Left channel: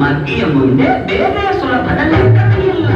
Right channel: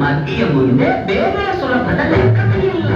ಮಧ್ಯೆ ಮುಂದೆ ಬೇರೆ ಸುಲಭದ ಲೆಕ್ಕವೇ ಇಲ್ಲ.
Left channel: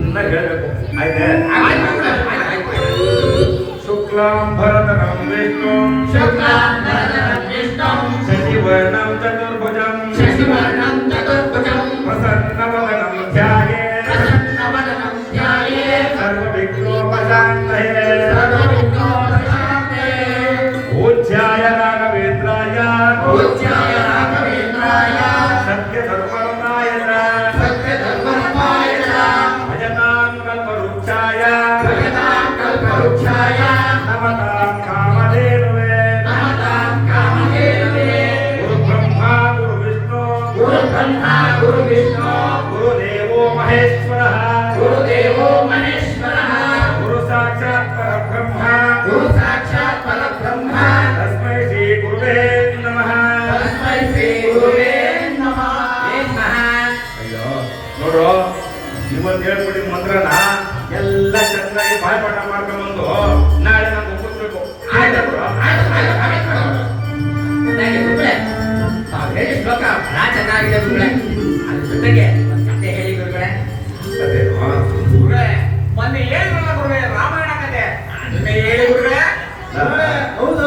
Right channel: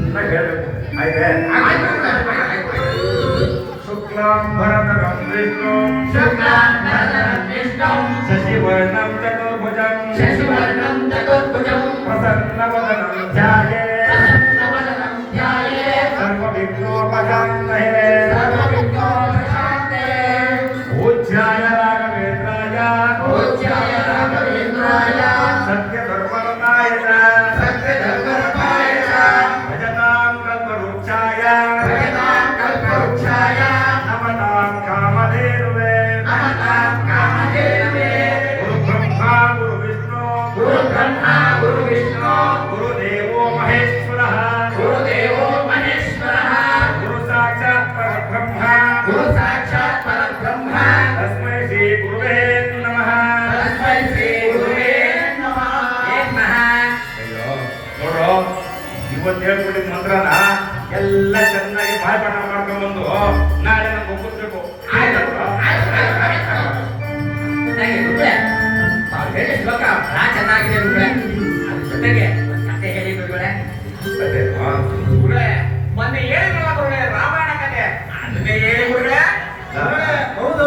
ಚೆನ್ನಾಗಿ ಶುಕ್ಲಾಂ ಭರತರಂ ವಿಷ್ಣು ಶಶಿವರ್ಣಂ ಚತುರ್ಭುಜಂ ಪ್ರಸನ್ನವದನಂ ಧ್ಯಾಯೇ ಸರ್ವವಿಘ್ನೋಪಶಾಂತಯೇ ಪೂಜ್ಯಾಯ ರಾಘವೇಂದ್ರಾಯ ಸತ್ಯಧರ್ಮರತಾಯ ಭಜತಾಂ ಕಲ್ಪವೃಕ್ಷಾಯ ನಮತಾಂ ಕಾಮಧೇನುವೇ ಗುರು ವಿಷ್ಣು ಗುರುದೇವೋ ಮಹೇಶ್ವರಃ ಗುರು ಸಾಕ್ಷಾತ್ ಪರಬ್ರಹ್ಮ ತಸ್ಮೈ ಶ್ರೀ ಗುರುವೇ ನಮಃ. ಅಯ್ಯೋ ನೋಡ್ರು, ಇವತ್ತು ಹೇಳ್ಬಿಟ್ಟಿದ ಮಂತ್ರನ ಎಲ್ಲ ಚೆನ್ನಾಗಿ ಬಾಯ್ಪಾಠ ಮಾಡ್ಕೊಂಡ್ಬಂದು ನಾಳೆ ನಾವು ಒಪ್ಪಿಸ್ಬೇಕು. ಹೇಳಿ ಶ್ಲೋಕ ಬಹಳ ಚೆನ್ನಾಗಿದೆ ಗುರುಗಳೇ. ಅದ್ರ ಜೊತೆಗೆ ಕತೆ ಹೇಳಿ ಗುರುಗಳೇ. ಗುರುಗಳೇ ಮೊನ್ನೆ ಹೇಳಿದ್ರಲ್ಲ ಗುರುಗಳೇ, ರಾಮಾಯಣ ಕತೆ, ಅದನ್ನೇ ಹೇಳಿ ಗುರುಗಳೇ. ಹೌದು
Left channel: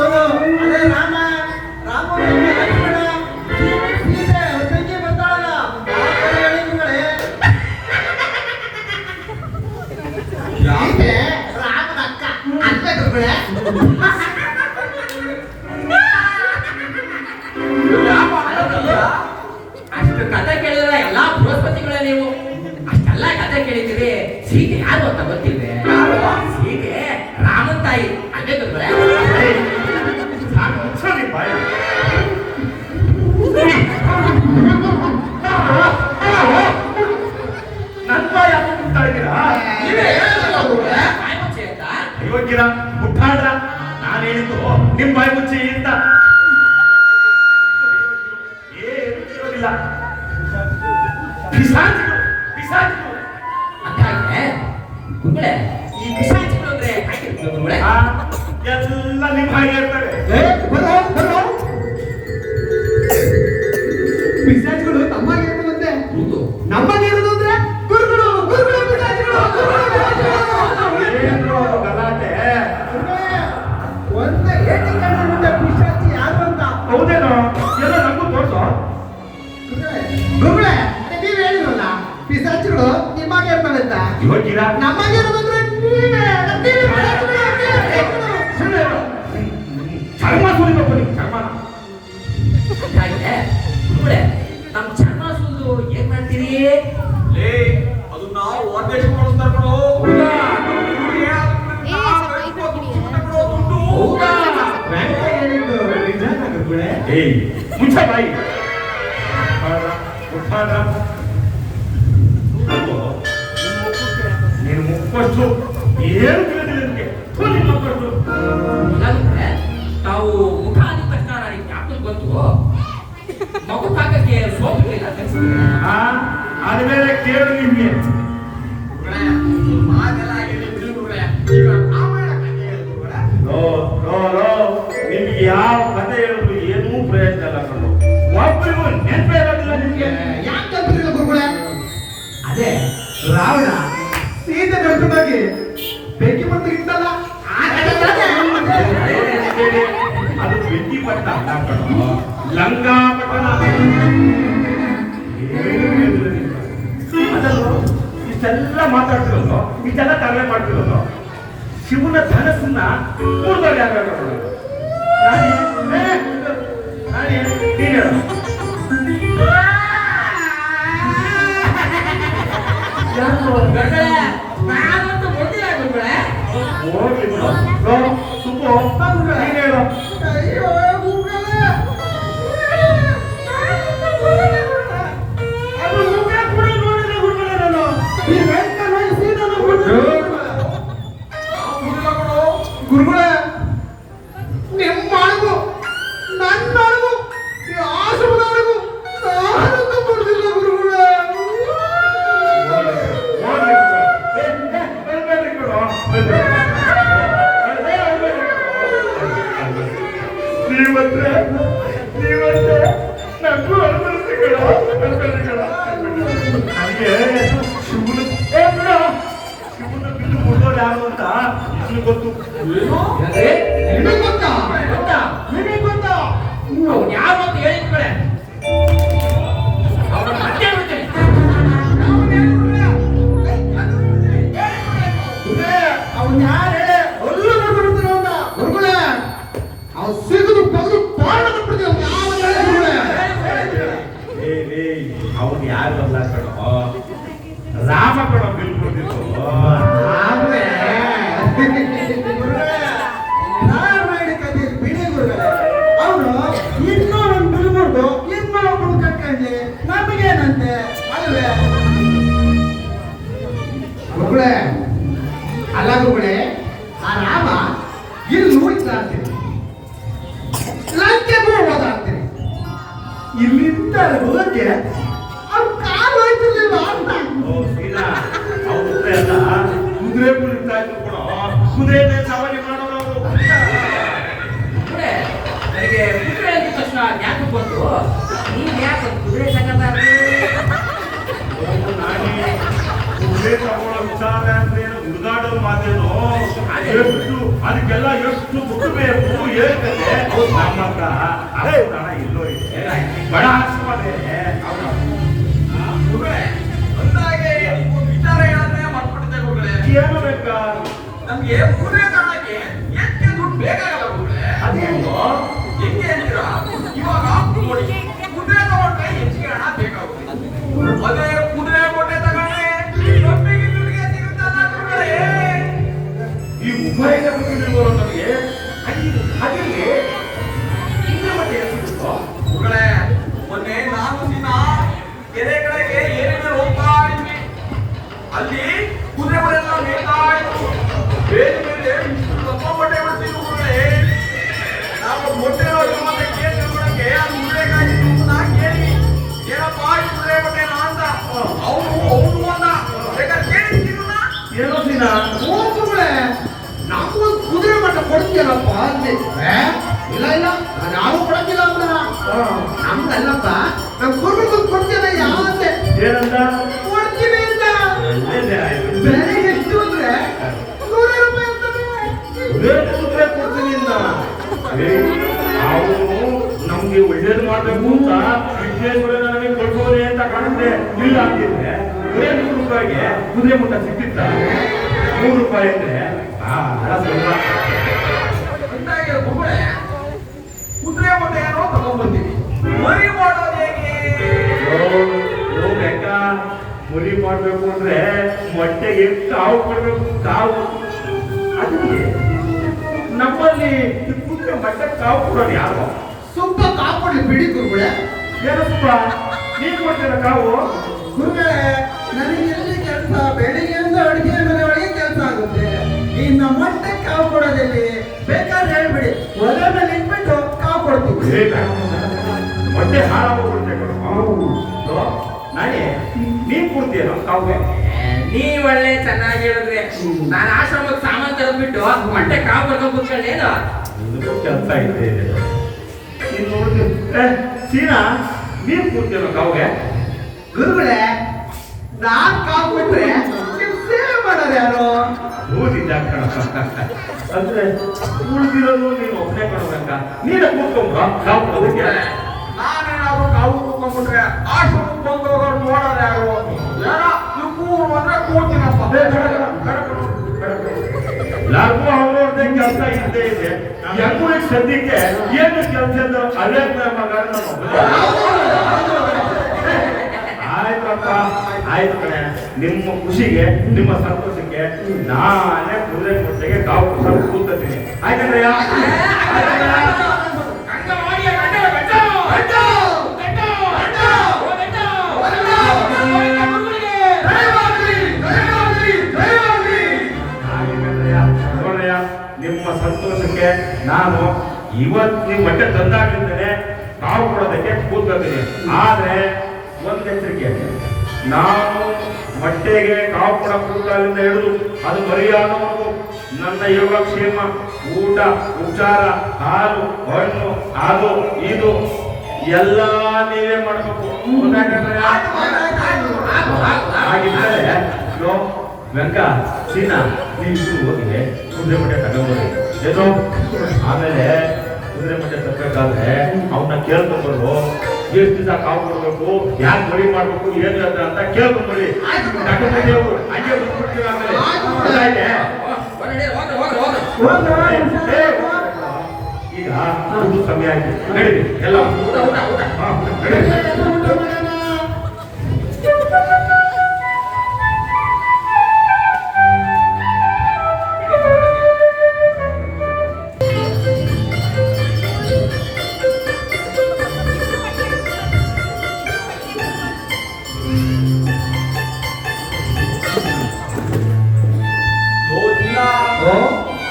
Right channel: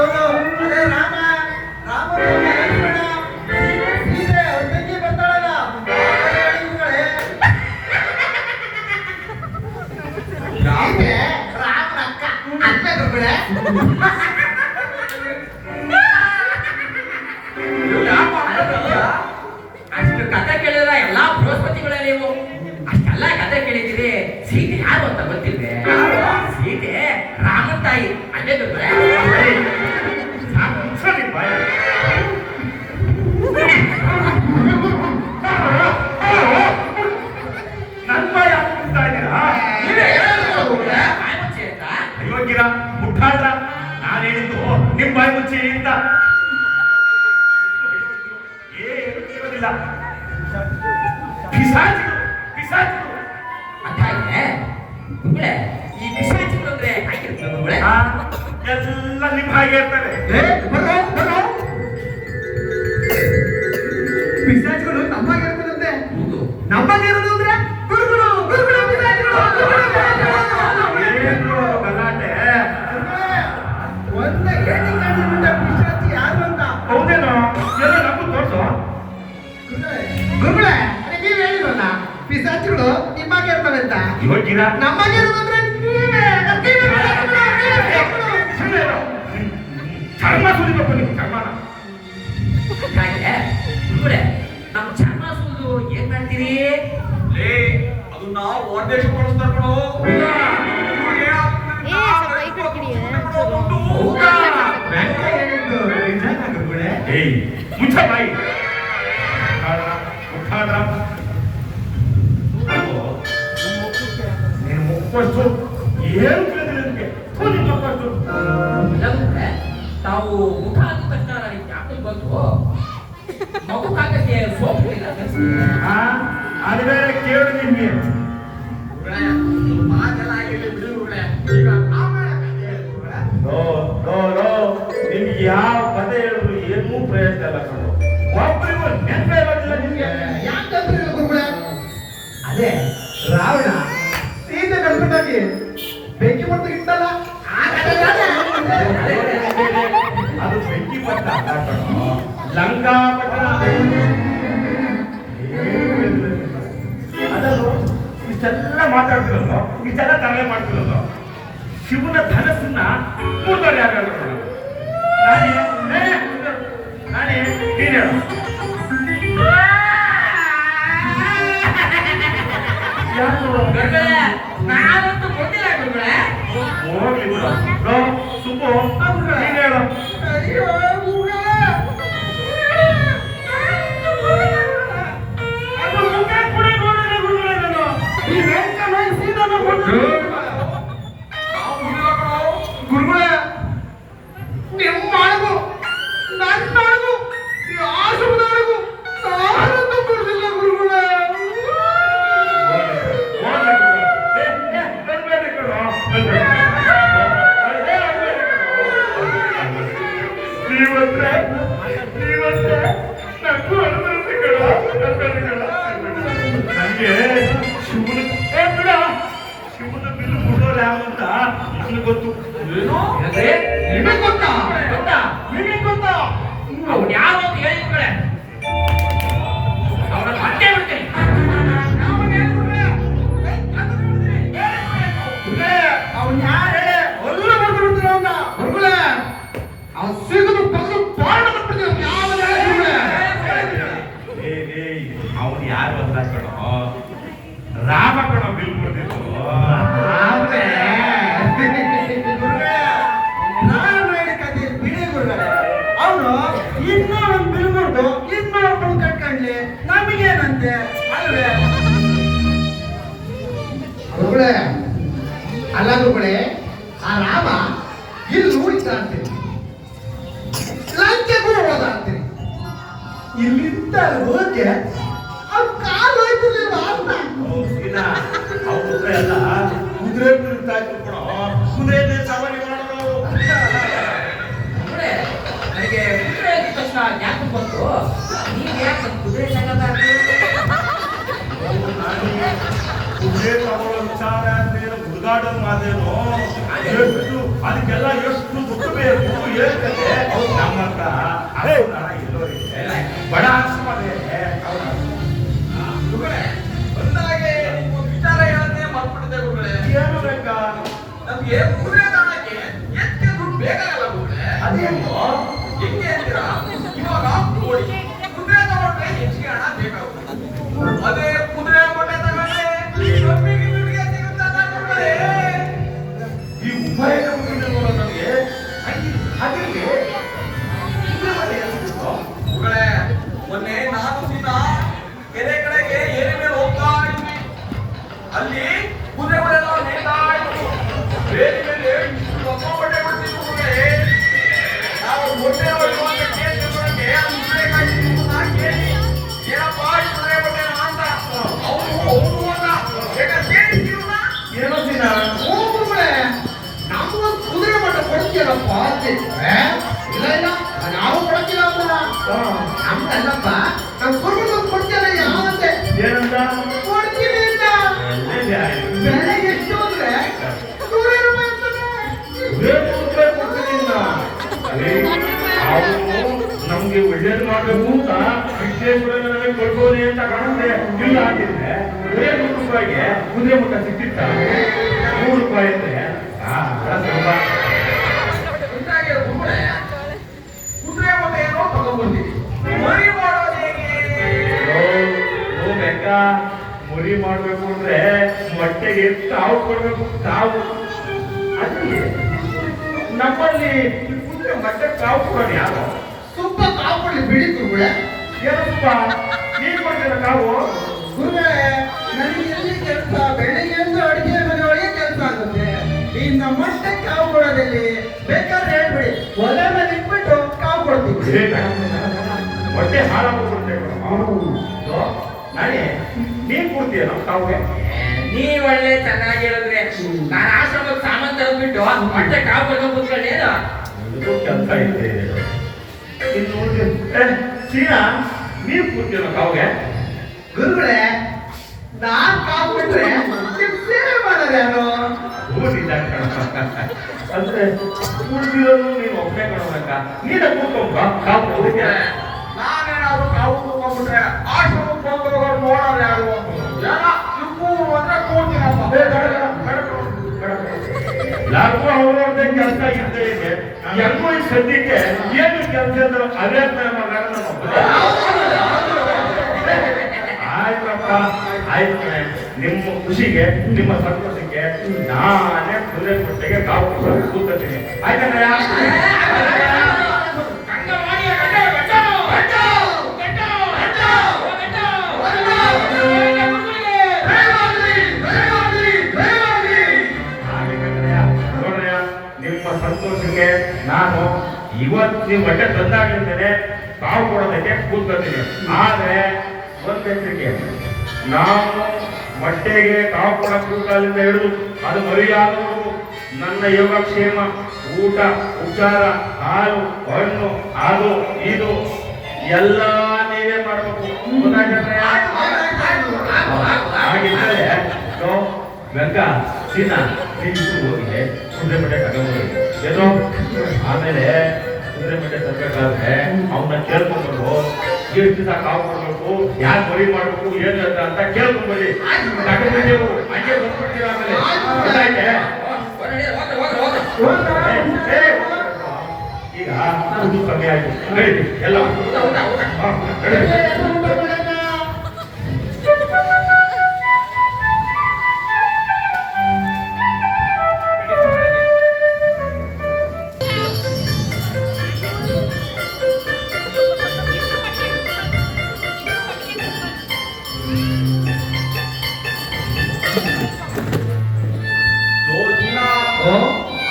ಅದೇ ರಾಮ ಲಕ್ಷ್ಮಣ ಸೀತೆ ಅವ್ರ ತಂಗಿ ಬರ್ತಾಳಲ್ಲ, ಹೇಳಿ ಗುರುಗಳೇ. ಪಿಸಾಚಿಗಳು ಪಿಸಾಚಿಗಳು ಅಂದಾಗೆ ಗುರುಗಳೇ ಈ ಪಿಶಾಚಿಗಳು ಅಂದ್ರೆ ಹೇಗಿರ್ತದೆ ಗುರುಗಳೇ? ಆ, ಎಲ್ಲ ನಿಮ್ಮ ಹಾಗೆ ಇರ್ತಾರೆ. ಪಿಶಾಚಿಗಳು ನಮ್ಮಾಗಿರ್ತದಂತೆ. ಹೌದು. ನಮ್ಮಾಗಿರೋದು ಅಂದ್ರೆ ಗುರುಗಳು ಗುರುಗಳು ಪಿಶಾಚಿಗಳು, ಗುರುಗಳು ಪಿಶಾಚಿಗಳು. ಏನು ಗಲಾಟೆ? ಒಂದ ಏಟಿಂಗ್ ಕಂಡುಬಿಟ್ಟ ಪಿಶಾಚಿ ಯಾರು ಅಂತ. ಹೌದೇನೋ ಎಲ್ಲ ನಮಗೂ ತೋರ್ಸು. ಗುರುಗಳೇ ನೀವ್ ಹೇಳಿದ್ರಲ್ಲ ಪಿಶಾಚಿಗಳು ನಿಮ್ಮಾಗೆ ಇರ್ತವೆ ಅಂತ. ಇವಾಗಿನ ನಮ್ಮಾಗಿರೋದಂದ್ರೆ ನೀವೇ. ಚರ್ಮ ಸುಲಿಬೇಕು ನೀವು ಚರ್ಮನ. ಹಾಗೆ ಗುರುಗಳೇ ನಮ್ಮ ಚರ್ಮ ಸುಲಿದು ಏನ್ ಮಾಡ್ತೀರಿ? ಲೇ ಅದನ್ನ ಹೊರದೇಶ ಕಳಿಸ್ತಾರ ಕಣೋ. ಏ, ಸ್ವಲ್ಪ ಈ ಕಡೆ ಕಿಡಿ. ಹೌದಾ? ಹೇಳಿದ್ದು ನಿಜಾನ ಗುರುಗಳೇ? ಏಯ್ ಮುಚ್ಚ ಬಾಯಿ. ಮುಟ್ಟಾಡ ನೀನು ಮುಕ್ಕೊಷ್ಟು ಏನು ಕೇಳಿದೆ ನನಗೆ ನಿಮ್ಮ ಮುಕ್ಕೊಷ್ಟು ಇಲ್ಲಾಂದ್ರೆ ತಾವು ಮುಖ ಅಂದ ತಕ್ಷಣ ನನಗೆ ಯಾಕೆ ಬಂತು ಮಗು ಕಾಕಕ್ಕೆ ಸೋಪು ಇಲ್ಲ ಅನ್ಸುತ್ತೆ. ಅದೇ ಕೇಳು ನಿಮಗೆ ಮಾತೆಲ್ಲ ಹೇಳಿ ಬಿಡಿ ಗುರುಗಳೇ. ಈಗ ರಾಮಾಯಣ ಕಥೆ ಹೇಳಿ ಗುರುಗಳೇ. ನಿಮ್ಗೆ ಯಾವ ಕಥೆ ಹೇಳೋದು ಏನೂ ಪ್ರಯತ್ನ ಇಲ್ಲ ಕಣೋ. ಒಬ್ಬರಿಗೂ ನೆನಪೇ ಇರೋದಿಲ್ಲ ನಿಮ್ಗೆ. ಯಾಕಂದ್ರೆ ಗುರುಗಳೇ ಅದೇ ರಾವಣ ಸೀತೆ ಕರ್ಕೊಂಡೋಗಿ ಬೆಂಕಿ ಮತ್ತು ಇಟ್ಟಲ್ಲ ಅದು ಬೆಂಕಿ ಪಟ್ಟ ಅಲ್ಲ ಕಣೋ, ಲಂಕಾ ಪಟ್ಟಣ. ಅದನ್ನು ಇಷ್ಟೆಲ್ಲ ಮಾತಾಡ್ತಿರಲ್ಲೋ, ಇಷ್ಟೆಲ್ಲ ತರಲೆ ಮಾಡ್ತಿರಲ್ಲೋ, ಶಿವನ ಧನಸ್ಸನ್ನ ಮೂರ್ತಾರೆ ಯಾರು ಹೇಳ್ಕೊಂಡು ನಾನಿ ನೀನು ಹೇಳು. ಗುರುಗಳೇ, ನಾನಂತೂ ಗೊತ್ತಿಲ್ಲ ಗುರುಗಳೇ. ಹೋಗ್ಲಿ ಬಿಡು. ಸುಬ್ಬು ನೀನು ಹೇಳು. ಅಯ್ಯೋ ಗುರುಗಳೇ ಅದು ಮುಖ ಕೂಡ ನೋಡಿಲ್ಲ ಗುರುಗಳೇ ನಾನು. ಈ ವೆಂಕಣ್ಣ ಸೀದನ ಕೊಟ್ಟು ನಾವು ಹುಡುಗ ಕಣೋ. ಗುರುಗಳೇ ನಿಮ್ಮ ಅಳಗು ನನ್ನ ಅಳಗು ಈ ಆಶ್ರಮದ ಅಳಗು ನಾನಂತೂ ಬಿಡುದಿಲ್ಲ ಗುರುಗಳೇ. ಗೊತ್ತು ಅಂದ್ರೆ ನಿಮಗೆ ಗೊತ್ತಾ? ಗೊತ್ತಾ? ನಿಮಗೆ ಗೊತ್ತಾ? ಅವ್ನು ಯಾರು ಅಂತ ಹೇಳಿ ಗುರುಗಳೇ. ಅವ್ನ ಮತ್ತೆ ಹೇಳ್ತೀನಿ. ಅವ್ನು ಯಾರು ಹೇಳಿ ಎಲ್ಲ ಬರ್ಬಿಡ್ತೀರ ಅವನ್ನ ಗುರುಗಳೇ. ಅವ್ನು ಸಿಗದು ಬಂದು ತೋರಣ ಬಿಡ್ತೀವಿ ಅವನು ಯಾರು ಅಲ್ಲ ಕಣೋ, ರಾಮ ಕಣೋ ಬಿಲ್ಕೊಂಡಿದ್ದು. ಅವನು ಇನ್ನೊಂದು ಬಿಲ್ಬಿಟ್ಟು ಇನ್ನೊಬ್ಬರು ಕಟ್ಕೊಂಡ್ಲಿ ನಮಗೇನಂತೆ ಅಲ್ವೇ ಗುರುಗಳೇ? ಅಲ್ಲ ಗುರುಗಳೇ, ಆ ರಾಮ ಇಲ್ಲಿ ನೋಡಿದ್ದಾಡ್ತೀನಿ, ಲಂಕೆಗೂ ಹೋದಾಡ್ತೀನಿ, ಇಲ್ಲಿಂದ ಹೋಗಿ ಅವ್ರು ಕಾಲು ಹೋಯ್ತಿರ್ಲಿಲ್ವ ಅಂತ. ಸೀದಾ ಅವ್ರ ಉತ್ತರ ಅಲ್ಲ, ಕುದುರೆ ಕುರಿತಾ ಇದ್ರು ಕಣೋ, ಕುದುರೆನೇ ಸವಾರಿ ಮಾಡೋರು. ಗುರುಗಳೇ, ನನಗೆ ಕುದುರೆ ಅಂದ ತಕ್ಷಣ ಯಾಕೆ ಬಂತು? ನೀವ್ ಯಾಕೆ ಕುದುರೆ ತಗೊಂಡ್ರಿ? ಕುದುರೆ ತಗೊಳ್ಳೋ ವಿಚಾರ ಅಂದ್ರೆ ಹುಡುಗಾಡೋರು ಮಾತೇನು? ಎಷ್ಟು ಅದಕ್ಕೆಲ್ಲ ಎಷ್ಟು ದುಡ್ಡು ಬೇಕು ಹೇಳ್ತದೆ. ನಮ್ಮ ಹತ್ರ ಅಷ್ಟು ಹಣ ಎಲ್ಲೋ ಇದೆ, ಬಡ ಆಶ್ರಮ ಬೇರೆ. ಗುರುಗಳೇ ಬಂದಾಗೆ ನೀವು ವಿಚಾರ ಹೇಳೋದೇ ಮರ್ತ್ಬಿಟ್ಟಿದ್ದೆ ಗುರುಗಳೇ. ಏನು ಬೇಕಾ? ನಮ್ಗೆ ಕುದುರೆ ತಗೊಳಕ್ಕೆ ಎಷ್ಟು ದುಡ್ಡು ಬೇಕಾಗಲ್ಲ ಗುರುಗಳೇ. ಅದೇನು ಹೆಂಗೆ ಅಂತೀರಾ? ಇವಾಗ ನೋಡಿ, ಕುದುರೆ ತಗೊಂಡ್ರೆ ಹೆಚ್ಚಿಗೆ ಹಣ ಬೇಕಾಗುತ್ತೆ. ಅದೇ ಕುದುರೆ ಮೊಟ್ಟೆ ತಗೊಂಡ್ರೆ ಕಮ್ಮಿಗೆ ದುಡ್ಡಿಗೆ ಸಿಗುತ್ತಲ್ಲ ಗುರುಗಳೇ. ಈ ಉಭಯದ ಮುಗಿದಿರುವ ನಮಗೆ ಅದಿಗೆ ಇನ್ನು ಮತ್ತೆ ಎಷ್ಟು ಗುರುಗಳೇ, ಮೊನ್ನೆ ನಾನು ದಿನ ಕೆರೆಗಳಿಗೆ ಏನೇನು ಹೋಗ್ತಾ ಇದ್ವಿ. ಅಲ್ಲಿ ಕುದುರೆಗಳೆಲ್ಲ ಮೇಯ್ತಾ ಇದ್ವು. ಬೇರೆ ಮೇಲೆ ಇಷ್ಟು ದಪ್ಪ ಮೊಟ್ಟೆ ಬಿಡ್ತಿದ್ವು ಗುರುಗಳೇ. ನಾವು ಮೊಟ್ಟೆ ಕೇಳಿ ತಿಳ್ಕೊಳಕ್ಕೆ ಅಲ್ಲಿ ಕುದುರೆ ಕಾಯ್ತಿದ್ವು ಅಂತ ಕೇಳಿ ಏನಪ್ಪಾ ಈ ಕುದುರೆ ಮೊಟ್ಟೆನಾ ಅಂತ ಅವನಿಗೆ ಒಳ್ಳೇದು ಮಾಡ್ಬೇಕು ಅಂತ ವಿಶ್ವೇಶ್ವರ ನನಗೆ ಕೊಡ್ಬೋದೇ ಅಂತ ಕಾಣುತ್ತೆ. ಇಲ್ಲ ಅಂತಿದ್ರೆ ಬರೇ 100 ರೂಪಾಯಿಗೆ ಕುದುರೆ ಮುಟ್ಟ ಸಿಕ್ತಿತ್ತ. 100 ರೂಪಾಯಿ ಅಂದ್ರೆ ಸ್ವಲ್ಪ ಅಂತಾಗೆ ಕುದುರೆ ಮತ್ತೆ ಏನೋ ತಗೊಂಡ್ಬರ್ತೀನಿ. ಮರಿ ಮಾಡೋದು ಹೇಗೆ? ಬೇಕಾ ಮುರಿ ಮಾಡ್ಬೇಕು ಅಂದ್ರೆ ಮೊಟ್ಟೆಗೆ ಕಾವು ಕೊಡ್ಬೇಕು. ಕಾವು ಅದೇ ನಮ್ಮಲ್ಲಿ ಕುದುರೆ ಮೊಟ್ಟೆ ಕಾವು ಕೊಡೋದು ಯಾರು? ಸ್ವಲ್ಪ ಕಾಪಾಡಿ ಬಿಡಿ ಗುರುಗಳೇ. ಏನಪ್ಪ ನೀನ್ ಕೊಡ್ತೀರ ಕಾವು? ಗುರುಗಳೇ, ನನಗೆ ಎಲ್ಲಿ ಕೆಲಸ? ಬೆಳಿಗ್ಗೆಯಿಂದ ಅಡುಗೆ ಮನೆ ಒಳಗೆ ಕೆಲಸ ಆಗುತ್ತೆ. ಇನ್ನು ಮೊಟ್ಟೆ ಕಾವು ಕೊಡೋದಲ್ಲಿ ಬೇಕಾದ್ರೆ ಹೇಳ್ಬಿಡಿ, ಒಲೆ ಮೇಲೆ ಇಟ್ಬಿಟ್ಟು ಕಾವು ಕೊಡ್ತೀವಿ. ಮೊಟ್ಟೆ ಹಾಳಾಗಿ ಕೊಡ್ತೇವೆ ನಾನೇ. ನೀನ್ ಕೊಡ್ತೀಯೋ ಕಾವುಗೆ? ನೀವ್ ಒಳ್ಳೆ ಚೆನ್ನಾಗಿ ಹೇಳಿದ್ರೆ ನಾನು ಆಶ್ರಮಕ್ಕೆ ಸಾಮಾನು ತಗೊಂಡ್ಬಿಟ್ಟು ಮೊಟ್ಟೆ ಕಾವು ಬರ್ಕೊಂಡು ಕೂತ್ಕೊಳ್ಳೇನು? ಕೆಲಸ ಐತೆ ನೀನ್ ನೋಡಿ. ಸೀನಾ ನೀನ್ ಕೊಡ್ತೀರೋ ಕಾವುಗೆ? ಗುರುಗಳೇ, ನಾನ್ ಕಾವು ಕೊಟ್ರೆ ನಿಮ್ ಸೇವೆ ಮಾಡೋರು ಯಾರು? ಓದಿದ್ದ ಅಂದ್ರೆ ಉಳಿದಿರೋದು ನೀನು ಒಬ್ಬನೇ ಕೊಡೋದಕ್ಕ. ನೀನೇ ಕೂತ್ಕೊಂಡ್ರ ಕಾವು ಕೊಡೋದಕ್ಕೆ? ನಾನೇನಾದ್ರು ಕಾವು ಕೂತ್ಕೊಂಡ್ಬಿಟ್ರೆ ಆಶ್ರಮಕ್ಕೆ ಬಂದವರು ನೋಡೋರು ಯಾರು? ಜನ ಇಬ್ಬರು ಅಂದ್ರೆ ಕೂಡ್ತೀನಪ್ಪ. ಎಲ್ಲರಿಗೂ ಅವ್ರವ್ರದ್ದೇ ಕೆಲಸ ಇದ್ದೇ ಇದೆ. ಎಲ್ಲರೂ ಈ ಸದ್ಯಕ್ಕೆ ಏನು ಕೆಲಸ ಅದೇ ಆಯ್ತಪ್ಪ. ಆಯ್ತು ಕಣೆ, ನಿಮ್ಮ ಖುಷಿಗೆ ನಿಮ್ಮ ಸಂತೋಷಕ್ಕೆ ನಾನೇ ಕುದುರೆ ಮೊಟ್ಟೆಗೆ ಕಾವು ಕೂತ್ಕೊತೀನಿ. ಆಯ್ತಂದ್ರೆ ನಿಮ್ಮ ಸಂತೋಷಕ್ಕೆ ನಾನು ಇವತ್ತು ನೀವು ಮೊಟ್ಟೆ ತಂದಾಗಿರ್ತೇನೆ ಕಾವು ಕೊಡೋದಕ್ಕೆ ಕೂತ್ಕೊತೀನಿ. ಆದ್ರೆ ಒಂದ್ ಎಚ್ಚರಿಕೆ, ನಾವು ಮೊಟ್ಟೆಗೆ ಕಾವು ಕೊಡ ಕೂಡಲಿಂದ ಹಿಡಿದು ಅದು ಮರಿಯಾದವರು ನನ್ನ ಯೋಗಕ್ಷೇಮ, ಊಟ, ಉಪಚಾರ, ಹಾಲು, ಹಣ್ಣು, ಅದು ಇದು ಎಲ್ಲ ನೀವೇ ಮಾಡಬೇಕು. ಹಾಗಿದ್ದರೆ ವೆಂಕ, ಸೀನಾ ನೀವು ಹೋಗಿ ಕುದುರೆ ಮೊಟ್ಟೆ ತಗೊಂಡ್ಬರಿ. ಏನೋ ಆಮೇಲೆ ಕುದುರೆ ಮೊಟ್ಟೆ ತಗೋಬೇಕಾದ್ರೆ ಅವನ್ನ ಕೇಳ್ಕೊಂಡ್ಬರು. ಎಷ್ಟು ದಿವಸ ಕಾವು ಕೊಡ್ಬೇಕು, ಯಾರು ಮರಿ ಮಾಡ್ಬೇಕು, ಏನು ಅಂತ ಕೇಳ್ಕೊಂಡ್ಬರಿ. ತಗೊಂಡ್ಬಿಟ್ಟು ಹಂಗೆ ಬಂದ್ಬಿಡ್ತೀರ. ಆಮೇಲೆ ಈಗ ಸಮಯ ಆಯ್ತು, ನಡೀರಿ ಎಲ್ಲ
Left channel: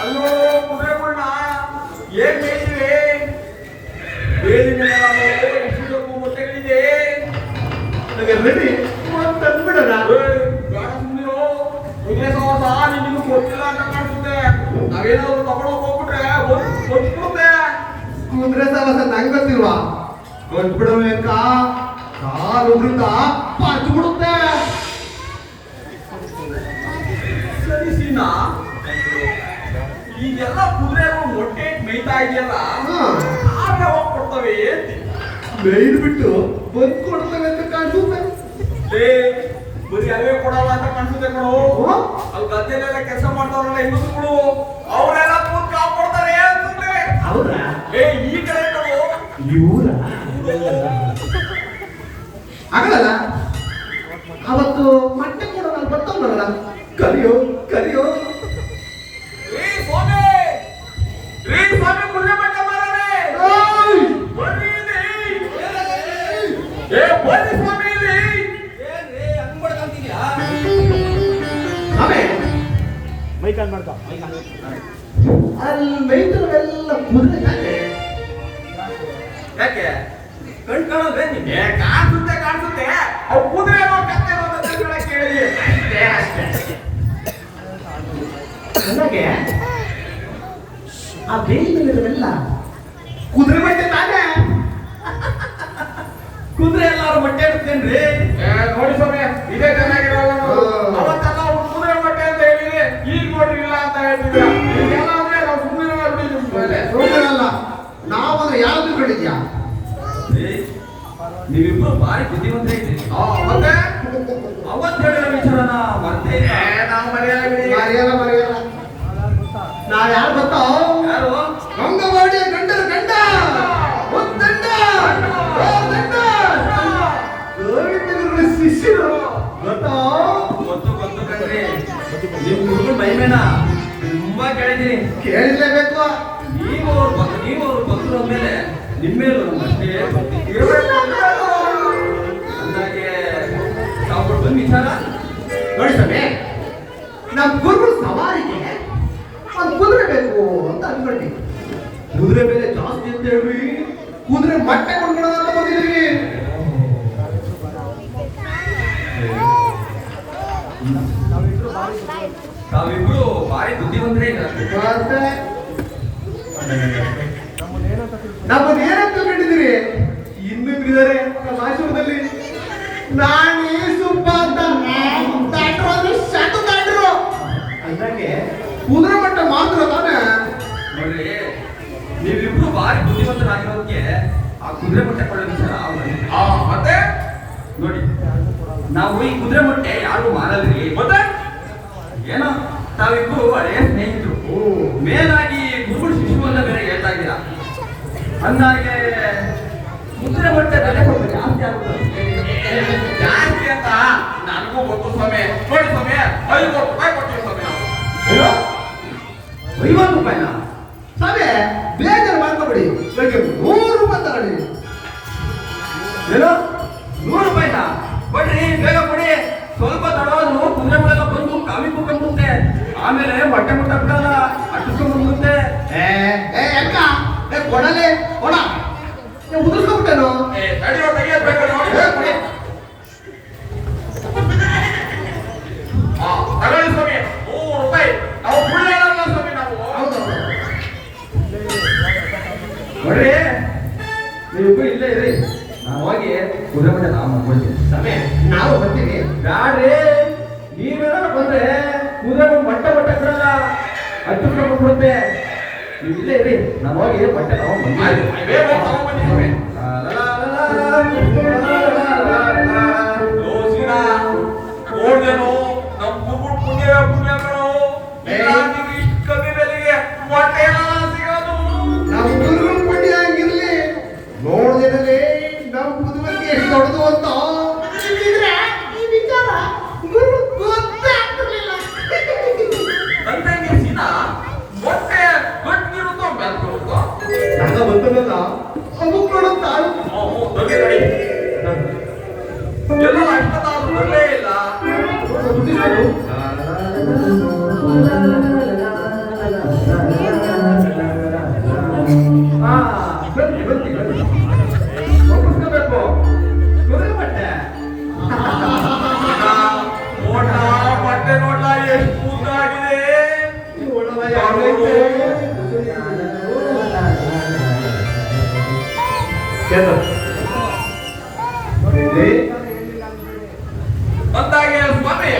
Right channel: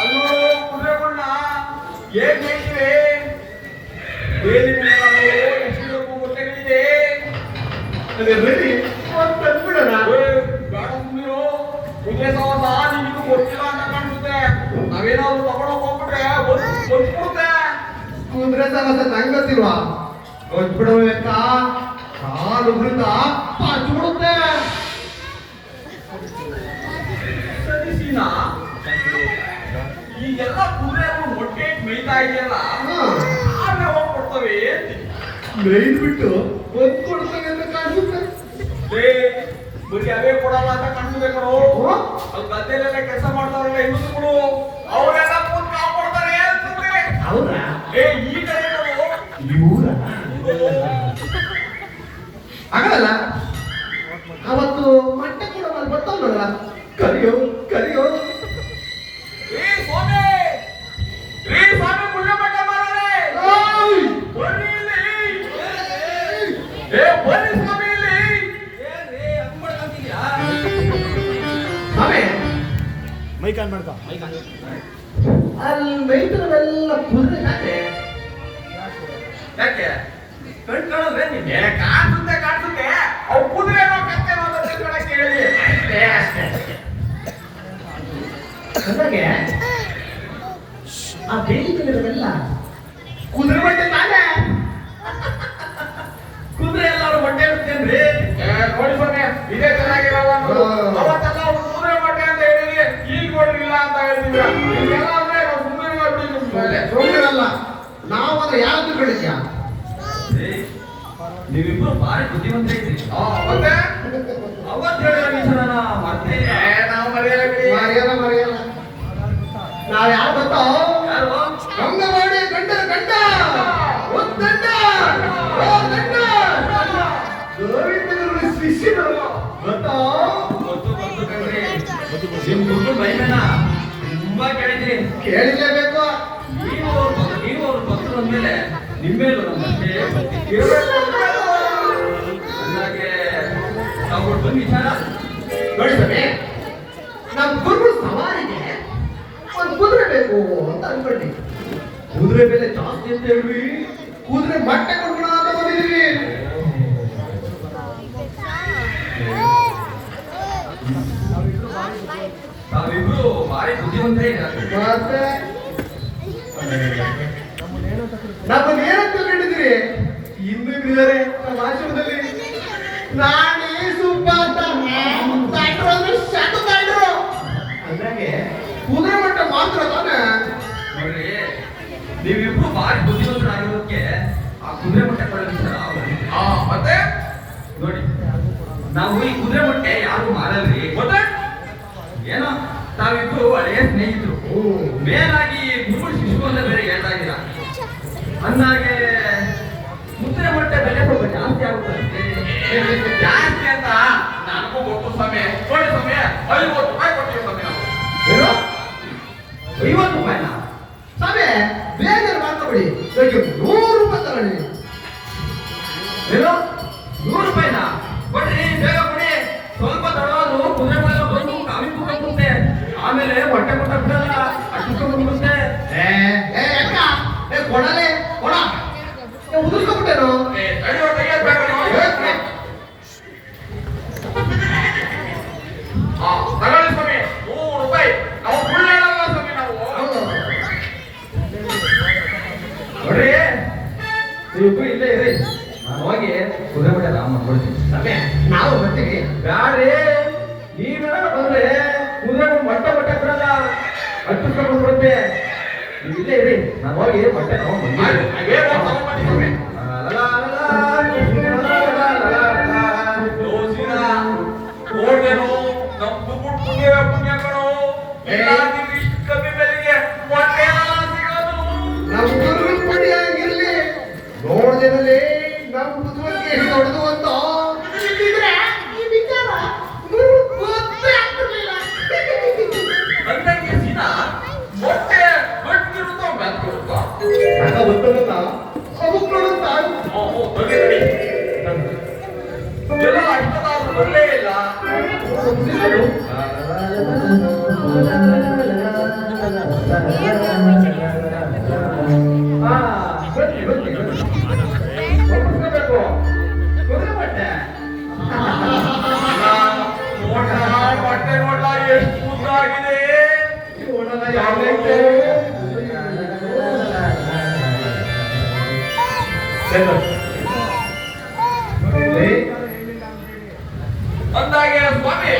ಅಲ್ಲೋ ಕುದುರೆಗಳನ್ನ ಏನ್ ಬೇಕಿವೆ? ಬೇಲಿ ಮೇಲೆ ಎಷ್ಟು ಮೊಟ್ಟೆಗಳಿದೆ? ಕುದುರೆ ಸವಾಸ ನಿಮಗೂ ಗೊತ್ತಿಲ್ಲ ಅಂತ ಕಾಣಿಸುತ್ತೆ. ನಾವೇನಾದ್ರು ತಗೊಂಡೋಗಿ ಹೋಗ್ಬಿಟ್ರೆ ಗೊತ್ತಿರುತ್ತೆ. ಕುದುರೆ ಸವಾಸ ನಂಗೆ ಗೊತ್ತಿಲ್ವಾ? ಕೊಟ್ಬಿಡಬೇಕ, ಕಾಲು ಉಗುರುತ್ತ ಪಾಚ್ಬಿಡುತ್ತೆ. ಸರಿ ಸೀನಾ, ಈಗೆಲ್ಲ ಕುದುರೆಗಳು ಮೊಟ್ಟೆ ಮೇಯ್ತಾ ಇದೆಯಲ್ಲ, ಆದ್ರೆ ಹೋಗ್ಕೊಡ್ತವೆ ಮೇಯ್ದು ಬಿಟ್ಟು ಬಂದು ಕೊಡ್ತವೆ ಅಂತ ಕಾಣಿಸುತ್ತೆ. ಬರೀ ಅವೇ ಕೊಡಲ್ಲ ಅಂತ ಕಾಣಿಸುತ್ತೆ ಕಣೋ. ಅಲ್ಲಿ ಗದ್ದೆಲೆಲ್ಲ ಕೆಲಸ ಮಾಡ್ತಾರಲ್ಲ ಹೆಂಗಸುಗಳು, ಅವರೆಲ್ಲ ಕೂತ್ ಕಾವು ಕೊಡ್ತಾರೆ ಅಂತಂದ್ರೆ. ಹೌದಾ? ಈ ಕಡೆ ಕಣೋ. ಇವರ ಆಗಲ್ಲ. ಅವತ್ತು ಮೊಟ್ಟೆ ಕೊಡೋದು ಬರ್ತಾವಲ್ಲ, ಕರಿಯೋ ಕರಿಯೋ. ಸ್ವಾಮಿ, ಸ್ವಾಮಿ ಪುಣ್ಯ ಮಟ್ಟ ಮಾರನೆ ಬರ್ರಿ ಇಲ್ಲಿ. ಬರ್ರಿ ಸ್ವಾಮಿ ಇಲ್ಲಿ. ಏನ್ರಿ ಹಂಗ್ ಮಾಡ್ಕೊಂತಿದ್ಯಾ? ಸ್ವಾಮಿ ಮೈಕಾಲ್ ಮಾಡ್ಕೊ. ಅಲ್ಲಿ ಮೈದರವೆಲ್ಲ ಕುದುರೆ ಯಾಕೆ? ಯಾಕೆ ಕಣ್ ಕಾಣೋದ್ರೆ ನಿಮ್ಗೆ ಕಾಣಿಸುತ್ತೆ. ಅವು ಕುದುರೆ ಏನೋ ಕತ್ತೆ ಕೇಳಿ ಅಷ್ಟೇ. ನನಗೆ ಆ ಬೇಲಿಗಳಿರವೆಲ್ಲ ಕುದುರೆ ಬಟ್ಟೆ ತಾನೆ. ಕುದುರೆ ಎಲ್ಲಾರು ಬಟ್ಟೆ ಇಡ್ತೇನ್ರಿ. ನೋಡಿ ಸ್ವಾಮಿ, ಇದೇ ಚೆನ್ನಾಗಿರಲ್ಲ. ಅವತ್ತೆಲ್ಲ ಅವ್ರು ಕುದುರೆ ಬಟ್ಟೆ ಅಂತ ಹೇಳಿ ಈಗ ನೋಡ್ರಿಲ್ಲ ಅಂತ ಹೇಳ್ತಿದ್ರ. ಈಗೆಲ್ಲ ಅಂದ್ರೆ ಸುಮ್ಮನೆ ನೋಡಿರಲ್ಲ, ನಾವಂದ್ರೆ ಯಾವ್ದು ಹೇಳಿದ್ಯಾ? ಮರ್ತೇ ಇಲ್ಲ. ನಾವು ಮರೆಯಲ್ಲ. ನಾ ಯಾರು ಗೊತ್ತೋ? ಯಾರು? ಅಂಗವಾಡಿ ಗಂಡನ ಗಂಡ ಉದ್ದಂಡ. ಓ ಗಂಡ. ಗೋವಿಂದನ ಶಿಷ್ಯರು ಗೊತ್ತೋ? ಗೊತ್ತು ಕಣ್ರಿ. ನಿಮ್ ಗುರು ಮೈಮೇನ ತುಂಬಾ ಕೇಳಿದೀನಿ. ಕೇಳಿರ್ಲೇಬೇಕು. ನೀವು ಅವ್ರು ಭಕ್ತರು ಅಂದ್ಮೇಲೆ ನಿಮ್ಮೇಲೂ ನಮ್ಮಷ್ಟೇ ಇರಬೇಕು ಅಂದಾಗೆ ತಾವು ವಿಚಾರ ನೋಡಿ ಸ್ವಾಮಿ, ನಮ್ಮ ಗುರುಗಳು ಸವಾರಿಗೆ ಒಂದು ಕುದುರೆ ಬೇಕು ಅಂತ ಅನ್ಕೊಂಡಿ. ಕುದುರೆ ಬೆಲೆ ಜಾಸ್ತಿ ಅಂತ ಹೇಳಿ ಕುದುರೆ ಬಟ್ಟೆ ಕೊಂಡ್ಬಿಡೋಣ ಅಂತ ಬಂದಿದ್ವಿ. ತಾವಿಬ್ರು ಭಾರಿ ಬುದ್ಧಿವಂತರೇ ಮತ್ತೆ ನಮ್ಮನ್ನೇನಂತ ತಿಳ್ಕೊಂಡಿದ್ದೀರಿ? ಇನ್ನು ಇದ್ದಾರೆ ನಮ್ಮ ಆಶ್ರಮದಲ್ಲಿ. ನಾನೇ ಸುಬ್ಬ ಅಂತ ದಾಟ್ರು ಅಂದ್ರೆ ಸಣ್ಣ ದಾಟ್ರು ಅಂದಾಗೆ ಕುದುರೆ ಮಟ್ಟ ಮಾತ್ರ ತಾನೆ. ನೋಡ್ರಿ, ನೀವಿಬ್ರು ಭಾರಿ ಬುದ್ಧಿವಂತರಾಗಿರೋದಕ್ಕೆ ಆ ಕುದುರೆ ಮೊಟ್ಟೆ ಕೊಡೋ ವಿಚಾರ ಮತ್ತೆ ನೋಡಿ, ನಾವು ಈ ಕುದುರೆ ಮೊಟ್ಟೆ ಯಾರು ಮಾರಲ್ರಿ. ಮತ್ತೆ ಏನೋ ತಾವಿಬ್ರು ಹಳೆಯ ಸ್ನೇಹಿತರು, ಮೇಲಾಗಿ ಗುರುಗಳು ಶಿಶು ಅಂತ ಬೇರೆ ಹೇಳ್ತಾ ಇದ್ದೀರಾ. ಅಂದಾಗೆ ಕುದುರೆ ಮೊಟ್ಟೆ ಬೆಲೆ ಸ್ವಲ್ಪ ಜಾಸ್ತಿ ಆಗುತ್ತೆ. ಜಾಸ್ತಿ ಅಂತ ನನಗೂ ಗೊತ್ತು ಸಮಯ ನೋಡಿ ಸಮಯ 50 ರೂಪಾಯಿ ಕೊಟ್ಟಿರೋ ಸಮಯ ಏನು 50 ರೂಪಾಯಿನ? ಸರಿ, ಬೇಜಾರು ಮಾಡ್ಕೊಬಿಡಿ. ಬೆಳಗ್ಗೆ 100 ರೂಪಾಯಿ ತಗೊಳ್ಳಿ. ಏನು 100 ರೂಪಾಯಿನ ಕೊಡ್ರಿ, ಬೇಗ ಕೊಡಿ. ಸ್ವಲ್ಪ ತಡವಾದ್ರು ಕುದುರೆ ಮೊಟ್ಟೆ ಬಂದು ಕಾವಿ ಕುಕ್ಕಂಬುತ್ತೆ, ಆಮೇಲೆ ಹೊಟ್ಟೆ ಮುಟ್ಟ ಬಿಡಲ್ಲ, ಅಟ್ಟಿಸ್ಕೊಂಡ್ಬಂದ್ಬಿಡುತ್ತೆ. ಅಕ್ಕ ಕೊಡಲೆ ಕೊಡ ಉದುರ್ಸ್ಕೊಂಬಿಟ್ಟೇನು? ತಡೆಯೋ ತೆಗಿಯಬೇಕು ತಗೊಳ್ಳಿ ಸ್ವಾಮಿ 100 ರೂಪಾಯಿ ನಾವು ಸುಳ್ಳು ಹೇಳಲ್ಲ ಸ್ವಾಮಿ ನಾವು. ನೋಡ್ರಿ, ನೀವಿಬ್ರು ಇಲ್ಲೇ ಇರಿ, ನಾನು ಹೋಗಿ ಕುದುರೆ ಮೊಟ್ಟೆ ರಾಮ ಕೊಡ್ತೀನಿ. ಸಮಯ ನಾವು ಬರ್ತೀವಿ. ಬ್ಯಾಡ್ರಿ, ನೀವೇನಾರ ಬಂದ್ರೆ ಕುದುರೆ ಮೊಟ್ಟೆ ಬಿಡಲ್ಲ, ಅಟ್ಟಿಸ್ಕೊಂಡ್ಬಿಡುತ್ತೆ. ನೀವು ಇಲ್ಲೇ ಇರಿ, ನಾನು ಹೋಗಿ ಮೊಟ್ಟೆ ತಗೊಂಡ್ಬಂದು ಬೇಗ ತಗೊಂಡ್ಬನ್ನಿ ಸ್ವಾಮಿ. ದೋಸಿನ ನೋಡ್ದೇನು ನಮ್ಮ ಗುರುಗಳು ಪುಣ್ಯಗಳು ಇಲ್ಲಾಂದಿದ್ರೆ ಇಷ್ಟು ಕಮ್ಮಿ ಬೆಲೆಗೆ ಮೊಟ್ಟೆ ಸಿಗೋದು. ನಮ್ಮ ಗುರು ಪುಣ್ಯ ಹಂಗಿರ್ಲಿ. ನೋಡ್ದೇನಲ್ಲಿ ನಮ್ಮ ಕುದುರೆಗೆ ಎಷ್ಟು ದೊಡ್ಡದು ಅಂತ ಇದ್ದಿದ್ರೆ ಈ ವಿಚಾರ ಗುರು ಗೊತ್ತೇ ಆಗ್ತಿರ್ಲಿಲ್ಲ. ಅಂದಂಗೆ ಸೀನಾ ಮೊಟ್ಟೆ ಗಟ್ಟಿರುತ್ತೋ ಬೆಳ್ಕೊಡುತ್ತೋ ಎಲ್ಲ ಗೊತ್ತಲ್ಲ ಅಮುಕ್ ನೋಡುತ್ತ ಬಗ್ಗೆ ನೋಡಿ ಎಲ್ಲ ಅಷ್ಟೊತ್ತಾದ್ರೂ ಬರಲೇ ಇಲ್ಲ. ಬನ್ನಿ ಒಪ್ಪಿಸ್ಕೋಬೇಕು ಕುದುರೆ ಮೊಟ್ಟೆ. ಮೊಟ್ಟೆ ನೋಡ್ಲ ಎಷ್ಟು ಉದ್ದಾಗಿದೆ. ಅಂದಾಗೆ ಸ್ವಾಮಿ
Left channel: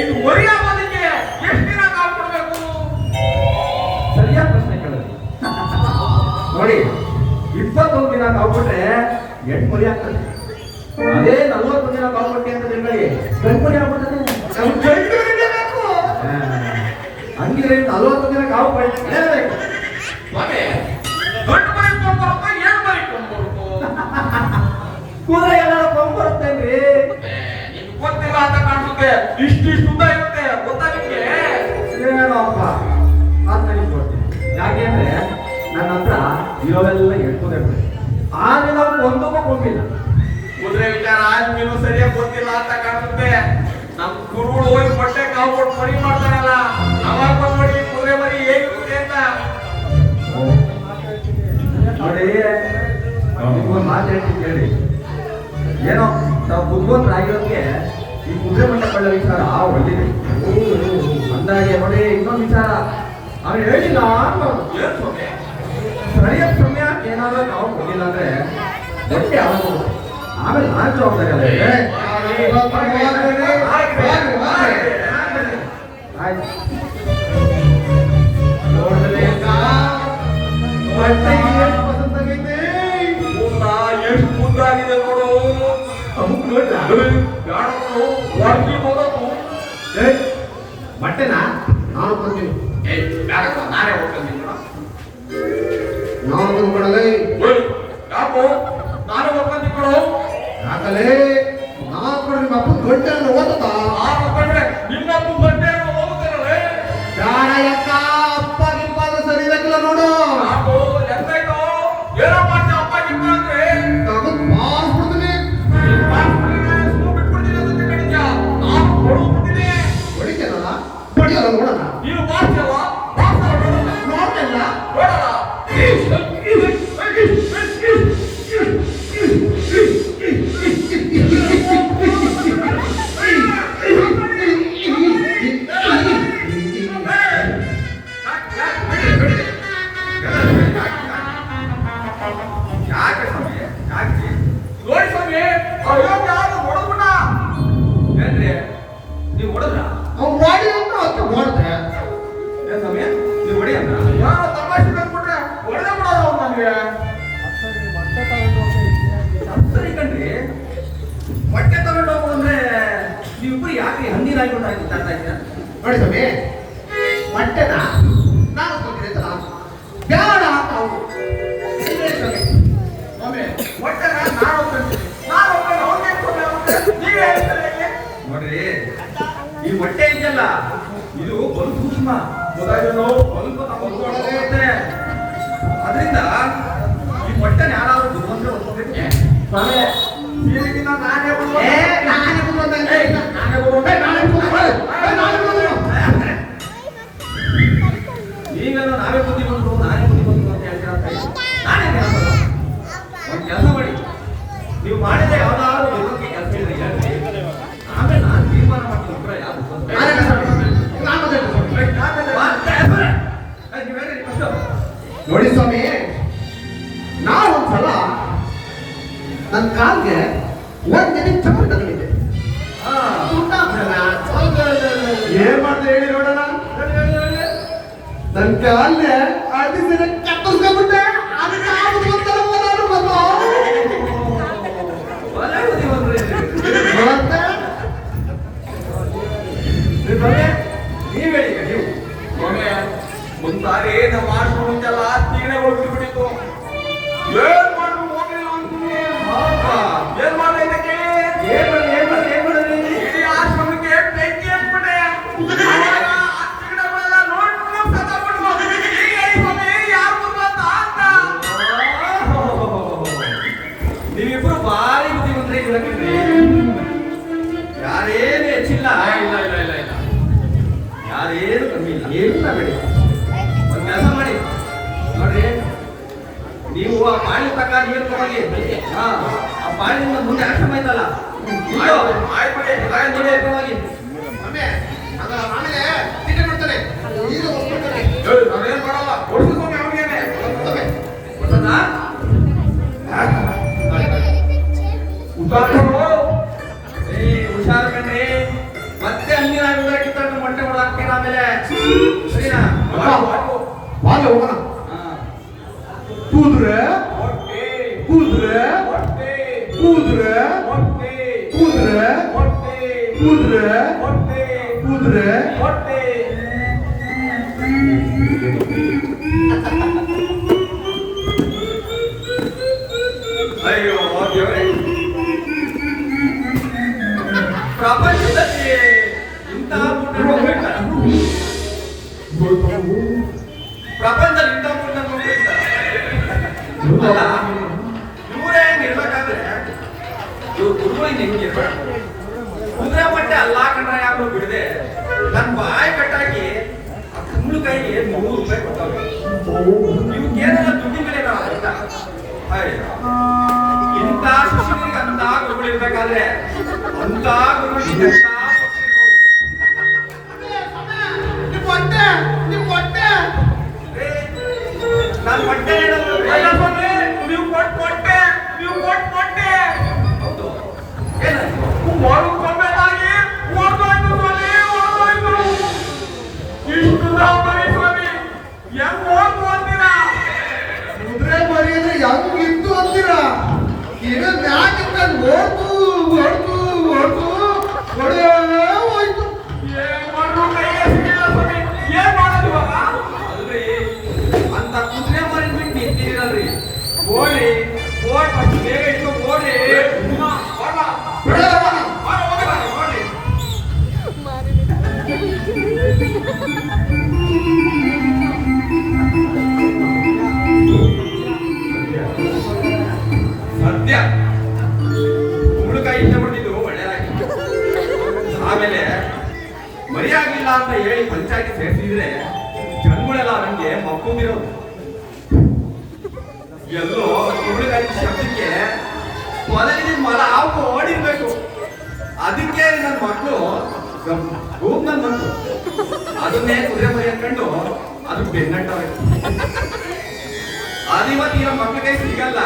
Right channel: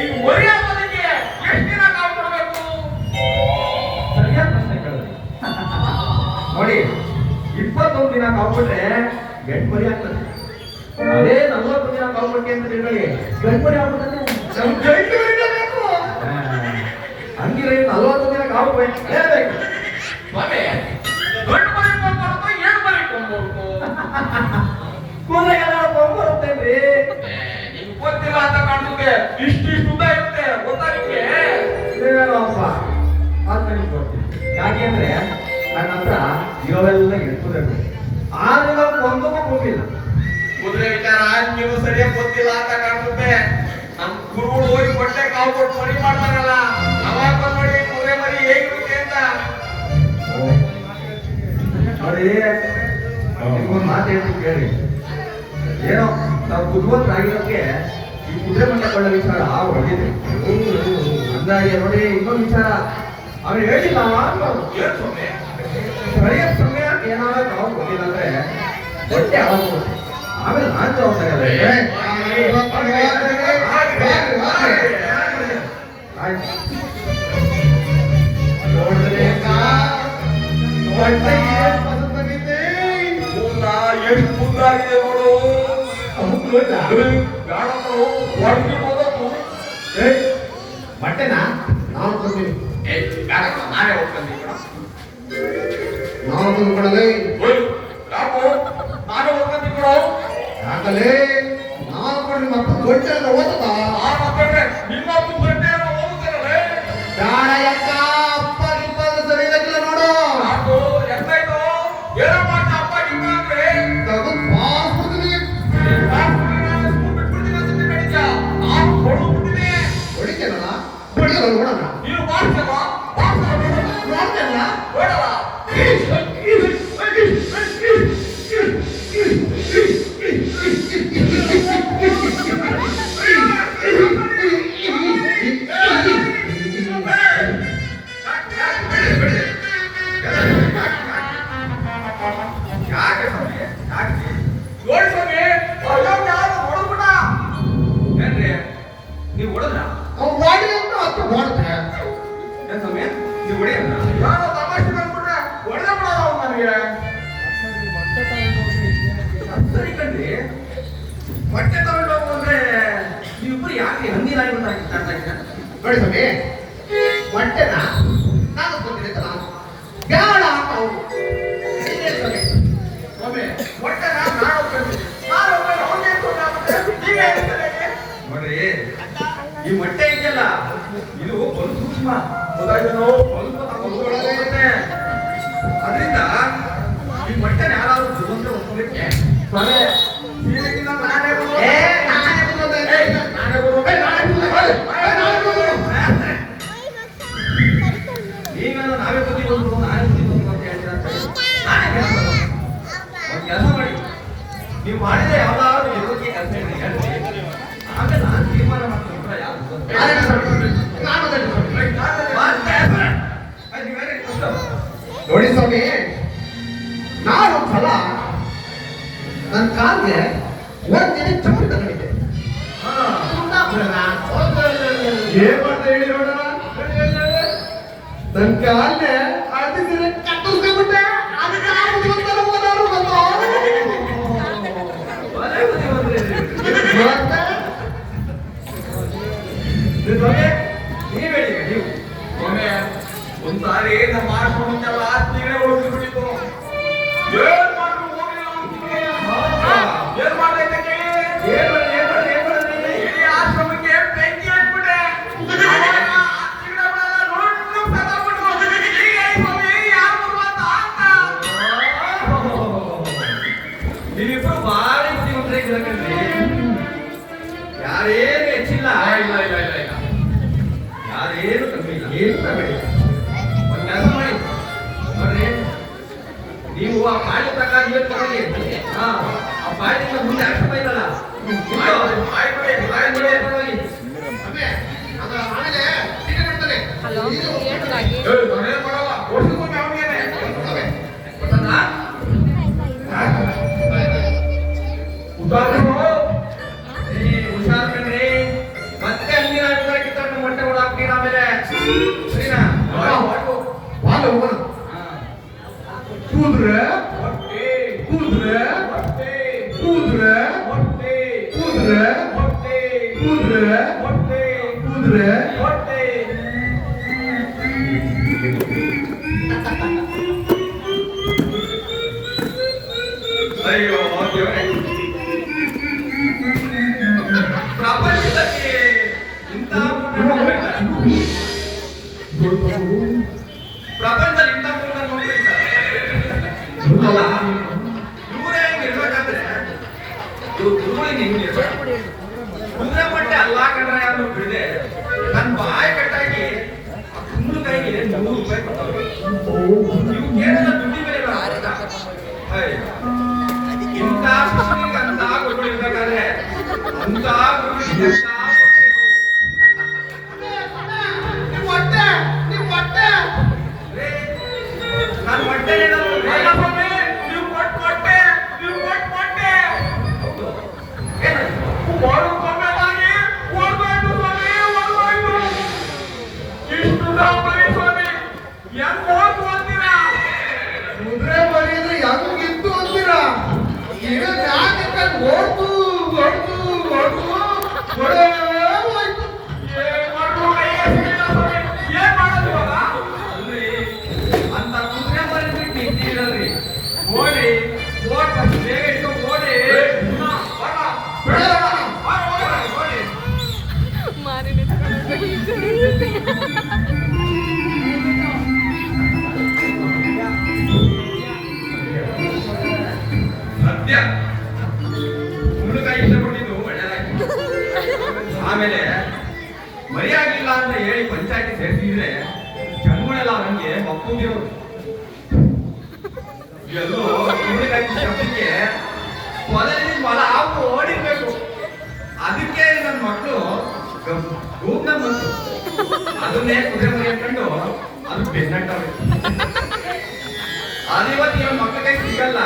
ಇದು ಒರಿಯಾಗೋದಕ್ಕೆ ಎಷ್ಟು ದಿನ ಕಾವು ಕೊಡ್ಬೇಕು? ಸರಿಯಾದ ಪ್ರಶ್ನೆ ಕೇಳಿದ್ರಿ. ನೋಡಿ, 21 ದಿನ ಕಾವುಬಿಟ್ರೆ ಗಂಟು ಮರಿ ಆಗ್ತದೆ. ಅದೇ 40 ದಿನ ಕಾವುಬಿಟ್ಟಿ ಅಂತ ತಿಳ್ಕೊಳ್ಳಿ, ಗಂಟು ಮರಿ ಆಗ್ಬಿಡ್ತದೆ. ಹಂಗಿದ್ರೆ 40 ದಿನ ಕಾವು ಹೇಳಬೇಕು. ಸ್ವಾಮಿ ಗಂಟು ಮರಿ ಕೊಂಡ್ಬರ್ಬೇಕು ಏಳು ಮರಿ ಕೊಂಡ್ಬರ್ಬೇಕು? ಕುದುರೆ ಏನಾದ್ರು ಕೊಂಡ್ಬರುತ್ತೇನ್ರಿ? ನಿಮ್ಗೆ ಗೊತ್ತಿಲ್ಲ ಅಂತ ಕಾಣುತ್ತೆ. ಇಷ್ಟಿಷ್ಟು ಉದ್ದ ಇರುತ್ತೆ ಗೊತ್ತಾಗುತ್ತೆ. ಏನಪ್ಪ ಅಂತ ಕೊಡ್ತೀನಿ. ಯಾಕೆ ಅಂದ್ರೆ ನನ್ನ ಹತ್ರ ಇವೆಲ್ಲ ಎಳ್ಕೊಂಡಿರ್ಬೇಕು. ಆದ್ರೆ ನಾವು ಒಂದೊಬ್ಬ ಹೋಗಿಲ್ಲ. ಕುದುರೆ ವಿಚಾರ ನೀವು ಸರಿಯಾಗಿ ಗೊತ್ತಿಲ್ಲ ಅಂತ ಕಾಣುತ್ತೆ. ನಮ್ ಗುರುಗಳು ಹೋಗಿ ಬಟ್ಟೆ ಕಾವು ಕೊಟ್ಟು ಮರಿ ಮಾಡ್ತಾರಲ್ಲ, ಅವಾಗ ಬಂದ್ ನೋಡಿ ಕುದುರೆ ಮರಿ ಹೇಗಿರುತ್ತೆ ಅಂತ. ನೋಡಿ, ಒಂದು ಮಾತು ಹೇಳ್ತೀನಿ ಕೇಳಿ. ಏನೋ ನಾವು ಬುದ್ಧಿವಂತರಾಗಿರೋದಕ್ಕೆ ಈ ಕುದುರೆ ಮೊಟ್ಟೆ ಕೊಳ್ಳೋ ವಿಚಾರ ಒಳ್ಳಿದೆ. ಅಂದಾಗೆ ನೋಡಿ, ಇನ್ನೊಂದು ವಿಚಾರ ಅವನು ಹೇಳಿಲ್ಲ ಅನ್ಬಾರ್ದು. ಏನ್ ಸ್ವಾಮಿ? ಸರಿಯಾದ ಸಮಯ ಏನಾದ್ರು ನಾವು ಹೋಗಿಲ್ಲ ಅಂದ್ರೆ ಹೊಟ್ಟೆ ಆಗೋದು. ಆಮೇಲೆ ನಾನು ಜವಾಬ್ದಾರಿ. ಆಯ್ತು, ನೋಡಿದ್ರೆ ಬಟ್ಟೆ ಪಸಂದಾಗಿದೆ. ಕೂದ ಎಷ್ಟು ಉದ್ದಾಗಿದೆ ನೋಡು. ಅಮುಕ್ ನೋಡ್ಲಾ? ಬ್ಯಾಡವ್ರು ಒಳಗೆ ಹೋದದ್ದು ಬಟ್ಟೆನಾ ನಾನು ಕೊಡ್ತೀನಿ. ಏ ಬೇಡಪ್ಪ, ನಾನೇ ಹೋಗ್ತೀನಿ ಕೂಡ. ನಾನು ತಂದ್ಕೊಡಲೇ. ಯಾಕೋ ನಾನೇ ಹೋಗ್ತೀನಿ ಕೊಡು. ಯಾಕಲೇ ನಾನು ಕೊಡ್ರಿ ನಿಮ್ಮ ಅಪ್ಪ ಗಂಟೆಲ್ಲ ಓದದ ನಾನು ಹೋಗ್ಕೊಂಡ್ರೆ ನಿನ್ನೊಬ್ಬ ಗಂಟೆ ಹೋಗ್ತಾರಲ್ಲೇ. ಬೇಡ ಯಕ್ಕ, ಅಪ್ಪ ಗಿಪ್ಪಾದ ಸರಿ ಇಲ್ಲಕ್ಕಿಲ್ಲ ನೋಡು. ಯಾಕೋ ಎಂತಾಯ್ತು? ಏನೋ ಮಾಡ್ತಾ ಅಪ್ಪ ಗಿಪ್ಪ ಅಂದ್ರೆ ತಗೊಂಡ್ ಬಾಸ್ ಬಿಡ್ತೀನಿ. ಬಿಟ್ಬಿಡ್ತೀನಿ ಅಂತ ಕಡಿದ್ಯಾ? ನಾನು ಕೊಡ್ಬಿಡ್ತೀನಿ. ಹೊಡಿತೇನಲ್ಲ ಹೊಡಿಯಲ್ಲ ನೋಡೋಣ. ನೀನು ಬಾರ್ಸಲ್ವಾ? ಬಾರ್ಸಲ್ಲ ನೋಡೋಣ. ನೋಡ್ತೇನಲ್ಲ ನೋಡಲ್ಲ. ಯಾಕೆ ಸ್ವಾಮಿ? ಯಾಕೆ? ನೋಡಿ ಸ್ವಾಮಿ, ಅಯ್ಯೋ ಯಾರು ಹೊಡೆದ್ಬಿಟ್ಟ. ಏನ್ರಿ ನೀವು ಹೊಡೆದ್ರ? ಅವ್ನು ಮಾಡಿ ಅಂತ ಅತ್ತೆ ಮಾಡ್ತಾರೆ. ಏನ್ ಸ್ವಾಮಿ ನೀವು ಹೊಡಿ ಅಂತ? ಯಾರೋ ತಮಾಷೆ ಬಂದ್ಬಿಟ್ರೆ ಹೊಡೆದೇ ಬಿಡೋದು ಅವ್ನು ನನಗೆ. ಸರಿ ಕಣ್ರಿ, ಬಟ್ಟೆ ತಗೊಂಡು ಹೋಗೋದಂದ್ರೆ ನೀವಿಬ್ರು ಯಾಕೆ ಹಂದಿರಾಗಿ ಗೊತ್ತಾಗ್ತಾ ಇದ್ದೀರಾ? ನೋಡಿ ಸ್ವಾಮಿ, ಬಟ್ಟೆನ ನಾನು ಕೊಡ್ತೀನಿ ಅಂತ ನಾನು ಬೇಡ ಅಂತ ಅವ್ರು. ಇದೇನು ಸ್ವಾಮಿ? ಸ್ವಾಮಿ, ಹೊಟ್ಟೆನ ನಾನು ಹೋಗ್ತೀನಿ. ನಾನು ಹೋಗ್ತೀನಿ, ಅವ್ನಿಗೆ ಏನ್ ತೊಂದ್ರೆ ಆಗುತ್ತೆ? ನೀವೇ ಹೇಳ್ತೀರ ಹೇಗೆ? ನೋಡ್ರಿ, ಈ ಹೊಟ್ಟೆ ಇದೆಯಲ್ಲ, ಇದು ಒಂದು ಸೂಕ್ಷ್ಮ. ಗೊತ್ತಾಯ್ತು? ಸ್ವಲ್ಪ ತಗೊಳ್ಳೋದೇ. ಅದರಿಂದ ಈ ಹೊಟ್ಟೆನ ಯಾರಾದ್ರೂ ದುರ್ಗಂಧ ಹೊತ್ಕೊಬೇಕು. ಸ್ವಾಮಿ, ಹೀಗಿನ ನಾನೇ ಬಂದು ಏ, ನಾನೇ ಬಂದು ಏ, ನಾನೇ ಬಂದು ಏ, ನಾನೇ ಬಂದು ಏ, ನಾನೇ ಬಂದು ನೀವೆಲ್ಲ ನಾವೇ ಬುದ್ಧಿ ಬಂದ್ರು ನಾನೇ ಬುದ್ಧಿ ಬಂದ್ರು ಅಂತ ಹೇಳ್ತೀರಾ ಅಂತ ನಾನೇ ಹೇಳೋದು. ಒಂದು ಕೆಲಸ ಮಾಡಿ, ನೀವು ಮಾಡಿದ್ರೆ ಯಾವ್ದಾದ್ರು ಯೋಗಕ್ಕೆ ಕೆಲಸ ಇದೆ ಹೇಳ್ರಿ, ಆಮೇಲೆ ನಾನು ತೀರ್ಮಾನ ಮಾಡ್ತೀನಿ ಯಾವ್ದು ಅಂತ. ನಾನೇ ಸ್ವಾಮಿ, ನಾನು ಅದೇ ಸ್ವಾಮಿ. ನೀವೇನ್ರಿ ಫಸ್ಟ್? ನೋಡಿ ಸ್ವಾಮಿ, ನಾನು ಒಂದ್ಸಲ ನನ್ನ ಕಾಲ್ಗೆ ಒಂದಿನ ಚಪ್ಪಲಿ ತಗೊಂಡಿದ್ದೆ. ಏನ್ ಮಾಡ್ದೆ ಹೇಳಿ ನೋಡೋಣ. ನನ್ನ ಕಾಲ್ಗೆ ಅರ್ಧಿ ಸೀರೆ ಕಟ್ಟಿಸ್ಕೊಂಡ್ಬಿಟ್ಟೆ. ಅದಕ್ಕೆ ಆಗುತ್ತೆ ಗೊತ್ತಲ್ಲ, ಓದಾಡು ಬಂದು. ಒಳ್ಳೆ ಬುದ್ಧಿ ಬಂದ್ರಿ. ಮತ್ತೆ ನೀವು ಸ್ವಾಮಿ, ನೀವು ಹೇಳಿ ಈಗ ನೀವು. ಸ್ವಾಮಿ, ಒಂದ್ಸಾರಿ ನಮ್ಮ ಆಶ್ರಮ ಮುಂಚೆಲ್ಲ ತಿಗಣೆ ಹೋಗ್ಬಿಟ್ಟಿತ್ತು. ಏನ್ ಮಾಡ್ರು ಹೋಗ್ಲಿಲ್ಲ ಅಂತೀನಿ. ಏನ್ ಮಾಡ್ದೆ ಕೇಳಿ? ಏನ್ ಮಾಡಿದ್ರಿ? ಇಡೀ ಆಶ್ರಮಕ್ಕೆ ಬೆಂಕಿ ಹಾಕ್ಬಿಟ್ಟೆ. ಅವಾಗ ಆ ತಿಗಣೆಗಳೆಲ್ಲ ನುಣ್ಣಗೆ ಸತ್ತೋಗ್ಬಿಟ್ವು. ಈಗ ಈ ಸ್ವಾಮಿ ಯಾರು ಬರ್ಬಂತ ಅಂತ. ನೀವಿಬ್ರು ಭಾರಿ ಬುದ್ಧಿವಂತರಿದ್ದೀರ ಕಣ್ರಿ. ಯಾರೇನು ಹೆಚ್ಚಿಲ್ಲ. ಇಲ್ಲ ಇಲ್ಲ ಇಲ್ಲ ಇಲ್ಲ, ಯಾರೇನು ಕಮ್ಮಿ ಇಲ್ಲ. ಏನಿಲ್ಲ ಬಿಡಿ. ಒಂದು ಕೆಲಸ ಮಾಡಿ ನೋಡ್ರಿ, ನೀವು ಆ ಪಾಳಿ ತಕ ನೀರು ತಗೊಳ್ಳಿ. ಆ ಪಾಳಿಯಿಂದ ಮುಂದೆ ಆಶ್ರಮ ಐತಲ್ಲ, ಹೋಗಿ. ಸ್ವಾಮಿ, ನಾನು ಆಮೇಲೆ ಟಿಕೆಟ್ ಕೊಡ್ತೇನೆ. ಇದು ಹೋಗ್ಬಿಡ್ತೇನೆ. ನಾವೇನ್ ಮಾಡಲ್ಲ, ಓಡಿಸ್ಕೊಂಡು ಅವ್ನಿಗೇನೆ. ಸ್ವಾಮಿ, ಗೊತ್ತನಾ? ಹುಷಾರು ಕಣ್ರಿ, ಮತ್ತೆ ಹಂಗಿನ ಕಿತ್ತೊಂಡು ಮೊಟ್ಟೆ ಹೊಡ ಆಮೇಲೆ ಸರಿನಾ? ಬಾಲ್ ಹೋಗೋಣ. ಕೂದ್ರೆ ಹೊಟ್ಟೆ ಕೂದ್ರೆ ಹೊಟ್ಟೆ ಕೂದ್ರೆ ಹೊಟ್ಟೆ ಕೂದ್ರೆ ಹೊಟ್ಟೆ ಕೂದ್ರೆ ಹೊಟ್ಟೆ ಕೂದ್ರೆ ಹೊಟ್ಟೆ. ಅಯ್ಯೋ ದೇವರೇ, ಪ್ರಪಂಚದಲ್ಲಿ ಇಂತಹ ಪುಟ್ಟ ಹೋಗ್ಬೇಕಲ್ಲ, ಪ್ರಪಂಚದಲ್ಲಿ ಇಂತಹ ಪುಟ್ಟ ಹೋಗ್ಬೇಕಲ್ಲ. ಅಲ್ಲ, ಇವರೇ ಹೆಂಗೆ ಇರ್ಬೇಕಾದ್ರೆ ಇವ್ರು ಗುರುಗಳಿಗೆ ಹೆಂಗೆ ಇರ್ಬೇಕು? ಕುದುರೆ ಮಟ್ಟೆ ಅಲ್ಲ ಕಂಡ್ರೆ ಯಾರು ಬಿಡದೆ ನನ್ನ ಬಾಯಿ ಕಟ್ಟಾಗಿ ಆ ಕುಂಬಳಕಾಯಿಗೆ 100 ರೂಪಾಯಿ ಕೊಡ್ತಾವೆ. ಇವಕ್ಕೇನೆಲ್ಲ ದುಡ್ಡಿ ಮೇಲೆ ನಾವು ಅರ್ಥ. ಇಂಥ ಶಿಶುವಿಗೆ ಅಂತ ಗುರುಗಳಿರ್ಬೇಕಾದ್ರೆ ಅಂತ ಗುರುಗಳಿಗೆ ಅಂತ ನಿಮ್ಮ ಹೊಟ್ಟೆ ನಿಮ್ಮ ಹೊಟ್ಟೆ ನಾನು ಹೊಟ್ಟೆ ನೀವು ಕೊಟ್ಟೆ ಹೌದು. ಏನಾಯ್ತು? ಹೊರಕೊಂಬೆದಾಗಿ ಹೊರದೋಯ್ತು ಸ್ವಾಮಿ, ಹೊರದೋಯ್ತು. ಇಷ್ಟು ದಾಂಬರಿ ಸ್ವಾಮಿ, ಹೆಂಗ್ ಓದ್ತೀರಾ? ಕುದುರೆ ಮರಿಯಂದ್ರೆ ಹೆಂಗಿತ್ತು ಅಂತೀರಾ? ಈಗ ಮ್ಯಾಕೆ ಓಡ್ತು ಓಡ್ತು ಓಡ್ತು ಸದ್ಯ ಹುಡುಗ ಇಷ್ಟ ಬಿಟ್ಟಿದ್ದು ಒಳ್ಳೆಯದಾಯ್ತು. ಆಮೇಲೆ ಮರಿಯಾಗಿಲ್ಲ ಅಂತ ಹೇಳಿ ಪಂಚಾಯತಿ ಸೇರಿಸಿದ್ರೆ ಜನಗಳೆಲ್ಲ ನನಗೆ ಮಕ್ಕಳಿರೋದು ಎಲ್ಲೋ ಹುಡುಗಾಯ್ತು ಶಬ್ದಕ್ಕೆ ಮೊದಲಿನ ಮೊಲ ಹಾವು ಓಡಿರ್ಬೇಕು. ಅದಕ್ಕೆ ನನ್ನ ಮಕ್ಕಳು ರೂಮ್ನಲ್ಲಿ ಬಂತು. ಅದನ್ನೇ ಕುದುರೆ ಮರಿ ಹಾಕೊಂಡು ಅದು ಬೆನ್ನಟ್ಟವೆ. ಅದಿವತ್ತು ಇವ ಮಕ್ಕಳ ಕೈ ಸಿಗಲ್ಲ.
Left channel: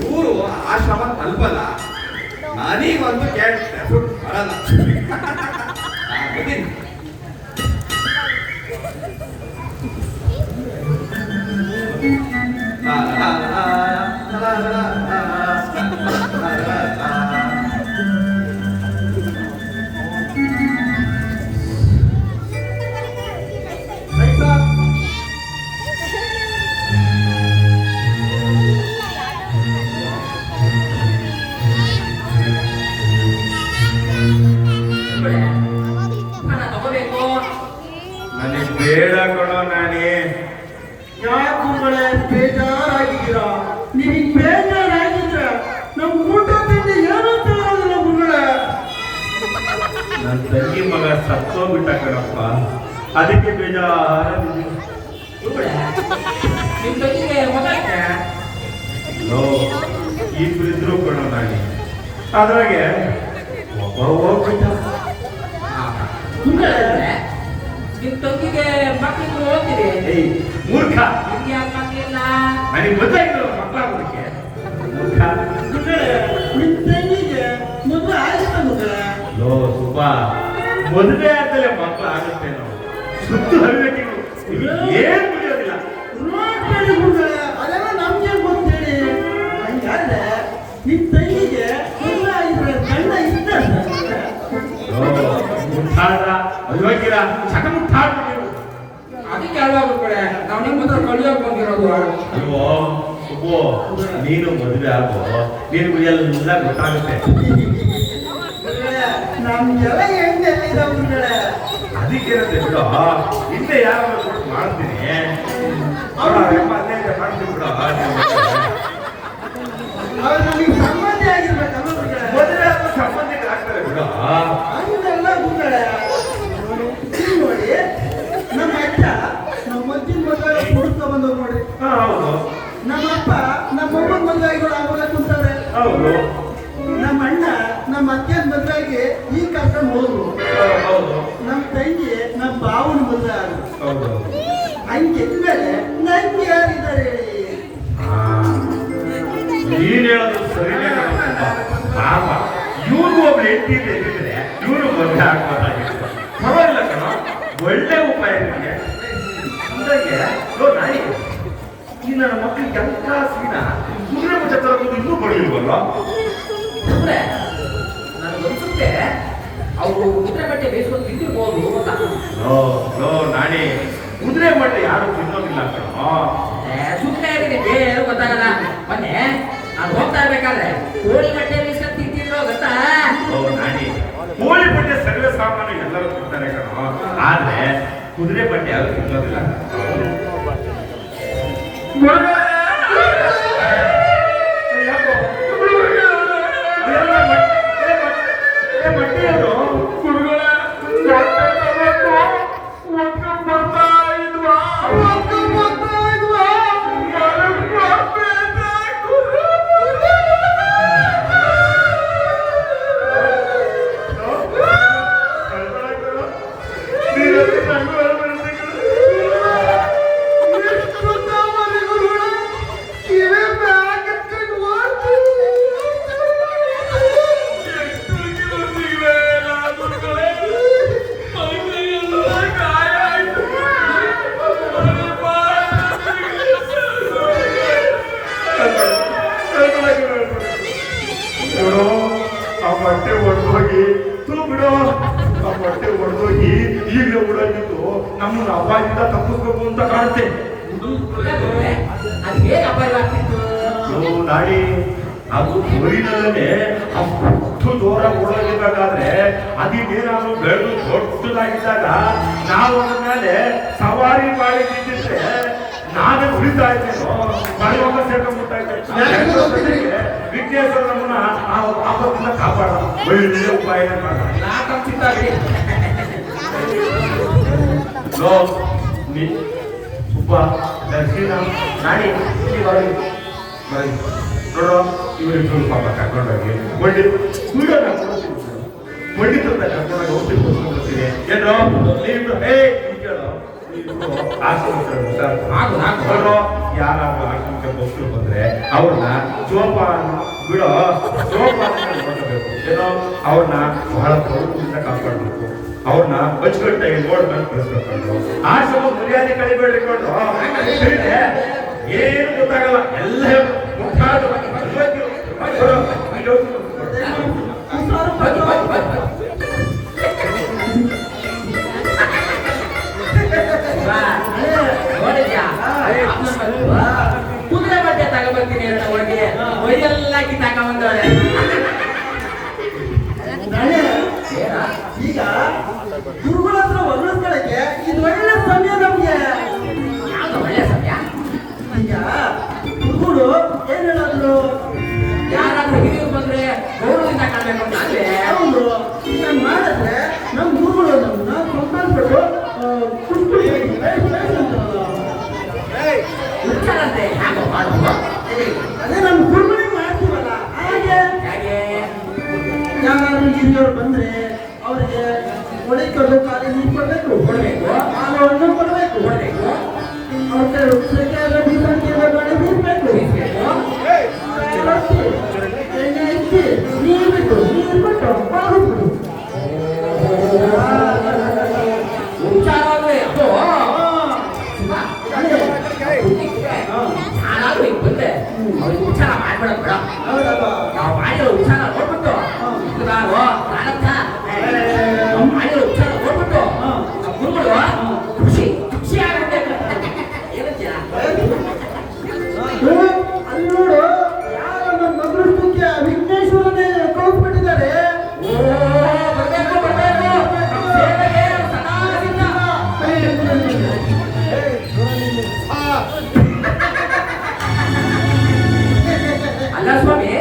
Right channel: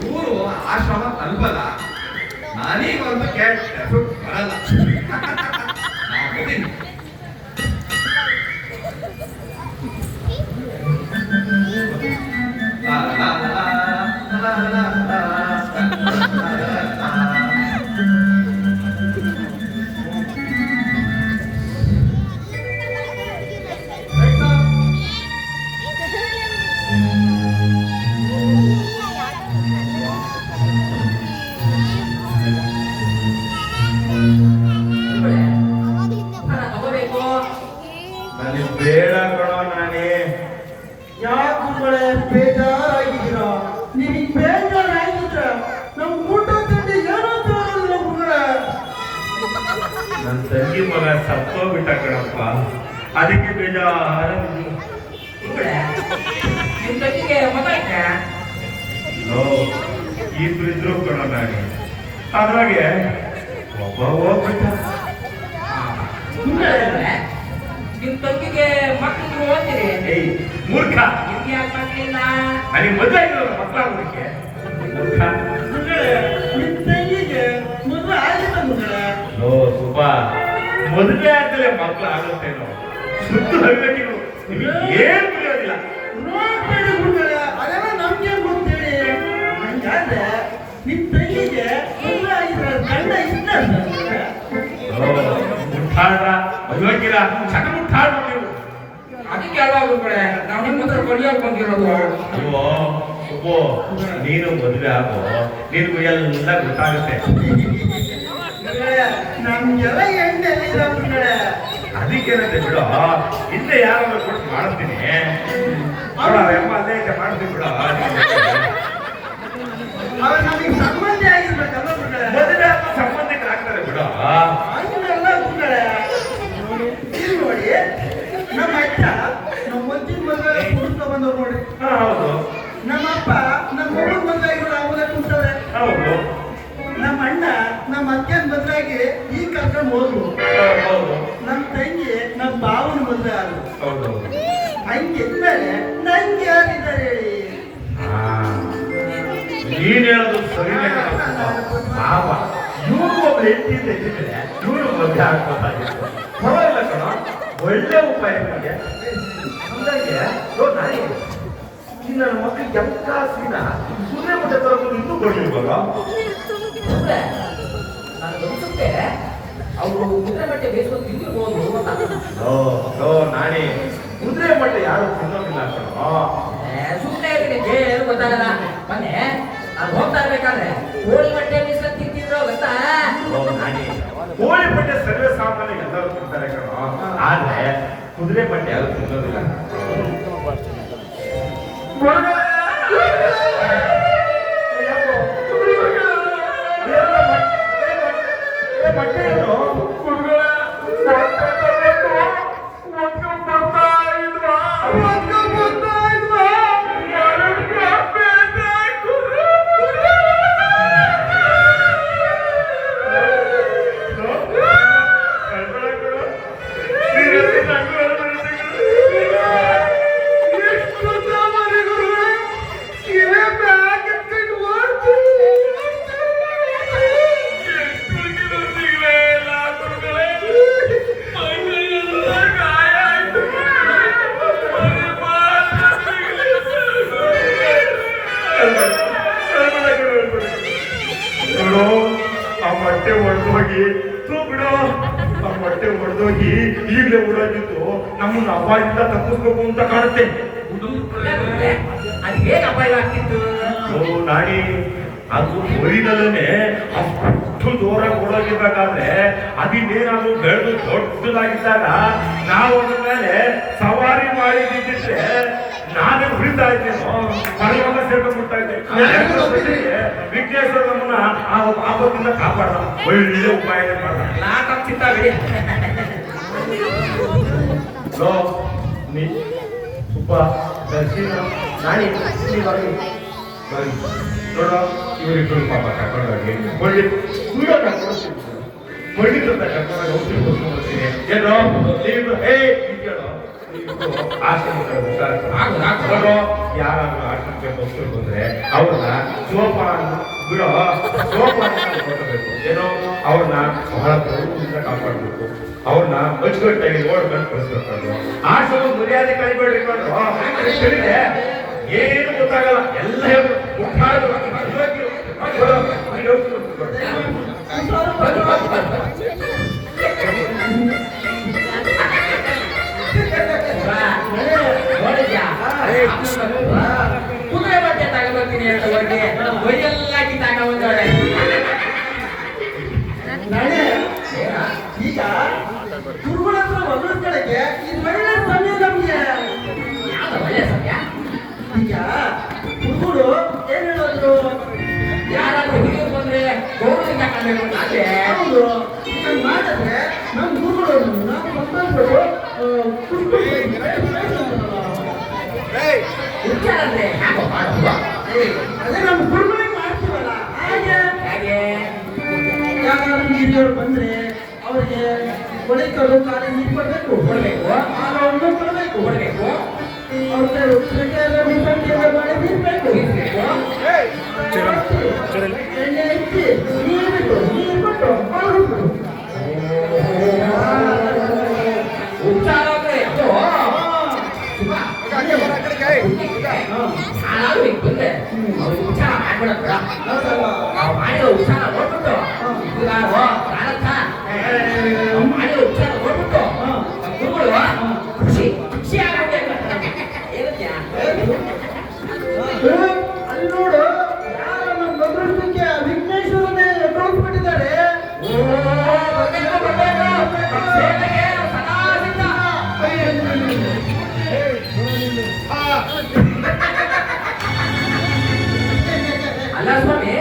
ಇವರು ಆಶ್ರಮ ತಲುಪಲ್ಲ. ನನಗಂತೂ ಕೆಟ್ಟ ಬರಲ್ಲ. ನನಗೆ ಬೇಡ ಕಣೋ ನಾನೇ. ಯಾಕೆ ಗುರುಗಳೇ ಬೇಜಾರಾಗಿದ್ದೀರಾ? ನಿಮಗೆ ಬೇಜಾರಾಗಿದ್ರೆ ನಮ್ಮ ಊಟ ತಿಂಡಿ ಏನೋ ತಿನ್ನೋದಿಲ್ಲ ಗುರುಗಳೇ. ನನ್ನ ತಂಗಿ ಮಗ ಸತ್ತೋಗ್ಬಿಟ್ಟ ಕಣಪ್ಪ, ಅದಕ್ಕೆ ಬೇಜಾರ. ನಿಮ್ ತಂಗಿಗೆ ಮಗ ಇಬ್ರು ಇದ್ರು ಕಣೋ ನಾನೇ. ಅದ್ರಾಗೆ ಒಬ್ಬ ಹೋಗ್ಬಿಟ್ಟ. ನಿಮ್ ತಂಗಿಗೆ ಮಕ್ಕಳಿಗೆ ಓದ್ತೀರಿ? ಏಯ್ ಮೂರ್ಖ, ನಿಮ್ಗೆ ಯಾಕೆ ಮಕ್ಕಳಿಲ್ಲ? ನನಗೆ ಮದುವೆ ಆಗಿಲ್ಲ ಮಕ್ಕಳಾಗೋದಕ್ಕೆ. ಮೂರ್ಖ. ನಿಮ್ಮ ತಂಗಿಗೆ ಮದುವೆ ಆಗಿಲ್ಲ ಗುರುಗಳೇ. ಲೋ ಸುಬ್ಬ, ಮದುವೆ ಆದ್ಮೇಲೆ ಮಕ್ಕಳು ಆಗುತ್ತೇನೋ? ಸುತ್ತು ಹರಿವೆಟ್ಟಿಗಳು ಏನು ತಿಳಿಯೋದಿಲ್ಲ. ನೋಡ್ಬೇಡಿ ಗುರುಗಳೇ, ಅದೆಲ್ಲ ನಮ್ಗೆ ಗೊತ್ತೇಳಿ. ಹಂಗಾದ್ರೆ ನಿಮ್ಮ ತಂಗಿಗೆ ಮದುವೆ ಆಗಿದ್ರೆ ಗಂಡ ಇಷ್ಟ ಅಯೋಗ್ಯರ ಚಟ ಮುಟ್ಟಾಡ್ರು ನೀವು. ಅದಕ್ಕೆ ಅಲ್ವಾ ಗುರುಗಳೇ ನಾವು ನಿಮ್ಮ ಹತ್ರ ಕಲಿಯೋರು ಬಂದಿರೋದು. ಅಯ್ಯೋ ಸುಬ್ಬು, ನೀನು ಮದುವೆ ಆಗೋ, ನಿನಗೂ ಎಲ್ಲ ಗೊತ್ತಾಗುತ್ತೆ. ನಮ್ಗೆಲ್ಲ ಹೆಣ್ಣೆ ಗುರುಗಳೇ. ಅದಕ್ಕೇನಂತೆ ಬಿಡು, ಹಿಂದೆ ಯಾರಾದ್ರೂ ಕೊಟ್ಟು ಮಾಡ್ತೀನಿ. ಅಮ್ಮ ಅದೇ ಮಾಡ್ತೀನಿ ಬಿಡು. ಅವ್ರು ನಮಗೆ ಸಂಬಂಧಿ ಆಗಿರ್ಬೇಕಲ್ಲ ಗುರುಗಳೇ. ಮದುವೆ ಆಗೋ ಸಂಬಂಧಿಕರಾಗ್ತಾರೆ ಬಿಡು. ಹಂಗೆಲ್ಲ ಗುರುಗಳೇ. ಇಲ್ಲಿ ನೋಡಿ, ನಮ್ಮ ಅಜ್ಜ ನಮ್ಮ ಮುದ್ದಿನ ಮದುವೆ ಹುಡುಕ ಬಂದವ್ರು ನೋಡಿ. ಹೌದು ನಮ್ಮಪ್ಪ ನಮ್ಮ ಮಗನ ಮದುವೆಗಳು ಆಗೋದೇ ಕುಂತಾರೆ. ಹೌದು ನಮ್ಮ ಅಣ್ಣ ನಮ್ಮ ಅತ್ತೆನ ಮದುವೆಗೆ ಈ ಕರ್ಕೊಂಡು ಹೋದ್ರು. ಹೌದು ನಮ್ಮ ತಂಗಿ ನಮ್ಮ ಬಾವನ ಮದುವೆ ಆದ್ರು. ಹೌದು. ಹಂಗಿದ್ಮೇಲೆ ನಂಗೆ ಯಾರಿದ್ದಾರೆ ಹೇಳಿ? ನೀನ್ ಹೇಳೋದು ಸರಿನೇ ಪಾಪ. ಇವ್ರಿಗೂ ಒಬ್ರು ಹೆಂಡತಿ ಇದ್ರೆ ಇವ್ರು ಮದುವೆ ಆಗ್ಬೋದಾಗಿತ್ತು. ಪರವಾಗಿಲ್ಲ ಕಣ, ಒಳ್ಳೆ ಉಪಾಯ ನಿಮಗೆ. ಅಂದಾಗೆ ನಾಯಿ ಈ ನನ್ನ ಮಕ್ಕಳಿಗೆ ಎಂತ ಸೀನ ಸುಮ್ಮನೆ ಮುಟ್ಟೆ ತರಬಹುದು ಇನ್ನೂ ಬರಲಿಲ್ವಲ್ಲ? ನನಗನ್ಸುತ್ತೆ ಅವರು ಕುದುರೆ ಬಟ್ಟೆ ಬೇಯಿಸ್ಕೊಂಡು ತಿಂದಿರ್ಬೋದು ಗೊತ್ತಾ? ನಾನೇ ಕುದುರೆ ಬಟ್ಟೆ ಯಾರು ತಿನ್ನೋದಿಲ್ಲ ಕಣ. ಸುಮ್ಮನೆ ನಿನಗೆ ಏನು ಗೊತ್ತಾಗಲ್ಲ. ಮೊನ್ನೆ ನಾನು ಹೋಗ್ತಾ ಇರ್ಬೇಕಾದ್ರೆ ಕೋಳಿ ಬಟ್ಟೆ ಬೇಯಿಸ್ಕೊಂಡು ತಿಂತಿದ್ರು ಗೊತ್ತಾ? ನಾನೇ ಕೋಳಿ ಬಟ್ಟೆ ಸರ್ವೇ ಸಾಮಾನ್ಯ ಎಲ್ಲರೂ ತಿಂತಾರೆ ಕಣ, ಆದ್ರೆ ಕುದುರೆ ಬಟ್ಟೆ ಯಾರು ತಿನ್ನೋದಿಲ್ಲ. ಮೊಟ್ಟೆ ಹೊಡೆದೋಗಿ ಬಿಡು, ಆ ಮೊಟ್ಟೆ ಹೊಡೆದೋಗಿ ಈಗಲೇ ಓಡಾಗಿದ್ದು ನಮ್ಮನ್ನು ಅಪಾಯದಿಂದ ತಪ್ಪಿಸ್ಬೇಕು ಅಂತ ಕಾಣುತ್ತೆ. ಅದೇನು ಅಪಾಯ ಆಗ್ತಿತ್ತು? ನಾಡಿ ಅದು ಬರೀದಲ್ಲೇ ಅಷ್ಟು ಜೋರಾಗಿ ಓಡೋಗಿರ್ಬೇಕಾದ್ರೆ ಅದಿನ್ನೇನಾದ್ರೂ ಬೆಳೆದು ದೊಡ್ಡದಾಗಿದ್ದಾಗ ನಾವು ಅದ್ರ ಮೇಲೆ ಸವಾರಿ ಮಾಡಿದ್ದಿದ್ರೆ ನಾವೇ ಉಳಿತಾ ಇದ್ದೇನೋ ಮಳೆಯನ್ನ ಸೇರ್ಕೊಂಡ್ಬಿಡ್ತಾ ಇದ್ದೆ. ವಿಘ್ನೇಶ್ವರನನ್ನ ಆ ಪಾಪದಿಂದ ಕಾಪಾಡ ಒಳ್ಳೆ ಉಪಾಯ ಸುಬ್ಬ ದರ್ಶನ ನಾನೇ ಬರೀ ನೋಡೋ ಇವರಿಗೆ ಸ್ವಲ್ಪ ಪಾಪ ಕರ್ಕೊಂಡೋಗಿ ಮಂಡಿ ವಿಡಿಯೋ ಮಂಡಿತಂತ ಕರ್ಕೊಂಡಾಗ ಹೋಗ್ತೀನಿ ಏನೋ ನೀವು ಯಾರಾದ್ರೂ ಆಶ್ರಮಕ್ಕೆ ಹೋಗ್ತಿರು ಬಂದ್ರೆ ಅವ್ರನ್ನ ಬಿಡೋ ನೋಡ್ಕೋಬೇಕು ಏನೋ ಅವ್ರನ್ನ ಬಹಳ ಪ್ರವೃತ್ತಿಯಿಂದ ಕಾಪಾಡ್ಬೇಕು, ಅವ್ರನ್ನ ಅಚ್ಚುಕಟ್ಟಾಗಿ ನೋಡ್ಬೇಕು ಕಳಿಸ್ಬೇಕು. ಆಶ್ರಮ ಮರ್ಯಾದೆ ಕಳಿಬೇಡ್ರಿ ನೋಡ್ರು, ಏನು ಗೊತ್ತಾಗಲ್ಲ ಎಲ್ಲ ಕುದುರೆ ಬಟ್ಟೆ ತಗೋಬರ್ತೀನಿ ಅಂತ ಹೋಗಿ ಒಯ್ದೆಲ್ಲ ಕಿತ್ತಾಕೊಂಡ್ರೆ ಈಗ ಗುರುಗಳ ಹತ್ರ ಹೊರಡ್ಕೊಳ್ಳಕ್ಕೆ ಇದು ಒಳ್ಳೆ ಸಮಯ ನಮ್ಗೆ. ಯಾವ್ದು ಒಳ್ಳೆ ಸಮಯ? ಈಗ ಗುರುಗಳು ಏನ್ ಹೇಳಿದ್ರು, ಯಾರಾದ್ರೂ ಹಿರಿಯರು ಬಂದ್ರೆ ಗೌರವದಿಂದ ಕಾಣಬೇಕು ಅಂತ ಅಲ್ಲೇ ಹೌದು ಇದನ್ನ ಮಾಡಿದ್ರೆ ನಮ್ ಗುರುಗಳು ಸಂತೋಷಗಳು ಇರ್ತಾರಂತೆ. ಹ್ಯಾಂಗೋ ಮಾಡೋದು? ಅದೇ ನಮ್ ಗುರುಗಳಿಗೆ ಮಾಡ್ತೀವಲ್ಲ ಹಾಗೆ. ಹೇಗೆ? ಯಾರು ಹಿರಿಯರು ಬಂದ್ರೆ ಅವರಿಗೆ ಒಡೆಕಲು ಕಾಲ ನಿಂತ್ಕೋಬೇಕು, ಕೊಡ್ಬೇಕು, ಮಾನವನ್ನು ಕೊಡಬೇಕು, ಕೊಡ್ಬೇಕು, ಅವ್ರ ಕೈ ಎಲ್ಲ ವಿಸರ್ಜನೆ ಮಾಡಿ ನಿಂತ್ಬೇಕು, ಎಣ್ಣೆ ಇಟ್ಟು ನೀರು ಬಿಟ್ಟು ನೀರು ಕೊಟ್ಟು ಬಾಗಿಬಿಡು. ಉಪಚಾರ ಅಂದ್ರೆ ಅದು ಶುಭ. ನಾನಾದ್ರೂ ಈಗ ಬಂದ್ರೆ ಅವ್ರಿಗೆ ಉಪಚಾರ ಮಾಡ್ಬೇಡ. ಹೌದಲ್ವಾ? ನಾವು ಮಾಡಿರೋ ಉಪಚಾರ ನೋಡ್ಬಿಟ್ಟು ಇದು ನಾನು ಪ್ರಾಣಕ್ಕ ಮಾಡಿರೋ ಉಪಚಾರ ನೋಡ್ಬಿಟ್ಟು ಗುರುಗಳು ಖುಷಿ ಖುಷಿ ಆಗ್ಬಿಟ್ಟೆ. ಏನಂತ್ಯಾ? ಅಲ್ಲಿ ನೋಡು, ಯಾರ ನಮ್ಮ ಮಗುಳಿಗೆ ವಿಘ್ನೇಶ್ವರನೇ ಕಳ್ಸ್ಬಿಟ್ಟಿದ್ದಾರೆ. ಓ ಬರ್ಬೇಕು ಬರ್ಬೇಕು ಸೇವೆಗೆ ಸದಾ ಸಿದ್ಧ. ಅಲ್ಲ ಸ್ವಾಮಿ,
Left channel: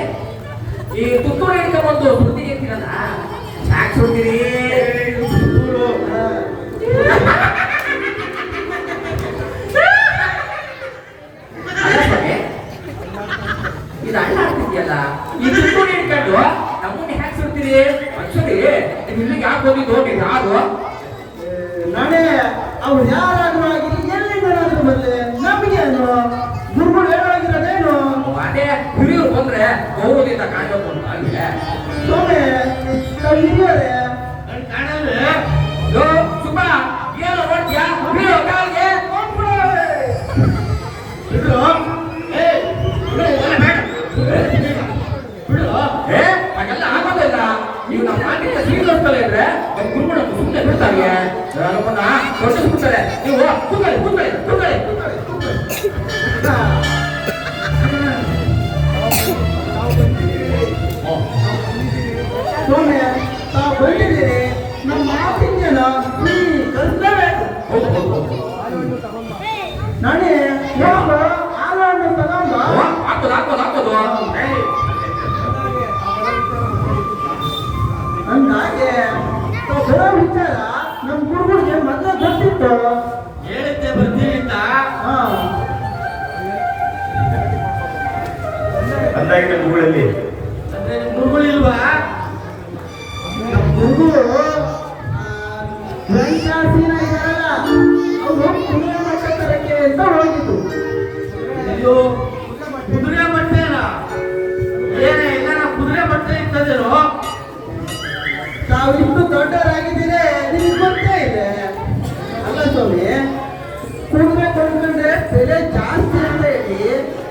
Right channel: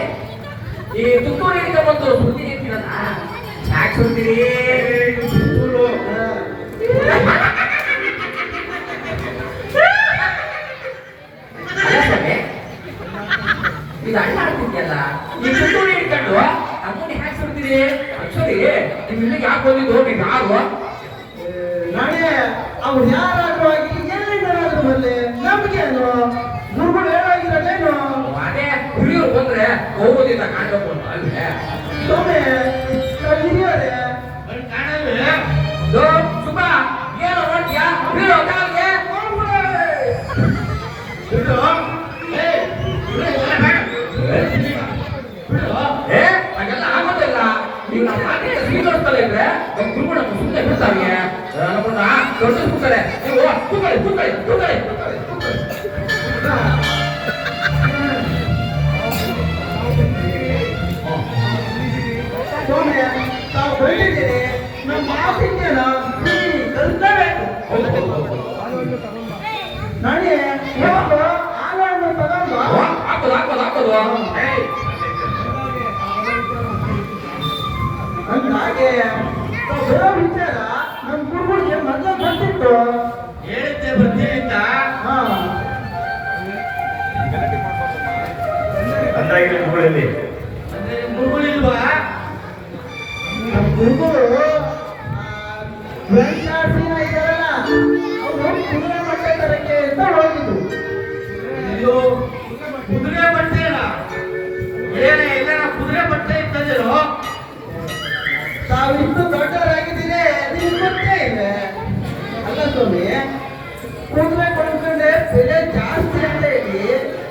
ಈ ಪುತ್ತೂರು ಹೇಳಿಕೆ ಒಂದು ಸುದ್ದಿ ಹೇಳ್ತೀರಲ್ಲ, ಯಾಕೆ ಸುದ್ದಿರಿ? ಅಲ್ಲ ಸ್ವಾಮಿ, ಇದು ಅಣ್ಣ ಆಗ್ತಿದ್ಯಲ್ಲ, ಈ ಪುತ್ತೂರು ಹೇಳ್ಕೊಂಡು ನಮ್ಮನ್ನ ಹ್ಯಾಕ್ ಸುಡ್ತೀರಿ? ಅಕ್ಷರಿ ನೀವು ಇಲ್ಲಿಗೆ ಯಾಕೆ ಬಂದಿದ್ದು? ನೀವು ಯಾರು? ನಾನೇ ಅವ್ರು ಯಾರಾದ್ರೂ ಆಗಿ ಎಲ್ಲಿಂದಾದ್ರೂ ಬರಲಿ ನಮಗೇನು, ಗುರುಗಳು ಹೇಳಾಗಿರೋದೇನು. ಅದೇ ಹಿರಿಯರು ಬಂದ್ರೆ ಗೌರವದಿಂದ ಕಾಣ್ಬೇಕು ಅಂತ ಅಲ್ವೇ? ಸ್ವಾಮಿ ಹಿರಿಯರೇ ಸುಬ್ಬ ಏನೋ ಮಾಡ್ತೀಯಾ? ಬೀಳೋ ಕಾಲ್ಗೆ ಏ ಹಾಗೆಲ್ಲ ಆಗೋದಿಲ್ಲ. ನೀವು ನಮ್ಮ ಮಾತಿನ ಸೀದೋಡ್ತಲೇ ಇದ್ರೆ ನಮ್ಮ ಗುರುಗಳು ಸುಮ್ಮನೆ ಬಿಡ್ತಾವೆ, ನಮ್ಮನ್ನ ದೊಡ್ಡಿಸ್ಬಿಡ್ತಾರೆ. ನೀವು ಕೂತ್ಕೊಳ್ಳಿ ಕೂತ್ಕೊಳ್ಳಿ ಕೂತ್ಕೊಳ್ಳಿ. ಸ್ವಾಮಿ ತಾವು ಬಂದಿದ್ದೀರಿ, ನಮ್ಮ ಮಾತಿನ ಕಲಿಸಲೇಬೇಕು. ನಾನೇ ಯಾವಾಗ ಆಲನ್ನು ತಗೊಂಡು ಹಾಕೋದು ಹಾಕೋದು ಹಾಕೋದು. ಅಂದಾಗೆ ಬರೋ ವಿಚಾರ ನಮ್ಮ ಗುರುಗಳಿಗೆ ಮೊದಲು ಗೊತ್ತಿತ್ತು. ಹೇಳಿದ್ದೆ ಬರ್ತೀನಿಂದ ಹಾ ಅಂದಾಗಿನ ಗುರುಗಳಲ್ಲಿ ಗುರುಗಳಿಲ್ವಾ? ನಮ್ಮ ಗುರುಗಳು ವೆಂಕಟಾಸೀನ ಇದ್ದಾರಲ್ಲ, ಅವರು ಕುದುರೆ ಮಟ್ಟ ತರಕ್ಕೆ ಅಂತ ಹೋಗಿದ್ರು. ಇದು ಕುದುರೆ ಬಟ್ಟೆನ ಏನೇ ಇಲ್ಲ, ಕುದುರೆ ಬಟ್ಟೆ ಇರ್ತದೇನೋ. ತಾವಿಷ್ಟು ದೊಡ್ಡವರಾಗಿದ್ದೀರಿ, ನಿಮ್ಗೆ ಗೊತ್ತೇ ಇದೆ ಅಲ್ಲ ಸ್ವಾಮಿ. ಕುದುರೆ ಕೊಂಡ್ರೆ ಬೆಲೆ ಜಾಸ್ತಿ ಅಂತ ಹೇಳಿ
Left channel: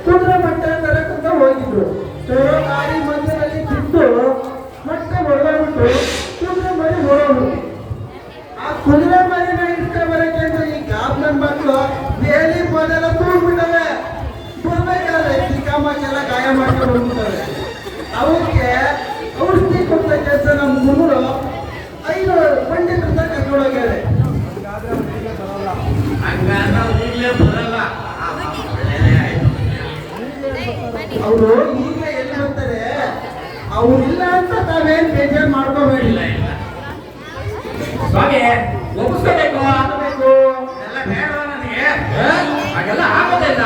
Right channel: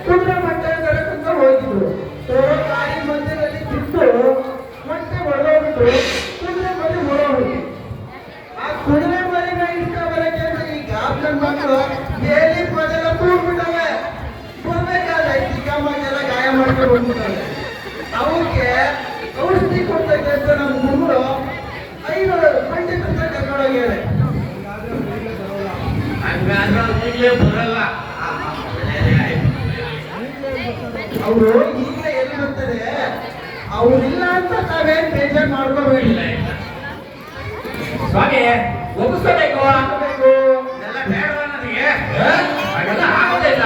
ಕುದುರೆ ಮಟ್ಟ ತರಕ್ಕಂತ ಹೋಗಿದ್ರು. ತರೋ ಗಾಡಿ ಮಧ್ಯದಲ್ಲಿ ಬಿಟ್ಟು ಮತ್ತೆ ಹೊಡೆದೋಗ್ಬಿಟ್ಟು ಕುದುರೆ ಮರಿ ಹೊಡೋಗ್ಬಿಟ್ಟು ಆ ಕುದುರೆ ಮರಿನ ಇಷ್ಟ ಬರಕ್ಕೆ ಅಂದ್ರೆ ಈ ಗಾಬ್ನ ಮಕ್ಕಳು ಬೇಲಿ ಮೊದಲ ಕೂಡ್ಬಿಟ್ಟವೆ. ಬರ್ಬೇಕಾದ್ರೆ ಚಿಕ್ಕಮ್ಮಕ್ಕೆಲ್ಲ ಗಾಯ ಮಾಡ್ಕೊಂಡು ಹೋಗ್ಬಿಟ್ಟವೆ. ಹೋಗ್ಯಾರೆ. ಈಗಲೇ ಬರಲ್ಲ. ಅವರು ಈಗಲೇ ಎಲ್ಲಿ ಬರ್ತಾರೆ? ಅವ್ರಿಲ್ಲ ಅಂತ ತಾವೇನ್ ಬೇಜಾರು ಮಾಡ್ಕೋಬೇಡಿ. ಸ್ವಾಮಿ ಒಪ್ಪಿಸ್ಕೋಬೇಕು ಬೇಕು. ಎಲ್ಲ ಬೇಡವಾ ನನಗೆ ಹಾಗೆಲ್ಲ ಆಗೋದಿಲ್ಲ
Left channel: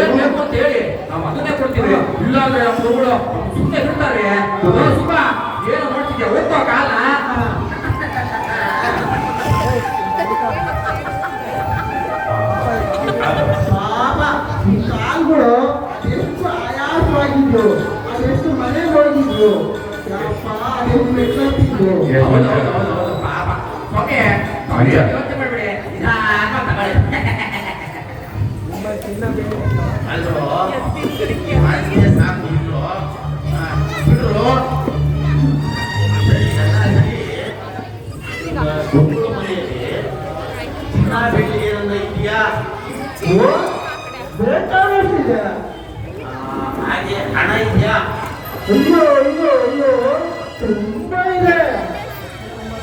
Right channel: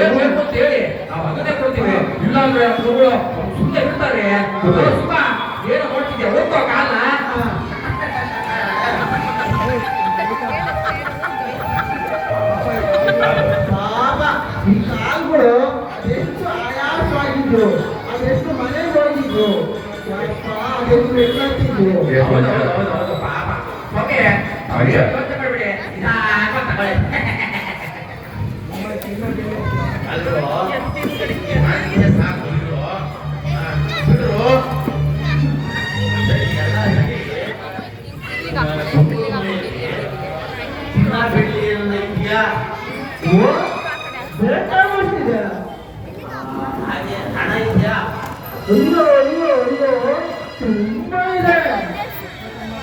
ಏನ್ ಬೇಕು ಅಂತ ಹೇಳಿ ನಾವು ಅದನ್ನೇ ಕೊಡ್ತೀವಿ ಇಲ್ಲ ಅಂದ್ರೆ ಅವರು ಸುಮ್ಮನೆ ಇರ್ತಾರೆ ಸುಮ್ಮ ಏನು ಮಾಡ್ತಿದ್ಯಾ ಹೋಗ್ತೋ ಕಾಲ ಪಾಪ ಈ ಕಾಲ್ಗಳು ಎಷ್ಟು ಆಯಾಸವಾಗಿದ್ರು, ಅದೆಷ್ಟು ಮನೆಗೆ ಹೋಗಿದ್ರು, ಯಪ್ಪ ಅದೆಷ್ಟು ಮೆಟ್ಲತ್ತಿದ್ರು. ಹೌದು ಪಾಪ ಸ್ವಾಮಿ ಅವ್ರಿಗೆ ಯೋಚನೆ ಮಾಡ್ಬೇಡಿ ನಿಧಾನ ತಗೊಳ್ಳಿ ಅಲ್ರೋ ಮಾಡಿದ್ರೆ ಸಾಕು ಇಲ್ರೋ ಬಿಡ್ರು ಎಲ್ಲ ಬೆಳಿಗ್ಗೆ ಒಂದು ಇದೆಯಾ ಓ, ಬೇಕಾದಷ್ಟಿದೆ. ಹಾಗೆ ಹಣ ಇದೆಯಾ ಅಯ್ಯೋ ಅಯ್ಯೋ ಅಯ್ಯೋ, ತುಂಬಾ ಇದೆ.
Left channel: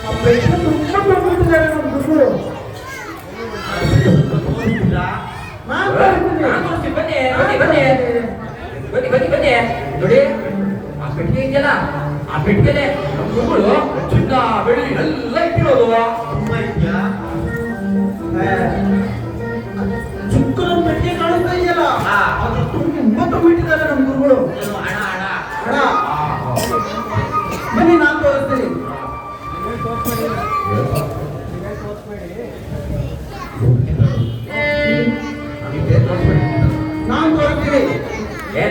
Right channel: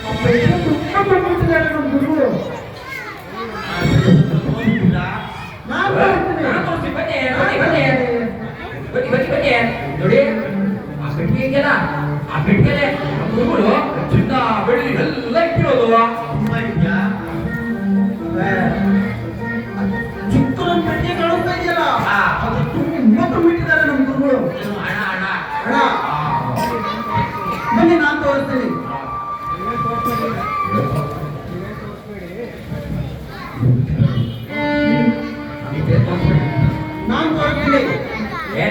ಆ ಪೈಸೆ ತುಂಬಾ ಬಂದ್ಬಿಟ್ಟಿದ್ದಾರೆ ನಮ್ಮ ದುಡ್ಡು. ನಾನ್ ಬರ್ತೀನಿ. ಬನ್ನಿ ನೋಡಿ ಆ ಪೆಟ್ಟಿಗೆ ಇದೆಯಲ್ಲ ಆ ಪೆಟ್ಟಿಗೆಲೆ ಮಕ್ಕಳು ಚಿನ್ನ ಬೆಳ್ಳಿ ಎಲ್ಲ ಇಟ್ಟಿರೋದು ತುಂಬ ಇದೆಯಾ ಚಿಕ್ಕದೊಂದು ಪೆಟ್ಟಿಗೆ ಕಾಣಿಸ್ತಾ ಇದೆಯಲ್ಲ, ಅದು ತುಂಬ ಬಿಟ್ಟಿದ್ದಾರೆ ನಮ್ಮ ಗುರುಗಳು. ಹಣ ಹಣ ಹಣ. ಬನ್ನಿ ನಾನು ತೋರಿಸ್ತೀನಿ. ನಾನು ತೋರಿಸ್ತೀನಿ.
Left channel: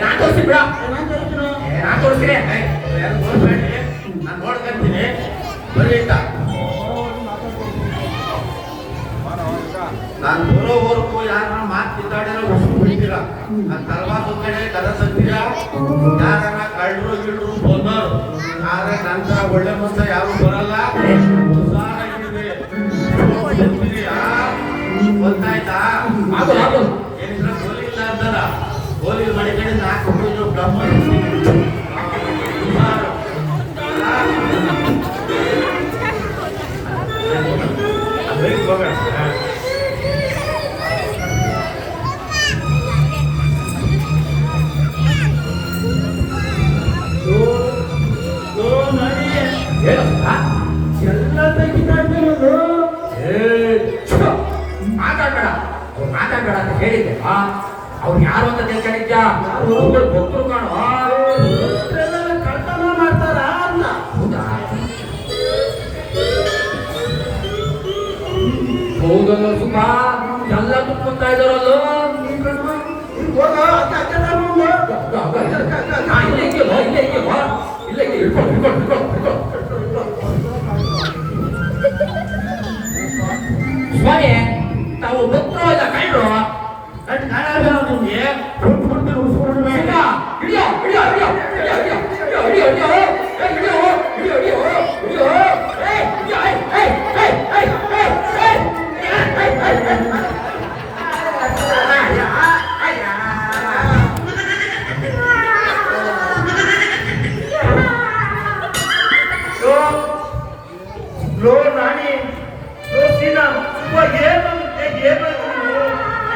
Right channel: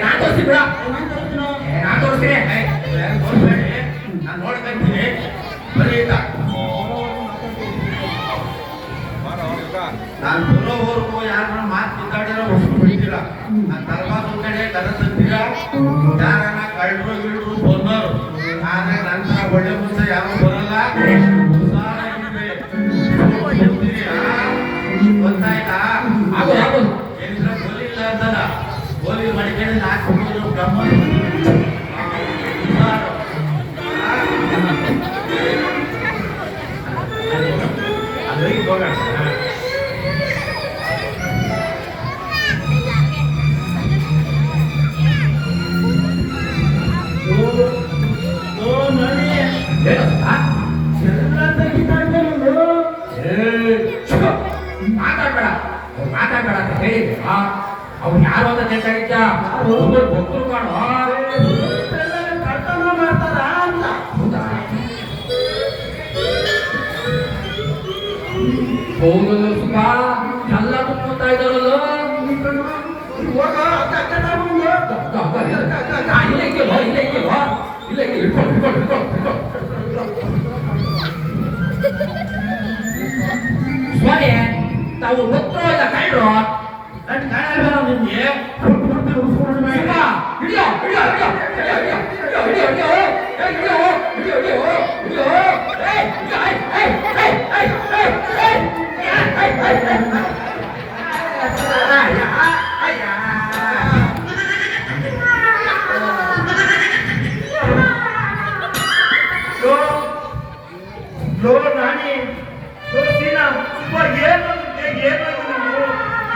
ನಾನ್ ತೋರಿಸ್ತೀನಿ ಬಿಡ ನಾನು ತೋರಿಸ್ತೀನಿ. ನಾನ್ ತೋರಿಸ್ತೀನಿ ನಾನು ನೋಡ್ಕೊಂತೀನಿ ಬರೀ ಆಯ್ತಾ ನಾನು ಬರೋವರೆಗೂ ಯಾರನ್ನ ಮಾತು ಕಿತ್ತಾಡಿರೋ ಹೊಸ ಬಿಡ್ತೀರಾ ನಾನು ತರಬಾತ ಕಡೆ ಕರ ತಂತೀರಾ ಯಾರನ್ನ ಕಳ್ಳರು ಗಿಡರು ಬಂದರು ಆದ್ರೆ ನಂತರ ಒಳ್ಳೆ ಮುಂದೆ ಯಾರು ಬರಲ್ಲ ಗೊತ್ತಾಯ್ತಾ ಏನಿದ್ರೆ ಗೋಲಿ ಇಲ್ಲ ಅಂತಲ್ಲ ಗೋಲಿ ಮಡಿಕಡೆ ನಾಲ್ಕು ಬ್ರಹ್ಮ ಹೋಗೋಣ ಎಲ್ಲ ತೆಗಿತಾ ಇದ್ದೇನೆ. ಮಾತಾಡ್ಬೇಡ ಅಂತ ಹೇಳಿದ್ದೆ ಅವ್ರು ಯಾರು ಅಂತ ತಿಳ್ಕೊಂಡಿದ್ದ ಒಬ್ಬರು ಕಾಣು ಕಳ್ತನ ಮಾಡ್ತಾರ ಅಂತ. ಹೌದಾ ಹೌದು ಸುಖ ಎಲ್ಲ ಕುತ್ಕೊಂತಾ ಇದ್ದಾರಲ್ಲ ಹೋಗ, ಅಕ್ಕ, ಅಕ್ಕ, ನಾನು ಮುಂದೆ. ಇಲ್ಲ ಸ್ವಾಮಿ ತಾವು ಗೊತ್ತಿರೋದ ಕಳ್ರು ನಿಮ್ಗೆ ಲೋ ನಾನಿ ಲೋ ಸೀನಾ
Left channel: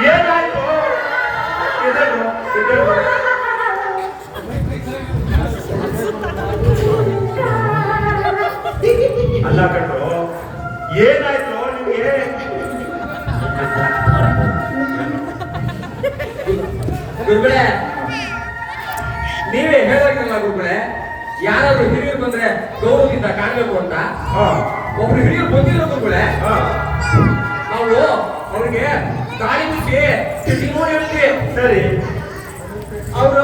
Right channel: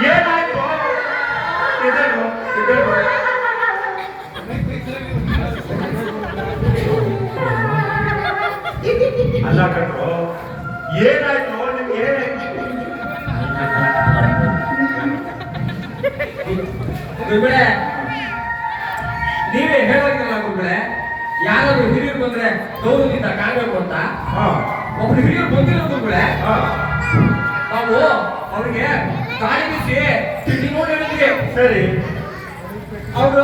ಏನಾಯ್ತು ಅಲ್ಲ ಕಣ್ರು ಏನಾಯ್ತು ನಿಮ್ಗೆ ಗುರುಗಳೇ ನೀವೇ ಹೇಳೋದಿಲ್ಲ ಗುರುಗಳೇ ಯಾರಾದ್ರೂ ಹಿರಿಯರು ಬಂದ್ರೆ ಗೌರವದಿಂದ ಕಾಣಬೇಕು ಅಂತ ಒಬ್ರು ಹಿರಿಯರು ಬಂದಿರೋ ಗುರುಗಳೇ ನಾವು ಅವ್ರಿಗೆ ಗಾಳಿ ಬಿಸಿ ತಿಂಡಿ ನೋಡಿ ಹೇಳಿದ್ವಿ ಸರಿ ಅವರು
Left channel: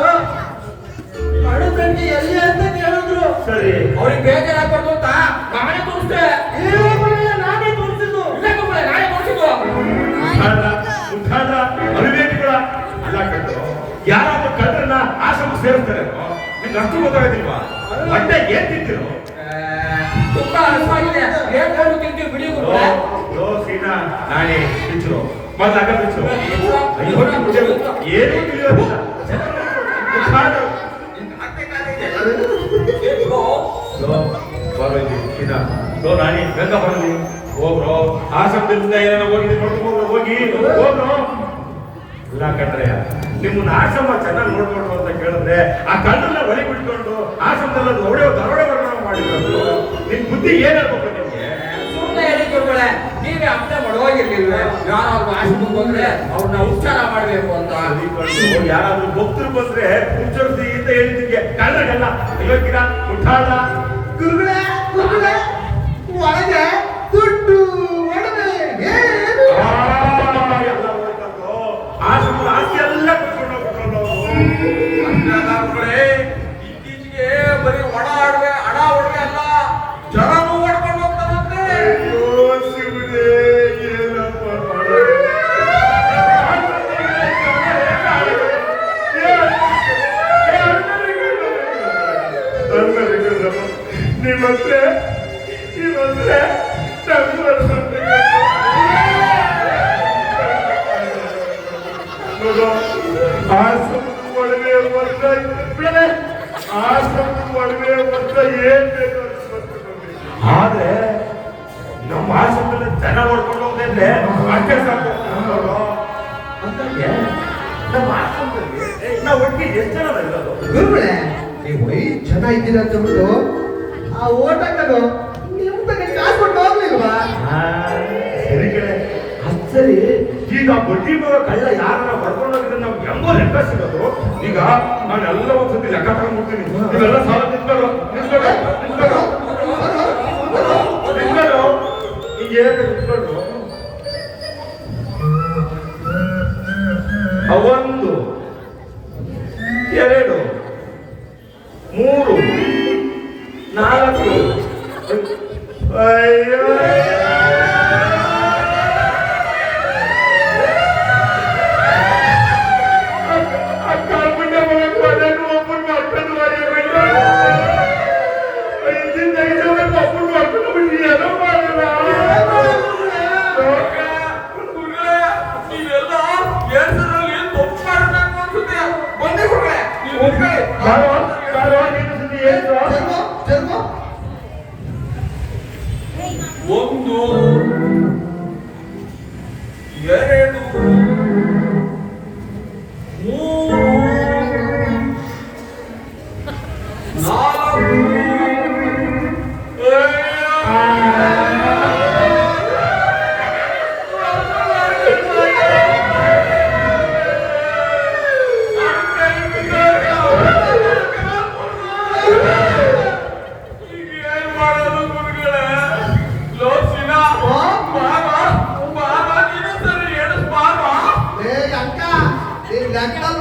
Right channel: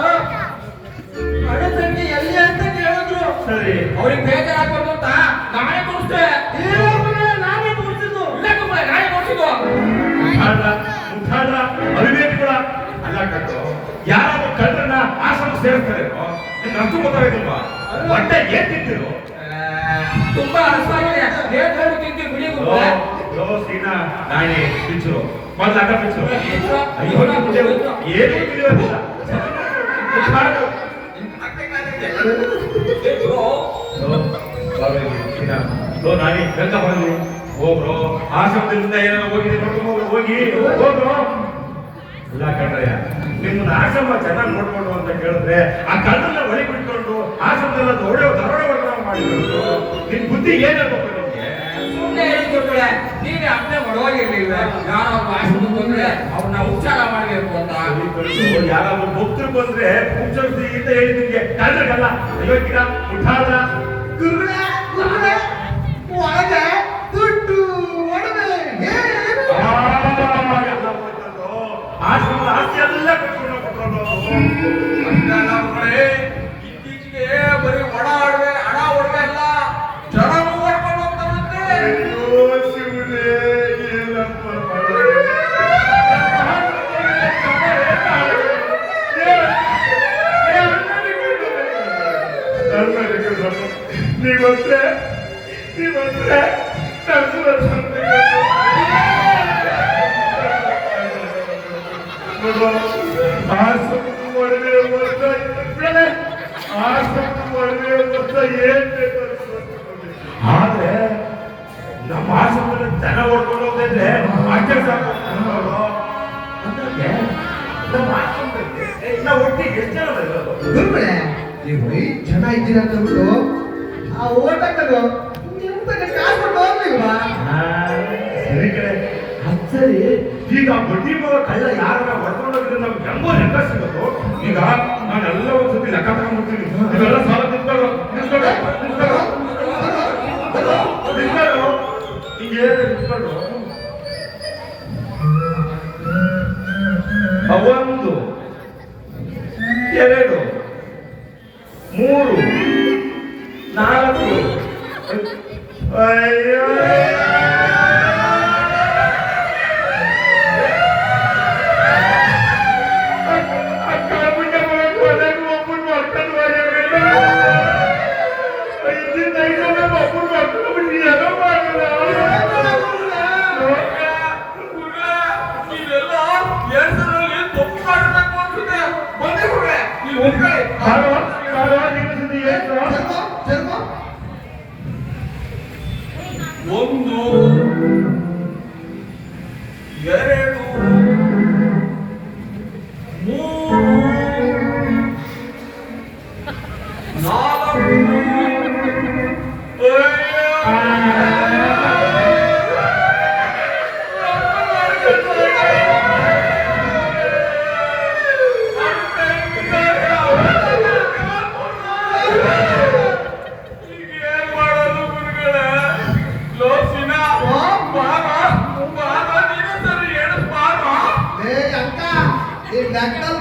ಹಣ ತಂಗಿ ಎಲ್ಲಿ ಅಂತ ಹೇಳಿದ್ರು. ಸರಿ ಅವ್ರಿಗೆ ಬೇಜಾರಾಗ್ಬಾರ್ದು ಅಂತ ನಾನೇ ತೋರಿಸ್ದೆ ನಾನೇ ತೋರಿಸಿದ್ದು. ಇಲ್ಲ ಗುರುಗಳೇ ನಾನೇ ತೋರಿಸಿದ್ದು ಮುಖಾಂತರ ಅವಿವೇಕಿಗಳ ಅಲ್ಲ ಕಟ್ಟು ಯಾರಾದ್ರೂ ಕಳ್ಳರನ್ನ ಆಶ್ರಮ ಸೇರಿಸ್ತಾರೆ ನಿಮ್ಗೆ ಅಷ್ಟು ಗೊತ್ತಾಗೋದಿಲ್ವಾ ಹೊಟ್ಟೆ ಏನ್ ತಿಂತಿರು ತುಂಬಾ ಹಸುವಾಗಿದೆ ಏನ್ ಹೇಳು ತಿಂತೀವಿ ಬಿಡಿ ಗುರುಗಳೇ ಲೋ ಸೀನಾ ನಾನೇ ಬಿಚ್ಚು ಮೊದ್ಲು ಆಗ ಬಿಚ್ಚು ಏನು ತಿಳಿಯೋದಿಲ್ಲ ಲೋ ನಾನೇ ಗಂಗ ಬರಲಿ ಹೋಗ್ರು ಆಶ್ರಮದಿಂದ ಏನೋ ಹೋಗಿ ನೋಡ್ಕೊಂಡು ಹೋಗಿ ಹೋಗ್ರು. ಇಲ್ಲ ಕಣ್ರಯ್ಯ, ನಿಮ್ಮನ್ನ ಆಶ್ರಮ ಚೆನ್ನಾಗಿ ನೋಡ್ಕೊಂಡು ಅಂತ ಕೇಳಿದ್ರೆ ಆ ಕಲ್ಲನ್ನ ಒಳಗೆ ಬಿಟ್ಕೊಂಡು ಆಶ್ರಮದಲ್ಲ ದರೋಡೆ ಮಾಡಿಕೊಂಡು ನಿನ್ ಬುದ್ಧಿ ಏನಾಗ್ಬೇಕು ನಿಮ್ಗೆ? ಸುಮ್ಮನೆ ಹೇಳಿಕೊಟ್ರೆ ನೀವೇ ಅರ್ಥ ಮಾಡೋಗಿರ್ಲಿಲ್ವೇ? ಯಾರಾದ್ರೂ ಆಶ್ರಮಕ್ಕೆ ಬಂದ್ರೆ ಅವ್ರನ್ನ ಉಚ್ಚಾರ ಮಾಡ್ಬೇಕು ಅಂತ. ಯಾರಾದ್ರೂ ಭಕ್ತರು ಬಂದ್ರೆ ಉಚ್ಚರಿಸಿ ಅಂತ ಹೇಳಿ ನಿಮ್ಗೆ ಕಲ್ಲಗಲ್ಲ ಅಯೋಗ್ಯರ ಮುಠಾಳ ಗುರುಗಳೇ ಗುರುಗಳೇ ಒಳಗೆ ದುಡ್ಡು ಒಡವೆ ಏನು ಆಶ್ರಮದ ಆಸ್ತಿ ಎಲ್ಲ ಕಟ್ಕೊಂಡು ಮಕ್ಕಳೇ, ಇತ್ತೀಚೆಗೆ ಬರೀ ಹಣ ಒಡವೆ ಅಲ್ಲ, ಜನನು ಹೊಡ್ಕೊಂಡು ಹೋಗ್ತಾರಂತೆ. ಏನಪ್ಪ ನೀವಂದ್ರೆ ಆಶ್ರಮದ ಒಡವೆ ವರ್ಷ ಏನ್ ಬೇಕು ಆದ್ರೆ ನಮ್ಮ ಆಶ್ರಮದಲ್ಲಿ ಜನ ಹೊಡ್ಕೊಂಡು ಹೋಗ್ತಿದ್ರೆ ಅಷ್ಟೇ ಸಾಕು. ಅಂದಾಗೆ ನಮ್ಮ ಆಶ್ರಮದಲ್ಲಿ ನಾವು ಒಟ್ಟಿಗೆ ಎಷ್ಟು ಜನ ಇರೋದು? ಗುರುಗಳೇ, ನೀವು 5 ಜನ ಇದ್ದೀರಾ ಅಂತ ಬಿಟ್ಟು ಆ ಓಟಕ್ಕದು ನಿಮ್ ತಗ ಕಾಸು ಕೊಟ್ಟು ಹೋಗ್ಲಿಲ್ವಾ? ಸರಿ ಕಡೆ ಸರಿ. ಈಗ ಬಡ್ಡಿ ಮಗ ಕಳ್ಳ ಯಾರನ್ನ ಬರ್ಕೊಂಡು ಹೋಗಿದ್ರೆ ನಮ್ಗೆ ಹೆಂಗೋ ಲೆಕ್ಕ ಸಿಗೋದು. ಈಗ ನಾನೆಲ್ಲ ಒಂದ್ಸತಿ ಲೆಕ್ಕ ತಗೊಂಡ್ಬಿಡ್ತೀನಿ. ನೀವೆಲ್ಲ ಸಾಲ ನಿಂತ್ಕೊಳ್ಳು ಈಗ ಏನು ನಿಂತ್ಕೊಂಡು 1 2 3 4 ಅಯ್ಯೋ ಜರ್ಮ 1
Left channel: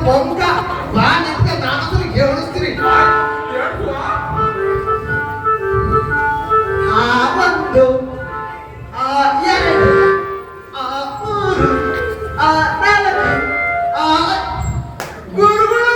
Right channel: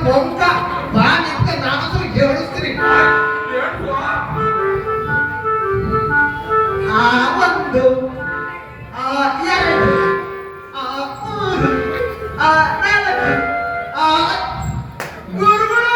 ಬೊಂಕ ಬಾ ನಿಂತ ನಾನು ಹೇಳಿಸ್ತೀನಿ. ಆ 1 ಆ 2 ಆ 3 ಆ 4 ಆ ಗುರುಗಳು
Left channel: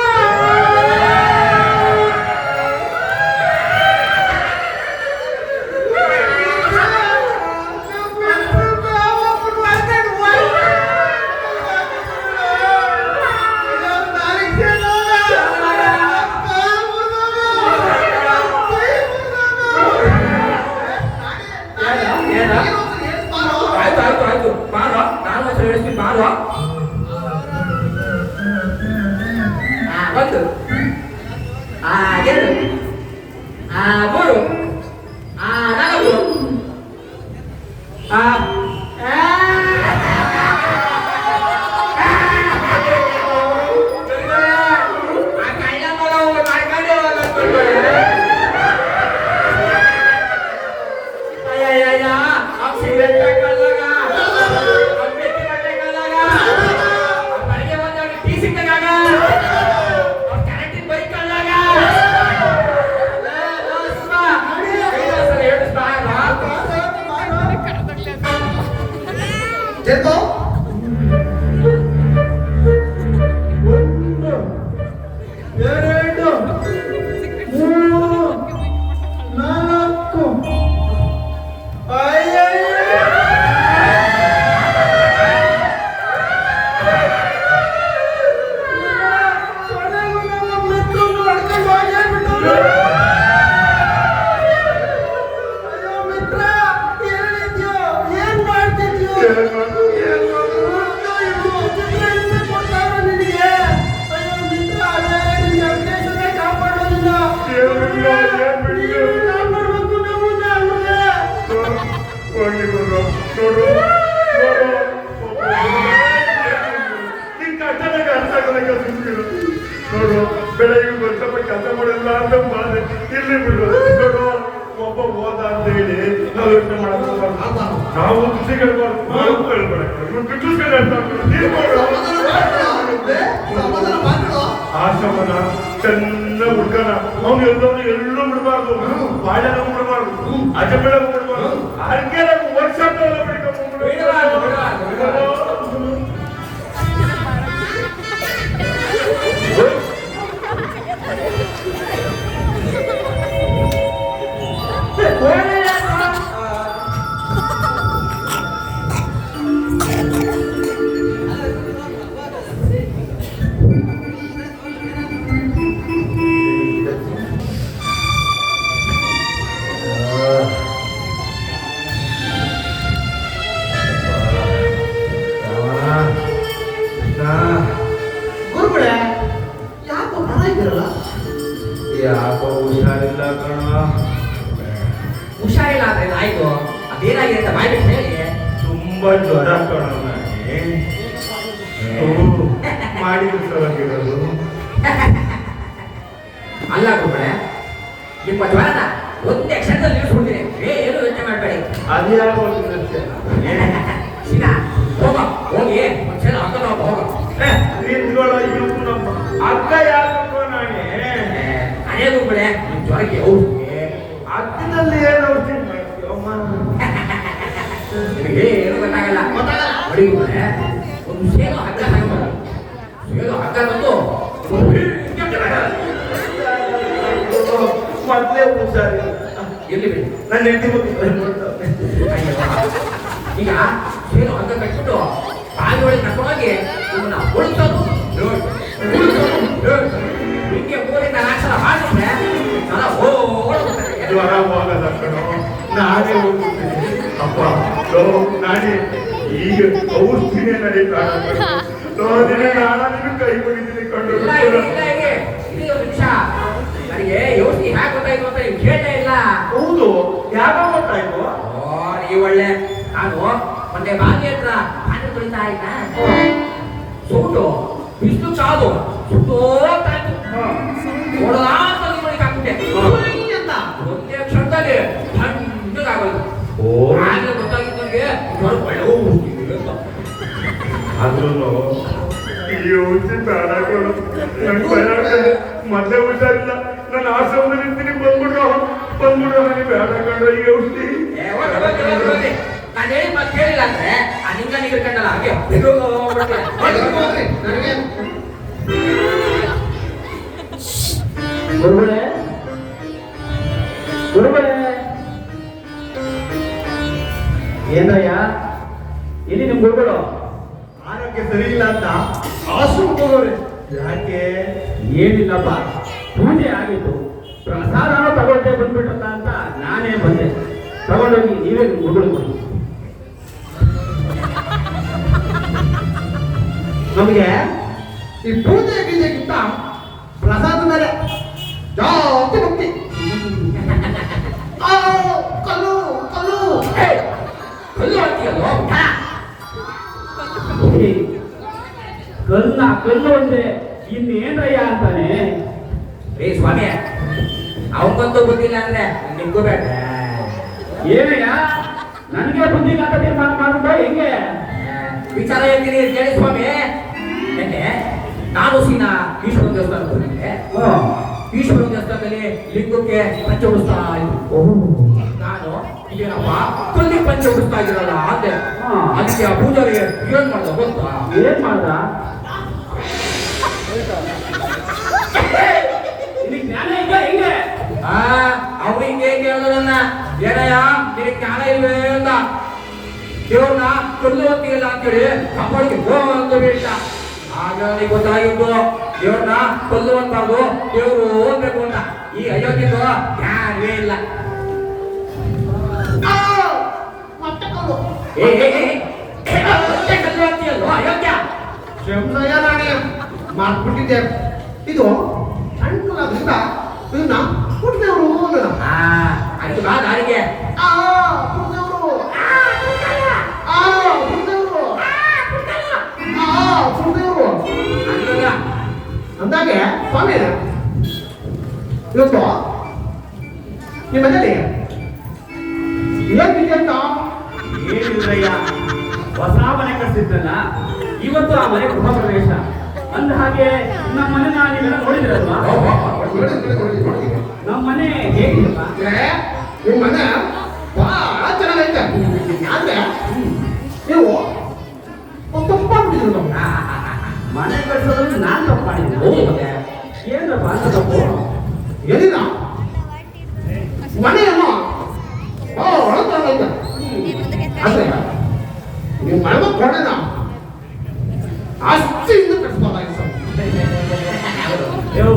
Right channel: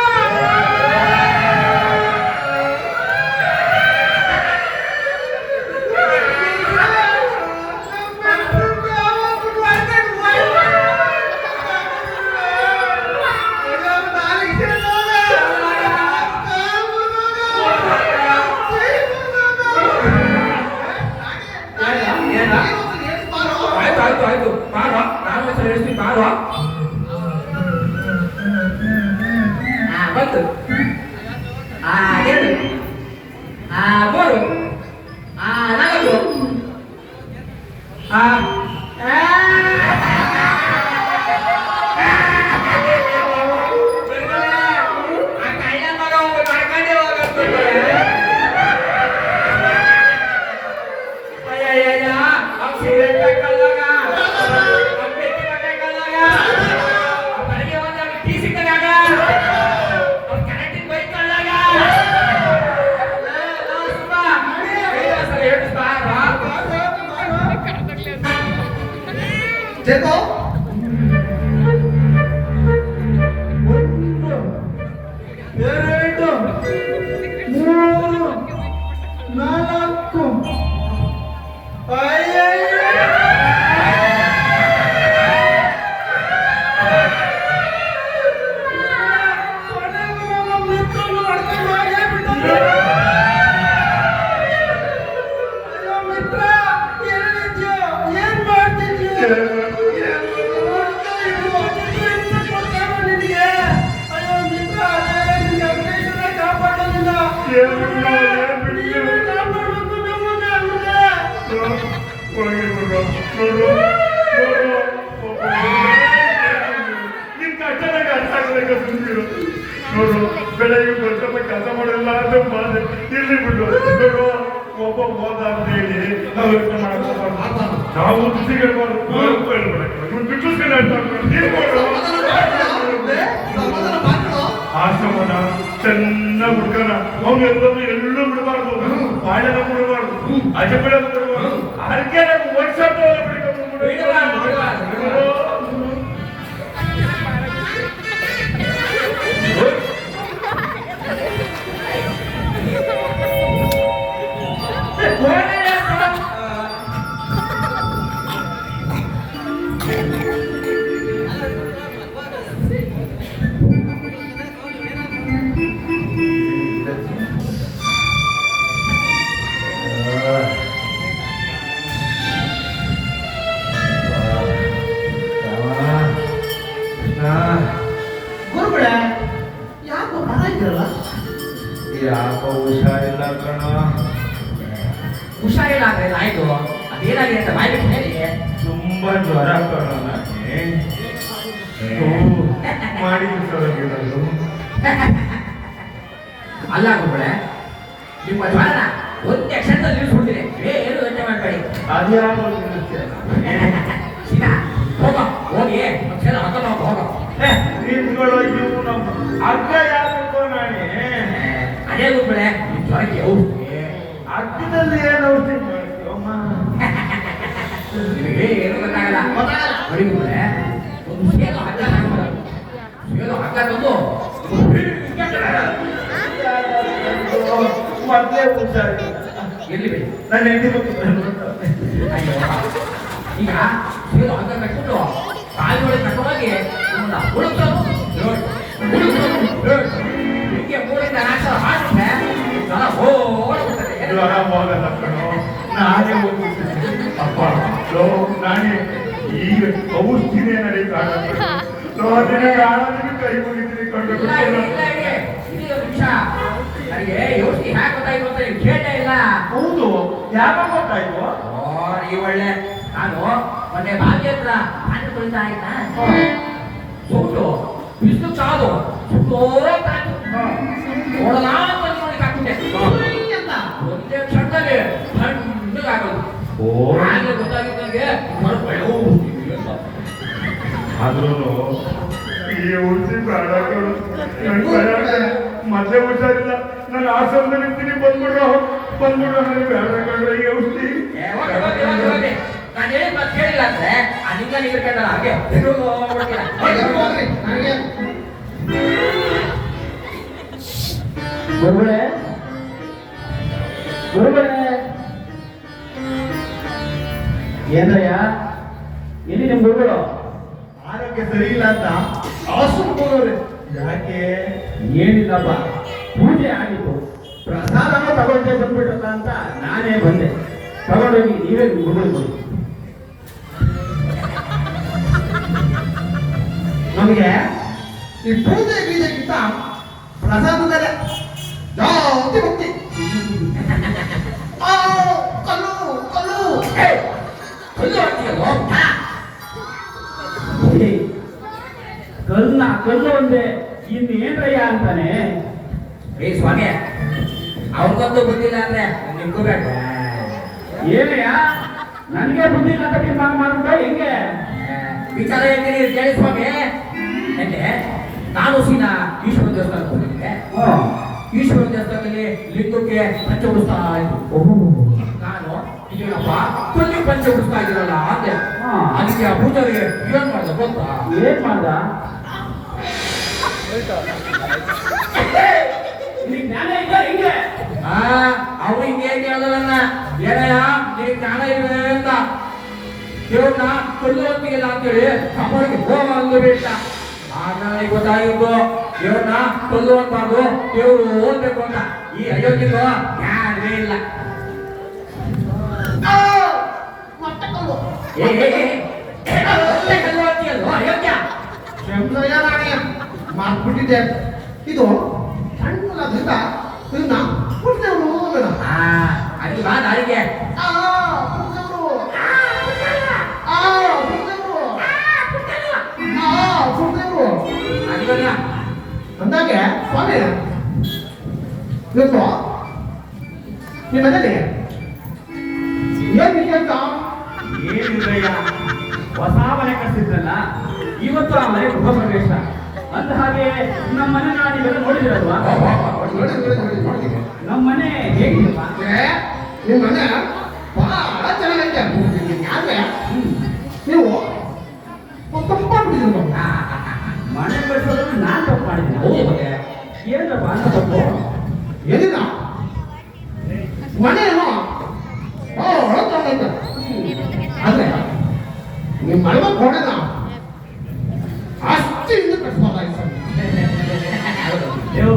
ಆಯ್ತು ಬಾರೋ, ನಾನು ಒಂದ್ಸಲ ಹೇಳ್ತೀನಿ ಬಾರೋ. 1 2 3 ಜರ್ಮ 1 2 3 4 ಅಯ್ಯಯ್ಯ ಮಿತ್ರ ಎಲ್ಲಿದ್ಯೋ ನೋಡು ಬೆಳಗ್ಗೆ ಸ್ವಲ್ಪ ಕೆಲಸ ಮಾಡಲ್ಲ ಅಂತ ಬಾಧೆ ಇಲ್ಲಿ ಬಿಡು. ನೋಡು ಒಬ್ಬ ಹೋದ ಅಂತ ಹೇಳಿ ನಾವು ಯೋಚನೆ ಮಾಡಬೇಕು. ನಾವು ಖುಷಿ ಕೇಳ್ಬಾರ್ದು, ಆಶ್ರಮನ ಚೆನ್ನಾಗಿ ಹುಡ್ಕನ ಅವ್ನು ಎಲ್ಲೂ ಬಿಡಬಾರ್ದು, ಬಾಳೆಲ್ಲ ಬಿಡಬಾರ್ದು, ಅಜಬೇಡ ಬಿಡಬಾರ್ದು, ಅದಕ್ಕೆ ನಾವು ವರ್ಕ್ಶಾಪ್ ಗುರುಗಳೇ ಯಾಕೋ ಬರ ಇದ್ದೀರಲ್ಲ? ಯಾಕೋ ಹುಷಾರಿಲ್ಲ ಕಣ. ಹುಷಾರಿಲ್ಲ ಅಂದ್ರೆ ಆಯ್ತು, ಅದೇನಾಗಿದೆ ಅಂತ ಬಾಯ್ ಬಿಟ್ಟು ಹೇಳಿ. ತುಂಬಾ ಜ್ವರ ಕಣ ನನಗೆ. ಮಾಡಿದ್ರು ಅಲ್ಲ ಗುರುಗಳೇ, ನಿಮ್ಮ ಜ್ವರನ ಒಂದೇ ಕ್ಷಣದಲ್ಲಿ ನಿಲ್ಲಿಸ್ಬಿಡ್ತೀನಿ, ಏನು ಯೋಚನೆ ಮಾಡಬೇಡಿ. ಅದ್ಯಾವ ಸೀನಾ ಹೋಗ, ಹೋಗಿ ಒಂದ್ಸಲ ಹಾಕೊಂಡು ಹೋಗ. ನಿಂತ್ಕೊಳ್ಳೋ ಇವು ನಮ್ಮ ಅಕ್ಕ ಯಾಕೋ ನಾನೇ ಅದೇ ಗುರುಗಳೇ, ನಿಮ್ಮ ಜ್ವರಕ್ಕೆ ಔಷಧಿ ಅಕ್ಕದಲ್ಲಿ ಏನು ಔಷಧಿ ಮಾಡ್ತೀವಮ್ಮ? ನಿಮಗೆ ಏನು ಗೊತ್ತಾಗಲ್ಲ. ನೋಡಿ ಗುರುಗಳೇ, ಒಂದು ಸೇನು ಹಗ್ಗ ತಗೊಂಡು ಸೇನು ಹಗ್ಗ ತಂದು ಮೊದಲೇ ಹುಷಾರಿಲ್ಲ. ಎಲ್ಲಿ ಬಿಡಿ ನನ್ನ ಹೆಂಡತಿ ಈಗ ಸೇನು ಹಗ್ಗ ಕಟ್ಬಿಟ್ಟು ಕಾಲಿ ಒಳಗೆ ಕಟ್ಟುವಾಗಿ ನಿಮ್ಮನ್ನ ಉಳಿಸೋದು ಹಿಂಗೆ ಊರಿನ ಆಸರ ಮಾಡಿದ್ರೆ ಜನ ಓಡ್ಬಿಡ್ತಾರೆ. ಜ್ವರ ಹೋಗಲ್ಲ ಕಣೋ, ನಾನೇ ಹೋಗ್ಬಿಡ್ತೀನಿ. ಅಪ್ಪ ನಾನೇ ಈಗ ಔಷಧಿನೇ ನಡೀತಾನ ಕೈ ಮುಗಿತೀನಿ ಕೊಂಡು. ನನಗೆ ಯೋಚನೆ ಹ್ಯಾಕ್ ಗೊತ್ತಾಯ್ತು ಅಂತ ನೀವು ಕೇಳಲೇ ಇಲ್ಲ. ಹೌದು, ಯಾಕೆ ಗೊತ್ತಾಯ್ತು? ಈ ಒಳ್ಳೆ ನಾನು ಮೊನ್ನೆ ಬಾವಿ ಹತ್ರ ಹಾಲು ತೊಳಿತಾ ಇದ್ದ ಸೂಟು ಬಿಸಿಲು ಕಾದು ಸುತ್ತೋಗ್ತಾಯ್ತು. ನೋಡಲ್ಲ ಅಂತ ನೀವು ಹಾಕ್ಬಿಟ್ಟೆ, ಒಂದೇ ಕ್ಷಣದಲ್ಲಿ ಹಣ್ಣಾಗೋದು. ಆಗ್ಲೇ ಗೊತ್ತಾಗಿತ್ತು ನನಗೆ ಒಳ್ಳೆ ಅಂತ. ಆದ್ರೂ ಈ ಔಷಧಿ ಬೇಡ ಕಣೋ, ನಂಗೆ ಭಯ ಆಗ್ತದೆ. ಮೊದಲೇ ಹುಷಾರಿಲ್ಲ, ನಾನು ಆಶ್ರಮದಲ್ಲಿ ನಿಂತೀನಿ, ಬಂದ್ಬಿಡ್ರೋ ನನಗೆ ಬೇಡ ಕಣೋ ಈ ಔಷಧಿ. ನಾನು ಹೇಳಿ ಮತ್ತೆ ಕೇಳಿಲ್ಲ ಅಂದ್ರೆ ಅಲ್ಲಿಂದ ನೀವು ಇಟ್ಕೊಂಡಲ್ಲ ಹಾಗೆ ಗುರುಗಳೇ ಗುರುಗಳೇ ಏನ್ರಯ್ಯ, ಎಲ್ಲಿ ನಿಮ್ ಗುರುಗಳು? ಆರೋಗ್ಯ ಸರಿ ಇಲ್ಲ ಅಂತ ಆಶ್ರಮಕ್ಕೆ ಹೋಗೋರೆ. ಯಾಕೆ? ಏನಿಲ್ಲಪ್ಪ, ಪೂಜೆ ಆಗಿತ್ತು, ಪ್ರಸಾದನೂ ತಗೊಳ್ತೆ ಬಂದ್ಬಿಟ್ರಲ್ಲ ಅಂತ ನಾನೇ ಬಂದೆ. ತಗೊಂಡೋಗಿ ನೀವೇ ಗುರುಗಳು. ನಮಗೆ ಈ ಪೂಜೆ ಗೀಜೆಗಿಂತ ಪ್ರಸಾದದಲ್ಲೇ ಜಾಸ್ತಿ ಭಕ್ತಿ. ಕಲ್ಲು ಕಲ್ಲು ಕಲ್ಲು ಹಾಕ್ತೀಯಲ್ವ? ಕಲ್ಲು ಒಂದೇ, ಇನ್ನೇನ್ರಯ್ಯ ಅಂತಾನೆ. ಏ ಸ್ವಾಮಿ, ಅವನಿಗಂತೂ ಗೊತ್ತಿಲ್ಲ ಅಂದ್ರೆ ನಿಮ್ಗೂ ಬೇಡ. ಏನಯ್ಯ, ನನಗೆ ಬುದ್ಧಿ ಇಲ್ಲ ಅಂತ ತೀರ್ಮಾನ ಮಾಡ್ಬಿಟ್ಟ ಹೆಂಗೆ? ವಿಚಾರ ಹೇಳ್ತೀನಿ ಕೇಳಿ ಸ್ವಾಮಿ. ನೆನ್ನೆ ನಾನು ಸೀನಾ ಈಶ್ವರ ದೇವಸ್ಥಾನಕ್ಕೆ ಹೋಗಿದ್ದೆ. ಈಶ್ವರ ದೇವಸ್ಥಾನದಲ್ಲಿ ಲಿಂಗಕ್ಕೆ ಪಂಚ ಉಡಿಸ್ತಾ ಇತ್ತು. ನಾನು ಇದೇನಪ್ಪ ಪ್ರತಿ ಪಂಚ ಉಡಿಸ್ತಾ ಇದ್ದೀರಲ್ಲ ಅಂದೆ. ಅದಕ್ಕೆ ಆ ಪೂಜಾರಿಗೆ ಏನ್ ಮಾಡ್ದ ಗೊತ್ತಾ? ಏನ್ ಮಾಡ್ದ? ಜ್ಞಾನ ಇಲ್ಲ ಹೆಂಗೆ? ಅವ್ರು ಹಿಂಗೆ ಕೇಳೋದನ್ನ ಏನಯ್ಯ ನಿನಗೆ ಜ್ಞಾನ ಇಲ್ವೇ ಅಂತ. ದೇವ್ರನ್ನ ಕೊಲ್ಲುವಂತಿಲ್ಲ ಅಂತೇಳಿ ಕಪಾಳಿಗೆ ಹೋಗಂದು ಬೀಳ್ತ. ಆಗ ನನಗೆ ಗೊತ್ತಾಗಿದ್ದು ದೇವ್ರನ್ನ ಕೊಲ್ಲುವಂತದ್ದು ದೇವ್ರು ಹೋಗ್ಬೇಕು ಅಂತ. ಈ ಅಯೋಗ್ಯದು ಜ್ಞಾನವೇ ಇಲ್ಲ. ಅಯ್ಯೋ ಅಯೋಗ್ಯ. ಕ್ಷಮಿಸಯ್ಯ ನಾನೇ ಮಾಡ್ಬಿಟ್ಟಿದ್ದೆ. ಇದು ಅನುಕೂಲದಿಂದ ಇದನ್ನ ಕುಡ್ದೇವ್ರು ಅನ್ನೋಣ. ಅಲ್ಲಿ ಬಾ ದಾರಿಗೆ. ಕುಡ್ದೇವ್ರು ಕುಡ್ದೇವ್ರು ಅಲ್ವಲ್ಲ ಅಂದಾಗೆ ಸ್ವಾಮಿ ಇವತ್ತು ನಿಮ್ಮ ಮನೇಲಿ ಏನಿದೆ ಅಂತ ಏನಿಲ್ಲಯ್ಯ, ಹೊಸ ಮನೆ ಕಟ್ಟಿದ್ರಲ್ಲ, ಇವತ್ತು ಆ ಮನೆ ಗೃಹ ಪ್ರವೇಶ. ಅಂದ ಹಾಗೆ ನಮ್ಮ ಮನೆ ನೀವೆಲ್ಲ ನೋಡಿದಿರಲ್ವಾ? ನಮ್ಮ ಮನೆ ಹೇಗಿದೆಪ್ಪ? ನಿಮ್ಮ ಮನೆ ಬಹಳ ಚೆನ್ನಾಗೈತೆ. ಯಾಕೆ ನೀವು ತಪ್ಪಾಗ್ಬಿಟ್ಟಿದ್ರು. ಮನೆ ಕಟ್ಟಿಸೋದ್ರಲ್ಲಿ ನಾನ್ ತಪ್ಪು ಮಾಡಿದ್ದೀನಿ. ಏನಪ್ಪ ಅಂತ ತಪ್ಪು? ಏನಿಲ್ಲ, ಮನೆಯನ್ನು ಬಹಳ ಚೆನ್ನಾಗೈತೆ. ಆದ್ರೆ ನಿಮ್ಮ ಮನೆ ಕೊಡೋಣ ಅಷ್ಟು ಇಂದು ಕಟ್ಬೋದಾಗಿತ್ತು. ದೇವ್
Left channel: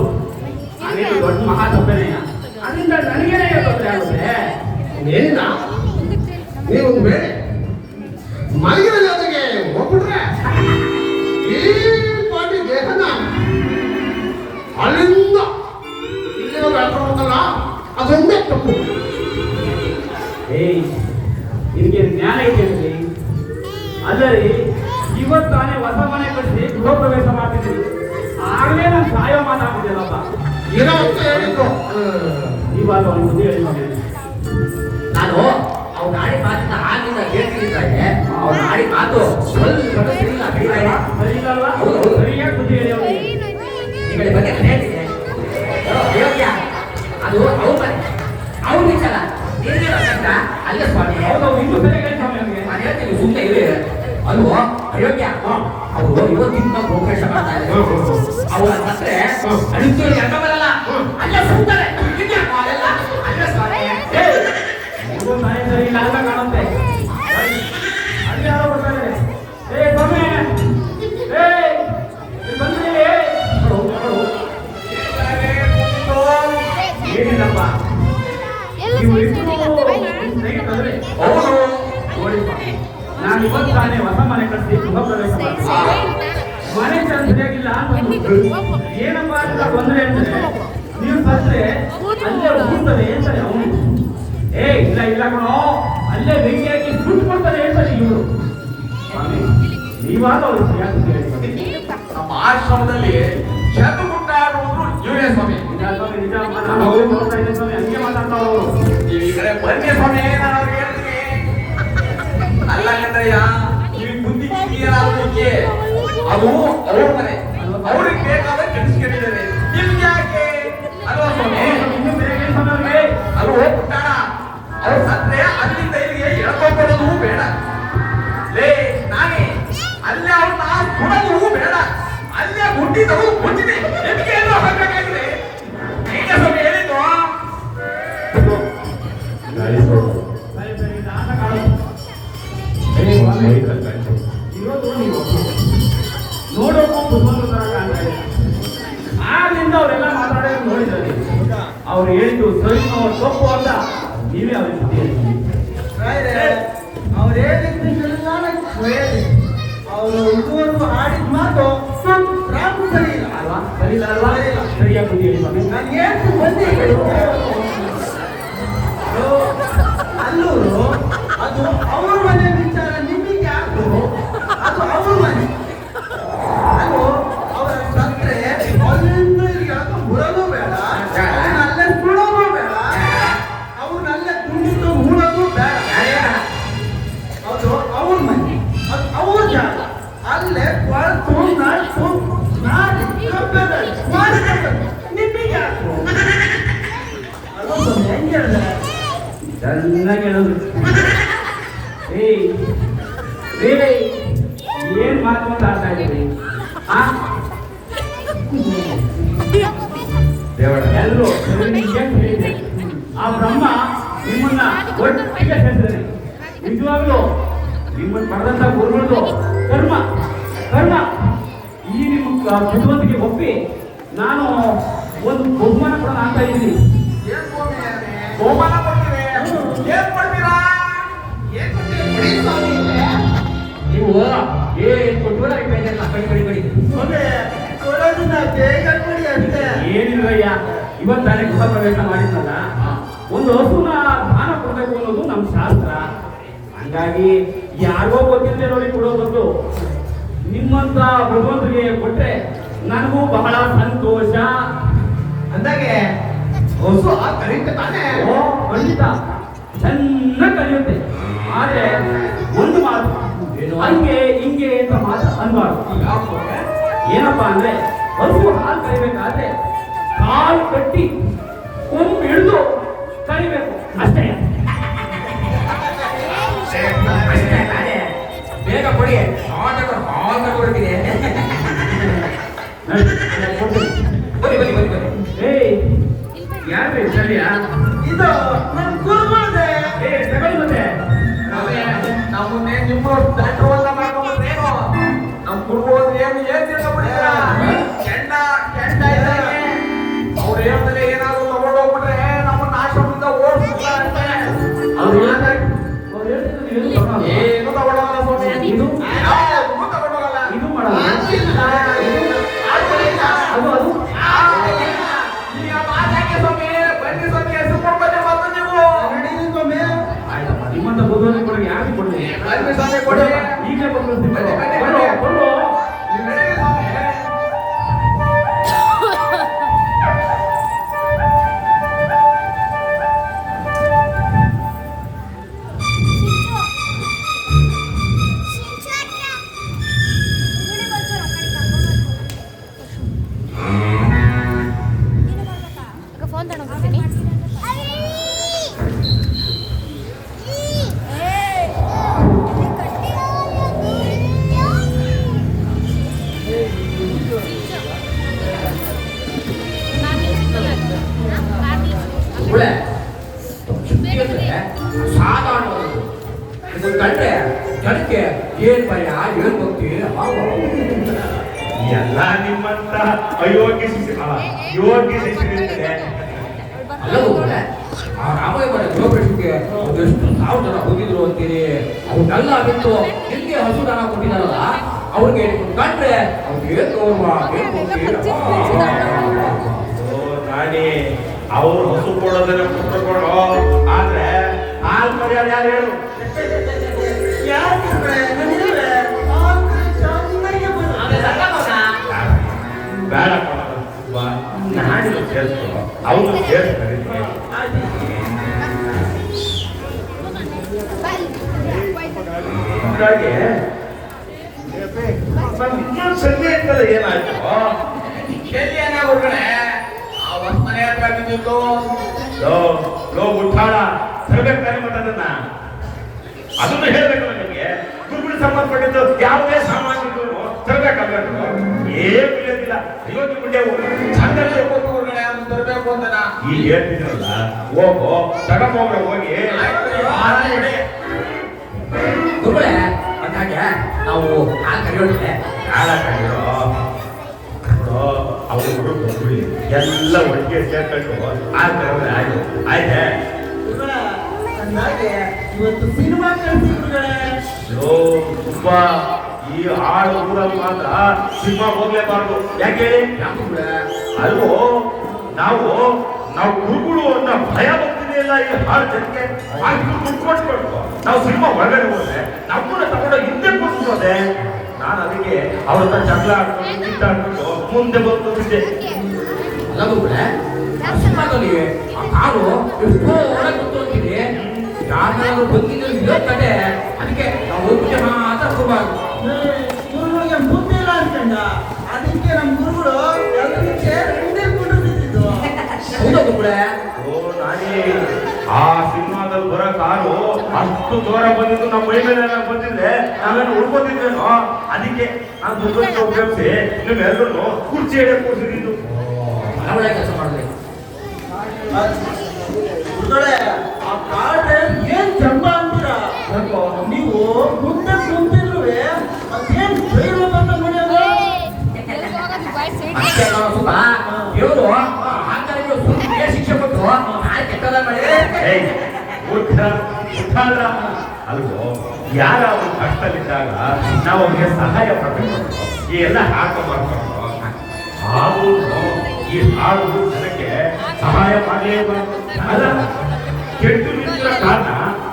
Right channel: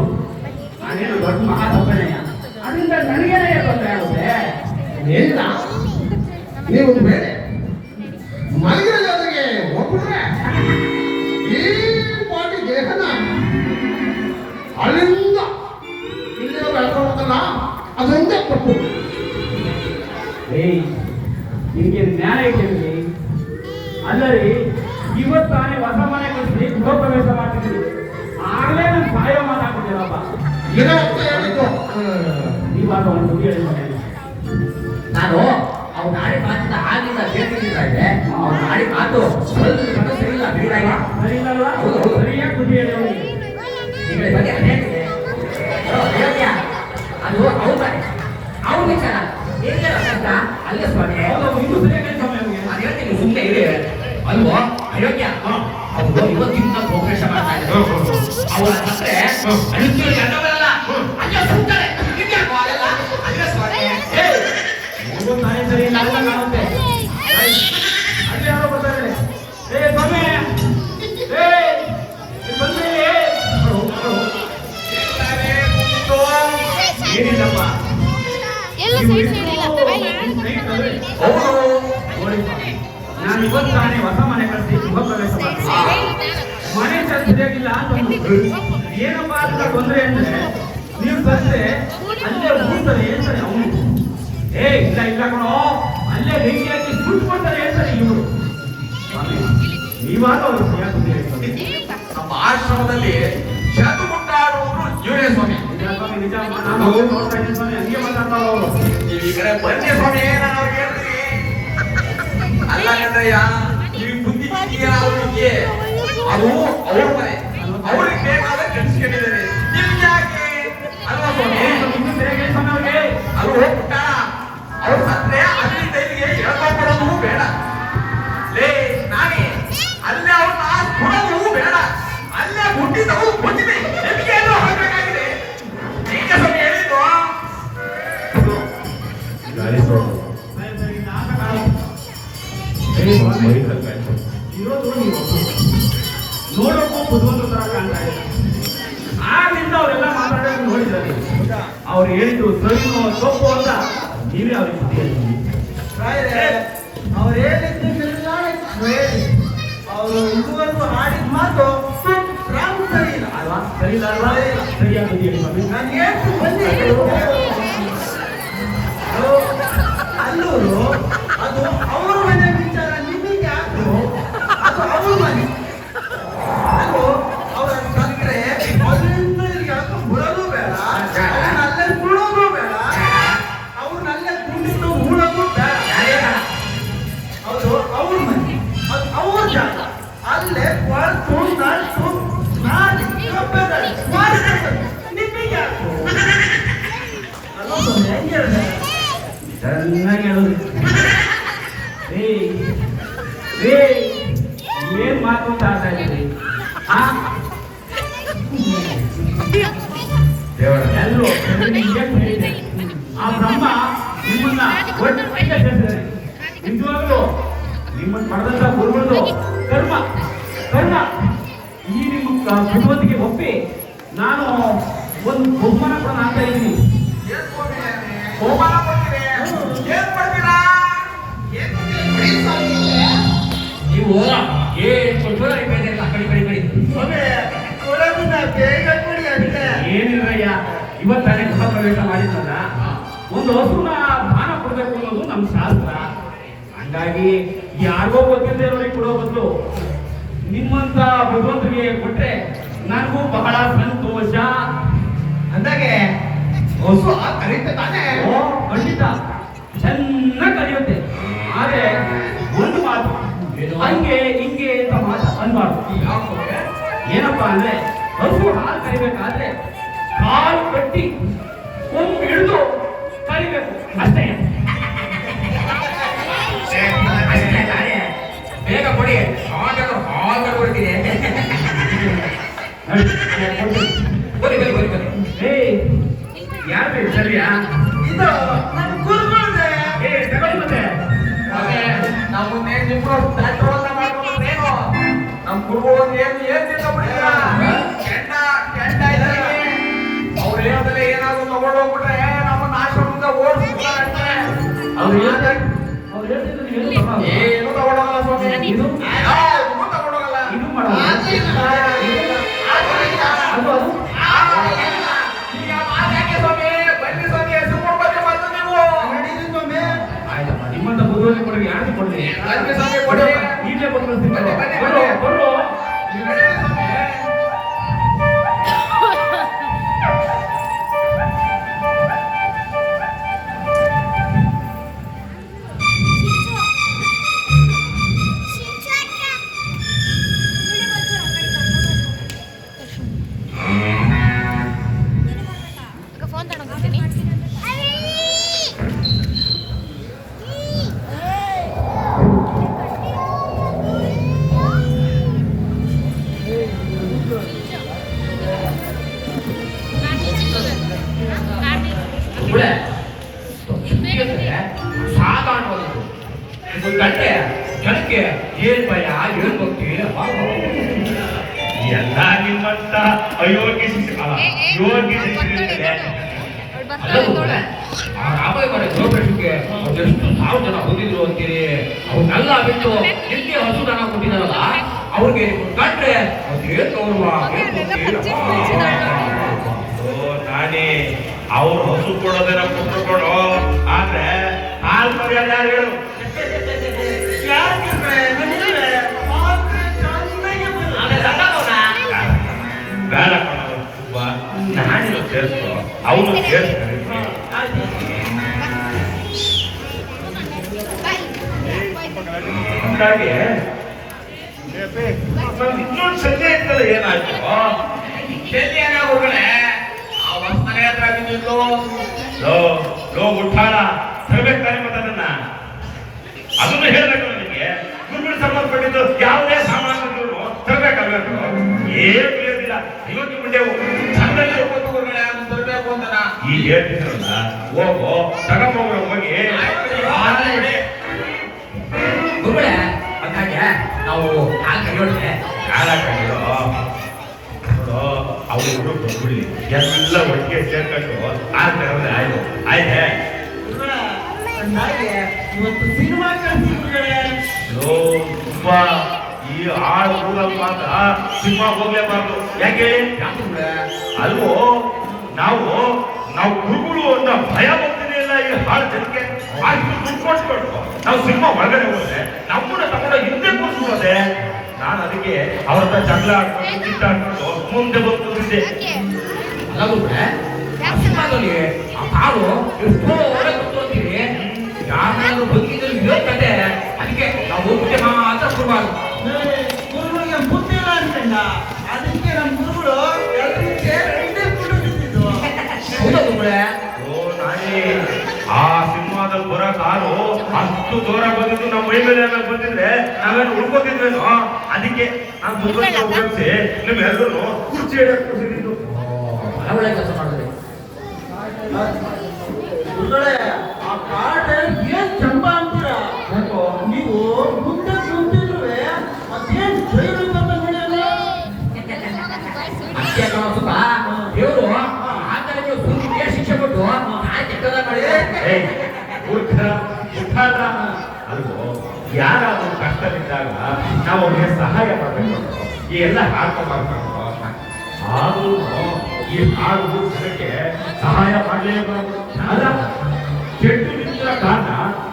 ಅದೇನು ದೊಡ್ಡ ಮಹಾ ತಪ್ಪೇನೆಯ, ಅದರಿಂದ ನನಗೇನೇ ತೊಂದರೆ ಆಗುತ್ತೆ. ಏನಿಲ್ಲ, ನೀವೊಂದು ಬೇರೆ ಮಲಗಿರಲಿ ಅದಕ್ಕೆ ಹೋಗ್ಬಿಟ್ರೆ ಈ ಪಾಟಿ ದೇಹನ ಅಲ್ಲಿಂದ ಇಲ್ಲಿ ಬೆಳ್ಕೊಳ್ಬೇಕಲ್ಲ, ಅದೊಂದೇ ತಪ್ಪು. ಏಯ್, ನಿನಗೆ ಜ್ಞಾನ ಐತೆ ಅದರಿ ಇವತ್ತಾನೆ ಹೊಸ ಮನೆ ಕಟ್ಟಿಸಿ ಗೃಹ ಪ್ರವೇಶ ಮಾಡ್ತಿದ್ದೀನಿ. ಆಗಲೇ ನಾನು ಸಾಯೋ ಮಾತಾಡ್ತಿದ್ದೇನಪ್ಪ. ಇರೋದು ಹೇಳಿದ್ದು ಇವಾಗ ಒಂದು ಬುದ್ಧಿ ಹೇಳಿ ಮನೆ. ನಾನು ಅವ್ರ ಗಾಡಿ ಮಾತಿನ ಆಗಿಂದ ಹೇಳ್ತಿದ್ದೆ. ಅವ್ರ ಗಾಡಿ ಮಾತು ಸ್ವಲ್ಪ ಸರಿ ಇಲ್ಲ, ಬಿಡಿದಾಗೆ. ಸರಿ ಇಲ್ಲಲ್ಲ? ಹೌದು. ಸರಿಯಾಗಿ ಬುದ್ಧಿ ಹೇಳಿ ಅವನಿಗೆ. ಈ ಕಡೆ ಬಗ್ಗೆ ನಾನು ಹೇಳ್ತಿದ್ದೆ. ಅಯೋಗ್ಯ, ಅದು ಅವ್ರ ಮನೆ, ಅವ್ರ ವಿಚಾರ. ಏನೇನೋ ಕಷ್ಟ ಅಲ್ಲ ಸ್ವಾಮಿ. ಹೌದು, ಇನ್ನೂ ಸರಿಯಾಗಿ ಹೇಳಿ ಸ್ವಾಮಿ ಅವನಿಗೆ. ನಾನು ಹೇಳ್ತೀನಿ ಸುಮ್ಮನೆ ಇರಿ. ಅಲ್ವೋ ಅಯೋಗ್ಯ, ಅವರು ಇವತ್ತಿಂದ ಪ್ರೋಗ್ರೆಸ್ ಮಾಡ್ತಾ ಇದ್ದಾರೆ. ಅವರ ಹತ್ರ ಅದಕ್ಕೆ ಎಂಟಲ್ಲ ಅಲ್ಲೇ ಸುಮ್ಮನೆ ಅಲ್ಲೆಲ್ಲ ಅಲ್ಲ ಸ್ವಾಮಿ. ಏಯ್, ಇವ್ರು ಮನೆ ಸರಿ ಇಲ್ಲ ಅಲ್ಲ ಕಾಣುತ್ತೆ. ಅಲ್ಲಿ ಯಾರೋ ಬರ್ತಾರೆ. ಏ ಸ್ವಾಮಿ, ಏಯ್, ಇಲ್ಲಿ ಬಂದ್ಮೇಲೆ ಏನಿಲ್ಲಪ್ಪ. ನೋಡಿ ಸ್ವಾಮಿ, ನಾನು ಇವತ್ತು ತಾನೇ ಹೊಸ ಮನೆ ಕಟ್ಟಿಸಿ ಗೃಹ ಪ್ರವೇಶ ಮಾಡ್ತೀನಿ. ಮನೆ ಸರಿಯಾಗಿಲ್ಲ ಅಂತಂದು ಏನಪ್ಪ ಅಂತ ತೊಂದರೆ ಅಂದ್ರೆ ನೀವು ಬಂದ್ರೆ ಅಲ್ಲೇ ಹೋಗ್ತಾರೆ ಹೇಳ್ತಾರೆ ಅವನು. ಏ ಇಲ್ಲ ಇಲ್ಲ ಕಣೋ, ಅಲ್ಲೇ ಬೆಂಕಿ ಹಾಕಿ ಸುಟ್ಕೊಡ್ತಾರೆ ಹೇಳ್ತಾರೆ ಇವರು. ನೀವಾದ ಅವರು ಸರಿಯಾಗಿ ಹೇಳ್ತಾರೆ. ನಮ್ಮ ಆಶ್ರಮದಲ್ಲಿ ಶತು ಮುಟ್ಟಾಡುವುದು ಇವರೇ ಸ್ವಾಮಿ. ನಿಜ ಅಮ್ಮ, ನಾನು ನೋಡ್ತಾ ಇದ್ದೆ ಸ್ವಾಮಿ, ಹಂಗೆ ಮಾತಾಡ್ತಾವ ಅವರು. ನೀವು ಈ ಕಡೆ ಬನ್ನಿ ಸ್ವಾಮಿ, ನಾನು ಅವ್ರಿಗೆ ಹೇಳ್ತೀನಿ. ಅಲ್ಲ ಕಣ್ರಯ್ಯ, ನೀವು ಬುದ್ಧಿ ಅವ್ರಿಗೆ ಅದು ಅವ್ರ ಮನೆ, ಅವ್ರಿಗೆ ಬೇಕಾದ ಕಟ್ಟಿಸ್ಕೊಂಡಿದ್ದಾರೆ. ನಿಮ್ಗೆ ಯಾಕೆ ಅಲ್ವಾ ಸ್ವಾಮಿ? ಇನ್ನೂ ಸರಿಯಾಗಿ ಹೇಳಿ ಸ್ವಾಮಿ ಅವ್ರಿಗೆ. ಅದು ಹೋಗ್ಬಿಟ್ಟ ಅವ್ರ ಸತ್ರೆ ಅಲ್ಲಿಂದ ಇಲ್ಲಿಗೆ ಎಳ್ಕೊಂಡ್ಬರೋದು ಬೇಡ. ಲೇ ನಾನೇ ಅಲ್ಲೇ ಅವ್ರನ್ನ ಕೊಡೋದು ಬೇಡ. ಅಲ್ಲೇ ಹುಟ್ಟಿದವು ಗೊತ್ತಿದೆ. ನಿಮ್ಗೆ ಏನು ಹಾಕಬೇಕಾಗಿದೆ? ನೀನೇ ಸ್ವಾಮಿ ಹೇಳಿದ್ದು. ಸರಿ ಸರಿ, ನಾಟಕ ಆಡೋದು. ಇರೋದು ನೀವು ನೋಡೋಕ್ಕೂ ಕುತೂಹಲ ತರ ಕಾಣ್ತಾ ಇದೆ. ಆಗ್ಲಿಂದ ಅವರೆಲ್ಲ ಮಾತಾಡೋದು ನೋಡಿದ್ದಾರೆ. ಅವ್ರು ಹೇಳಿದ್ರು ಸರಿನೋ ತಪ್ಪು ಅಂತ ನೀವೇ ಅವ್ರಿಗೆ ಬುದ್ಧಿ ಹೇಳ್ತೀವಿ. ಅವ್ರು ಹೇಳಿದ್ದೆಲ್ಲ ಅವರು ಇದುವರೆಗೂ ಆಡಿದ ಮಾತು ಪ್ರಾಪು ಸರಿ ಇಲ್ಲ ಅಲ್ವಾ? ಸರಿ ಇಲ್ಲ ಅಲ್ವಾ? ಸರಿಯಾಗಿ ಬುದ್ಧಿ ಹೇಳಿ ಸ್ವಾಮಿ. ನನಗೆ ಅಲ್ಲೂರು ಅದು ಅವ್ರ ಮನೆ ವಿಚಾರ, ನಿಮಗೆ ಅದು ಅದು ಅವ್ರ ಮನೆ. ಅದು ಅವರ ಸತ್ರೆ ಅಲ್ಲಿಂದ ಯಾಕೆ ಬರೋದು ಬೇಡ, ಅವ್ರನ್ನಲ್ಲೇ ಸುಡೋದು ಬೇಡ, ಅವ್ರನ್ನಲ್ಲೇ ಕುಂಡಿಟ್ಟು ಹೂಡೋದು ಬೇಡ. ಅದು ಅವ್ರ ಮನೆ, ಅದು ಅವ್ರ ಜಾಗ. ಅಲ್ಲೇ ಕೊಳತು ನಟ್ಟು ಮಾಡಿ ನಿಮಗೆ ಯಾಕೆ ಅದೊಂದು ಹೆಂಗೆ ಹೇಳಿದೆ? ಚೆನ್ನಾಗಿ ಹೇಳೋದು. ಏಯ್ ಏಯ್, ಏನ್ ಮಾತು ಅಂತ ಆಡ್ತಾ ಇದ್ದೀರಿ? ಎಲ್ಲರೂ ಏನ್ ಹೇಳಿದೆ? ಆ ಬ್ರಹ್ಮ ನಿಮ್ಮನ್ನ ಒಟ್ಟಿಗೆ ಸೇರಿದ್ದಾರೆ. ನಿಜವಾಗ್ಲೂ ನಿಮ್ಮನ್ನು ಪಡೆದಂತ ಗುರುಗಳು ಕರ್ಮ ಕರ್ಮ ಈ ನಿಮ್ಮ ಬುದ್ಧಿವಂತಿಕೆ ಒಪ್ಪಿ ನಾನು ಒಂದು ಬಹುಮಾನ ಕೂಡ ಆಗ್ತಾ ಇದ್ದೀನಿ. ಏನ್ ಸ್ವಾಮಿ? ಬಹುಮಾನ ಕೊಡ್ತೀವಿ. ಏನ್ ಕೊಡ್ತೀರಾ? ಏನ್ ಕೊಡ್ತೀರಾ? ನೀವು ಏನ್ ಇವತ್ತಾನೆ ಗೃಹ ಪ್ರವೇಶ ಮಾಡಿದ್ನಲ್ಲ, ಒಂದು ಹಸುನ ದಾನ ಕೊಡ್ಬೇಕು ಅನ್ನೋದು ನಮ್ಮ ಶಾಸ್ತ್ರ. ಹಂಗಾಗಿ ಯಾರಿಗೋ ಗೊತ್ತಿಲ್ಲದೆ ಕೊಡೋ ಬದಲು ನಿಮ್ಮಂತ ಭಗವಂತರಿಗೆ ಕೊಟ್ರೆ ನನಗೂ ಬಹಳ ಸಂತೋಷ. ಅಂದಾಗೆ ಹೊಸ ಕರೀತೆ ತಾನೆ. ಓ ಖಂಡಿತ ಚೆನ್ನಾಗಿ ಕಲಿಯುತ್ತೆ. ಆದ್ರೆ ಒಂದು ಮಾತು, ಹಂಗೆ ಹಿಂಗೆ ಅಂತ ಮಾತು ಅನ್ಬಾರ್ದು. ಏನಪ್ಪಾ ಅಂದ್ರೆ ಹಸು ಹಾಲು ಕರಿಬೇಕಾದ್ರೆ ಕಾಲು ಕಟ್ಟಿ ಕೊಂಬು ಹಿಡಿದು ಕರಿಬೇಕು ಅಷ್ಟೇ. ಬೇಗ ಕೊಡಿ, ಹಾಲು ಕೊಡ್ತೀನಿ. ಬನ್ನಿ ಬನ್ನಿ ಬನ್ನಿ ಬನ್ನಿ. ಯಾರು ಸರಿಯಾ? ಇದು ನಮ್ಮ ಗುರುಗಳೇ. ತಗೊಂಡು ಮತ್ತೆ ನಾವು ನಿಮ್ಗೆ ದಂಡವನ್ನ ಮಾಡ್ಕೊಂಡ್ರೇನು ನಮ್ಮ ಗುರುಗಳು ಏನಿಲ್ಲ ಬಿಡ್ತೀರಾ? ಕೆಂಡ ಕೆಂಡ ಇದ್ದಂಗೆ ಅವ್ರು ಹೇಳಿದ್ರೆ ಏನಾದ್ರು ತಗೊಂಡೋಗ್ಬಿಟ್ರೆ ನಮ್ಮನ್ನ ಆಶ್ರಮದಿಂದ ಓಡಿಸ್ಬಿಡ್ತಾರೆ. ಅವ್ರು ಹೇಳ್ತಿದ್ರು ಏನು ತಗೊಳಲ್ಲ. ಏನು ತಗೊಂಡೋಗಲ್ಲ ಸ್ವಾಮಿ, ಇದು ಯಾವ್ದೂ ತಗೊಂಡೋಗಲ್ಲ. ಇದು ಮಾಡಲ್ಲ. ಅದು ಅದು ಈಗ ಮಾತಾಡಿ ಸ್ವಾಮಿ, ಬನ್ನಿ ಸ್ವಾಮಿ, ಸುಮ್ಮನೆ ಬಂದು ನೀವು ನಡೀರಿ ಸ್ವಾಮಿ. ಆಯ್ತಪ್ಪ, ನಿಮ್ಮಂತ ಬುದ್ಧಿವಂತ ಕೊಡುಗೆ ಯಾರಿಗೆ ಕೊಡ್ತೀನಿ? ಬನ್ನಿ ಸ್ವಾಮಿ ಕೊಡಿ. ಈಗಲೇ ಬಂದು ಬನ್ನಿ, ಬನ್ನಿ, ಬರೋ ಬನ್ನಿ. ಬರೋ. ನೀವು ಹೇಳಿ ಸ್ವಾಮಿ. ಫೋನ್ ತಗೊಂಡ್ಬರ್ತೀನಿ. ಹುಳೆ ಶುದ್ಧಿ ಅಂದ್ರೆ ಸಾಧಾರಣವಾದದ್ದು. ಇದು ಗಂಟೆ ಜನಕ್ಕೆ ಏನ್ ಭಯ, ಏನ್ ಭಕ್ತಿ. ಎಲ್ಲ ನಿಮ್ಮಂತ ಅಯೋಗ್ಯ ಯೋಗ್ಯ ಶಿಕ್ಷಕರಿಗೆ ಅಲ್ಲ ಹುಳೆ, ಆ ರಾಮಾಯಣ ಗೃಹಪ್ರವೇಶಕ್ಕೆ ಎಷ್ಟು ಸಾವಿರ ಜನ ಬಂದಿದ್ರು ಅಂತೀರಿ. ಅವ್ರನ್ನೆಲ್ಲ ಬಿಟ್ಟು ನಿಮ್ಗೆ ಹಸು ದನ ಕೊಟ್ಟಿದಾರಲ್ಲ, ಅವ್ರಿಗೆ ಕಂಡ್ರೆ ಅವ್ರಿಗೆ ಏನ್ ಗೌರವ, ಏನ್ ಭಕ್ತಿ. ನಾನೇ ಅವ್ರು ಹಸು ಕೊಡೋದನ್ನ ಕೊಟ್ಟುಕೊಂಡು ಆದ್ರೆ ಹಾಲು ಮರ್ಯಾದೆ ಯಾರು ಹೇಳು? ಯಾಕಿದ್ರೆ ನಡೀರಿ. ಮಾತ್ರ ಚೆನ್ನಾಗಿ ಬರುತ್ತೆ. ಬೇಡ ನಾನಿಲ್ಲ ಸೇರಿಸ್ಕೊ, ಅವನು ಸೇರಿಸ್ತಾರೆ. ಹಾಗಾಗಿ ಇನ್ನೊಂದು ಸಂಜೆ ಇರ್ತದೆ ಏನಾಯ್ತು? ಎಲ್ಲಿ ಏನಾಗೋಗಳೇ ಆ ಬಸ್ ಮನೆ ಹತ್ರ ಬಿದ್ದಿದ್ದು ಲೋ ಮುಟ್ಟಾಳ ತರಬೇಕು ತಾನೆ ಮತ್ತದನ್ನ ಅದನ್ನು ಹೇಳ್ಬೇಕು ನನಗೆ. ಗುರುಗಳು ಸಂಬಂಧಪಟ್ಟಿದ್ದು ಯಾವುದೇ ಸಾಮಾನ್ಯ ತರಬೇಕಾಗಬೇಕು. ಏನು ಇರೋದಿಲ್ಲ. ಇವತ್ತು ಮುಂದೆ ಚಂದಲ್ಲಿ ಕೂತ್ಕೊಂಡ್ರೆ ಅದು ತರಬೇಕು ಅಂತ ಈಗ ಹೇಳ್ತಿದ್ರಲ್ಲ, ಹೋಗು ತಗೊಂಬೋಗ ಹೋಗಿ. ಗುರುಗಳೇ, ಹಾಗೆ ನಾವು ಯಾಕೆ ಕರೆಯೋಳ್ಳೆ ಯಾರಾಗಿರೋ ಅವ್ರಿಗೂ ಬಂದ್ಬಿಡಿ ಎಲ್ಲ ಒಟ್ಟಿಗೆ ಸೇರ್ಕೊಂಡು ಆ ತರವೇ ಆಯ್ತು. ಆಯ್ತೆ ಅಂದಾಗೆ ಇವತ್ತು ಸಿನಿಮಾ ಕಳಿಸಿದ್ರೆ ತುಂಬಾ ಈ ಆಳು ಊರಲ್ಲಿ ಮಾತ್ರ ಸಿನಿಮಾ ಹೋಗ್ಲೇಬಾರ್ದು. ಯಾಕೆ ಅಲ್ವೋ ನಾವು ಗುರುಗಳು ಅಂತ ಭಯ ಬರ್ತಿದೆ ಇಲ್ಲ ಈ ಹಾಳು ಜನಕ್ಕೆ. ಅಷ್ಟು ದುಡ್ಡು ಕೊಟ್ಕೊಂಡು ನಾವು ಸಿನಿಮಾ ಹೊರಗಡೆ ಹೋದ್ರೆ ನಮ್ಮನ್ನ ತಗೊಂಡು ಹಿಂದೆ ಕೂರಿಸ್ಬೋದೆ. ನಾನು ಅದಕ್ಕೆ ಅವ್ರ ಹತ್ರ ಜಗಳ ಆಡ್ಕೊಂಡು ಕಿತ್ತಾಡ್ಕೊಂಡು ಮುಂದೆ ಬಂದಿದ್ದೆ. ಅಲ್ಲ ಗುರುಗಳೇ, ಆ ಸಿನಿಮಾದಲ್ಲಿ ಆ ಕಾರು ಎಷ್ಟೋ ಒಳ್ಳೆ ಗೊತ್ತು ಅಂತೀರಿ. ಯಾರು ಬದುಕಿದ್ರು ಇರೋಕ್ಕಂತೆ, ಅದಕ್ಕೆ ನಾವು ಹೋಗ್ಬಿಟ್ಟೆ ಮಾತ್ರ ಕೊಡಬಾರ್ದು. ಗುರುಗಳಿಗೆ ಬುದ್ಧಿ ಇಲ್ಲ ಅನ್ಕೊಂಡ. ಅದಕ್ಕೆ ನಮ್ಮ ಗುರುಗಳು ಎಲ್ಲರೂ ಸೇರಿ ಹಿಂದೆ ಕೂರಿಸಿದ್ರು. ಹೌದಾ ಗುರುಗಳೇ? ನಾನೇ ಆ ಸಿನಿಮಾದಲ್ಲಿ ಬರೋ ಕಾರು ಅಷ್ಟು ದೂರ ಬಂದಿದ್ದು ನಮ್ಮ ಮೈ ಮೇಲೆ ಬಂದಿದ್ರೆ ನಾವೆಲ್ಲ ಉಳ್ಕೊಂಡಿದ್ವೇನೋ. ಅದಕ್ಕೆ ನಾವು ದುಡ್ಡು ಉಪಯೋಗಿಸಿ ನೀವೆಲ್ಲರೂ ಕುರ್ಚಿ ಹಿಡಿಯಕ್ಕೆ ಕೂರಿಸಿದ್ದು. ಒಳ್ಳೆ ಕೆಲಸ ಮಾಡಿದ್ರಿ. ಗುರುಗಳೇ, ಆ ಕಾರ್ಡ್ ಏನ್ ಚಂದ ಅಂತೀರ? ನೀವು ಮುಂದೆ ಕುಂತಿದ್ರು ಮತ್ತೇನ್ ಜೈಲು ಬಂದ ನೋಡ್ಯಾರ? ಅಷ್ಟೇ ಅಲ್ಲ ಸುತ್ತ ದೇವರು ಆತನಿಗೆ ಸುಳ್ಳಿಗೆ ಶಿಕ್ಷೆ ಕೊಟ್ಟು ನಾಳೆ ಕೆಟ್ಟದ ಮಾಡಿದ್ರೆ ಅಲ್ವೋ ಯಾರಾದ್ರೂ ಕಷ್ಟದಲ್ಲಿದ್ದಾಗ ನಾವು ಅವ್ರಿಗೆ ಸಹಾಯ ಮಾಡಬೇಕು. ಈ ಎಲ್ಲ ಹಾಕ ಮಾಡ್ಕೊಂಡು ಆದ್ರೂ ಈ ಹಾಡು ಜನಕ್ಕೆ ಸಹಾಯ ಮಾಡಲೇಬಾರದು. ಅಲ್ಲ, ಕೆಟ್ಟು ನಿಂತಿರೋ ಕಾರಣ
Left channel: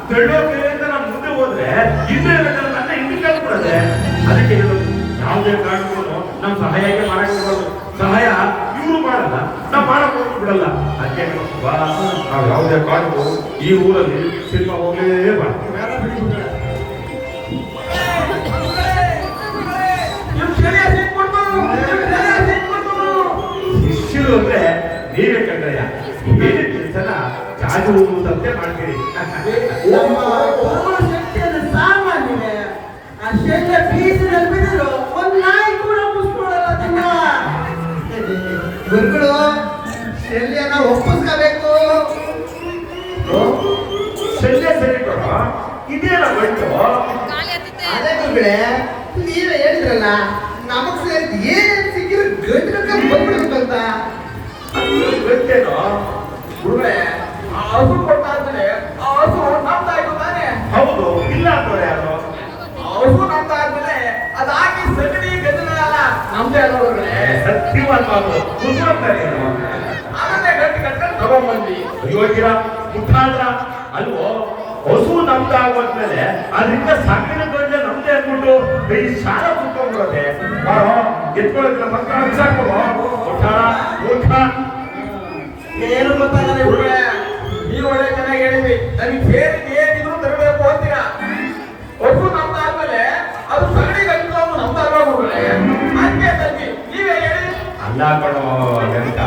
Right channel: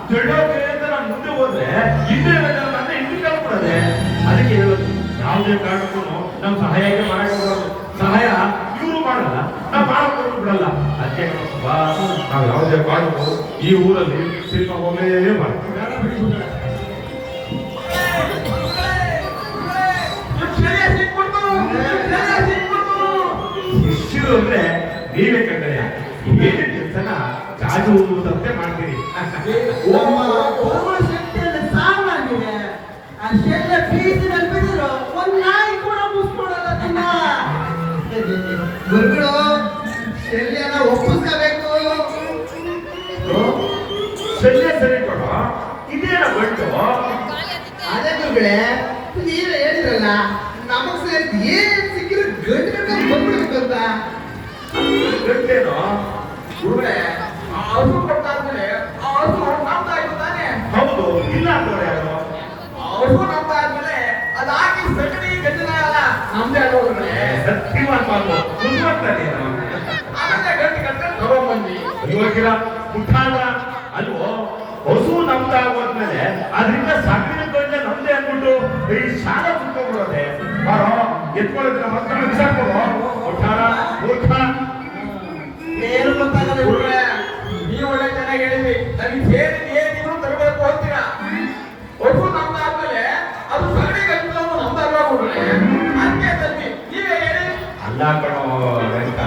ತೆಳ್ಳೋಕೆ ಅಂತ ನಾವು ಮುಂದೆ ಹೋದ್ರೆ ಹಿಂದೆ ನನ್ನ ಹಿಂದೆ ಕೇಳ್ಕೊಡದೆ. ಅದಕ್ಕೆ ಹೇಳೋದು, ಯಾವುದೇ ಕಾರಣಕ್ಕೂ ನಾವು ಸಹಾಯಕ್ಕೆ ಮಾಡಬಹುದು. ಸಹಾಯ ಇವರು ಮಾಡಲ್ಲ, ನಾವು ಮಾಡಕ್ ಹೋಗಿ ಬಿಡಲ್ಲ. ಅದಕ್ಕೆ ನಾವು ಯಾವುದೇ ಕಾರಣಕ್ಕೂ ಈ ಊರಲ್ಲಿ ಸಿನಿಮಾ ಹೋಗ್ಲೇಬಾರ್ದು. ಶಿಷ್ಯರು ಅಂದ್ರೆ ನೀವೇ ಕಂಡ್ರಯ್ಯ, ಏನೇ ಕೆಲಸನ ಚಾಚುವುದಂತೆ ಮಾಡ್ತೀರಿ. ಸಾಮಾನ್ಯ ಅಷ್ಟೆಲ್ಲ ಬೀಸಿನಲ್ಲಿ ಬಿದ್ದರು ಒಂದ್ ನಾಯಿ ಕೂಡ ಮುಸ್ಕೊಡಲ್ಲ. ಗುರುಗಳು ಶಲ್ಯನ ಒಪ್ಪಿಸ್ಕೋಬೇಕು. ಶಲ್ಯ ಸರಿ ಕೊಡೋ, ಇದೇನ ಬಂತು. ಅದೇ ಗುರುಗಳೇ, ನೀವೇ ಹೇಳಿದ್ರಲ್ಲ, ನಮಗ್ ಸೇರಿ ಏನೇನು ಸಿಕ್ಕಿರೋ ಗಂಟು ಬಂದ್ಬಿಡ್ಬೇಕಂತ. ಗೊತ್ತೇನೋ ಗುರುಗಳೇ, ಆ ಹಸು ಕೊಟ್ಟಾದ್ಮೇಲೆ ಆ ಹಸು ನಮ್ದಾಯ್ತು ತಾನೆ. ಹೌದು, ಇಲ್ಲ ಅಂದ್ರೆ ಅದು ಆ ಹಸು ನಮ್ದಾದ್ಮೇಲೆ ಅದಾಗಿ ಸಗಣಿ ಗದ್ದಲ ಅಲ್ಲ ನಮ್ದೇ ಅಲ್ಲ ಗುರುಗಳೇ. ಸತ್ಯವಂತ ನೀನು ಆಮೇಲೆ ಗಟ್ಟಿ ಕಟ್ಕೊಂಡು ತಗೊಂಡ್ಬಂದ್ವಿ. ಯೋಗ್ಯರ ಮುಖಾಂತರ ಅಲ್ವೋ. ಹಸು ನಮ್ದಾಗೋದ್ಮೇಲೆ ಅದರಿಂದ ಸಾಕಿನ ಗಂಜೆ ನಮ್ದೇ ಅಂದ್ಬಿಟ್ಟು ಈ ಶಾಲೆ ಕುತ್ಕೊಂಡ್ಬಿಡೋದೆ. ಎತ್ಕೊಳ್ಳೋದಿಲ್ಲ, ಮಕ್ಕಳು ಸಾಕೋದು ಮುಖಾರ ಮೂರ್ಖ. ಏನು ಗೊತ್ತಾಗಲ್ಲ ಗುರುಗಳೇ, ನೀವು ಒಳ್ಳೆ ಚೆನ್ನಾಗಿ ಹೇಳಿದ್ವಿ. ನಮಗೆ ಸೇರಿ ಏನಿದ್ರು ತರಬೇಕು ಅಂತೀರಾ. ಹಸು ನಮ್ದಾದ್ಮೇಲೆ ಅದು ಸಗಣಿ ಗದ್ದಲ ನಮ್ದಾಗುವ ಗುರುಗಳೇ. ಹಂಗೆ ತಂದ್ವಿ, ನೀವೇ ಹೇಳಿ. ಅಲ್ಲ ಕಣೋ ವೆಂಕ,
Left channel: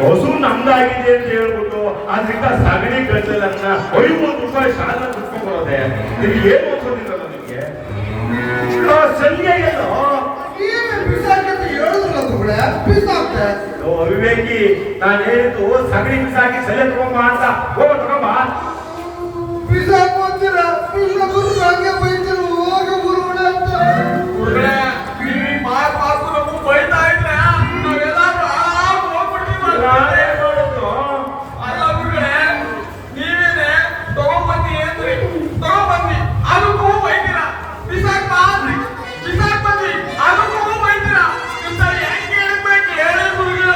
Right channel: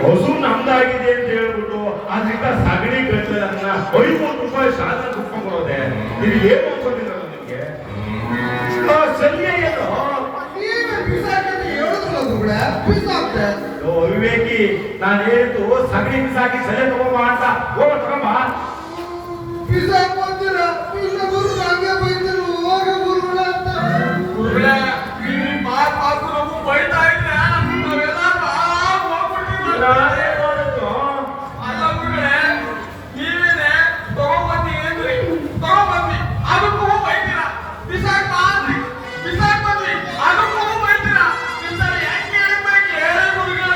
ಹಸು ನಮ್ದಾಗಿದೆ ಅಂತ ಹೇಳ್ಬಿಟ್ಟು ಅದರಿಂದ ಸಗಣಿ ಗದ್ದಲನ್ನ 500 ರೂಪಾಯಿ ಶಾಲೆ ಕುತ್ಕೊಂಡ್ಬರೋದೆ. ನಿನಗೆ ಏನು ಅನ್ಸೋದಿಲ್ಲ ನಿನಗೆ? ಸರಿಯ ಏನೋ ಬಿಸಾಕಂತ ಹೇಳಿದ್ರಲ್ಲ ಗುರುಗಳೇ, ಬಿಸಾಕ್ತೆ. ವಿವೇಕಿ, ನಾನು ಹೇಳಿದ್ದು ಸಗಣಿ ಬಿಸಾಕಿ ಸೆಲೆ ತಗೊಂಬ ಅಂತ. ಹೋಗ ತಗೊಂಬ. ಬಿಸಾಕು ಅಂತೀರ, ಬಿಸಾಕು ಹಂಗೆ ಬೈತಿರು, ಹೋಗ ಗುರುಗಳೇ ಅಂತ. ಗುರುಗಳೇ, ನೀವು ಮಾತು ನಮ್ಗೆ ಬೈತಾ ಇದ್ರೆ ನಾವೆಲ್ಲರೂ ಆರಾಮ್ ಹೋಗ್ಬಿಡ್ತೀವಿ. ಅಲ್ಲ ಗುರುಗಳೇ, ನೀವೇನೆ ತಗೊಂಡ್ಬನ್ನಿ ಅಂದ್ರಿ, ತಗೊಂಡ್ಬಂದ್ವಿ, ಅದಕ್ಕೂ ಬೈತೀರಾ. ಬಿಸಾಕ್ ಬಂದ್ರಿ, ಅದಕ್ಕೂ ಬೈತೀರಾ. ನಿಮ್ಗೆ ಹೆಂಗೆ ಹೇಳ್ಬೇಕು ಹೇಳಿ ಗುರುಗಳೇ.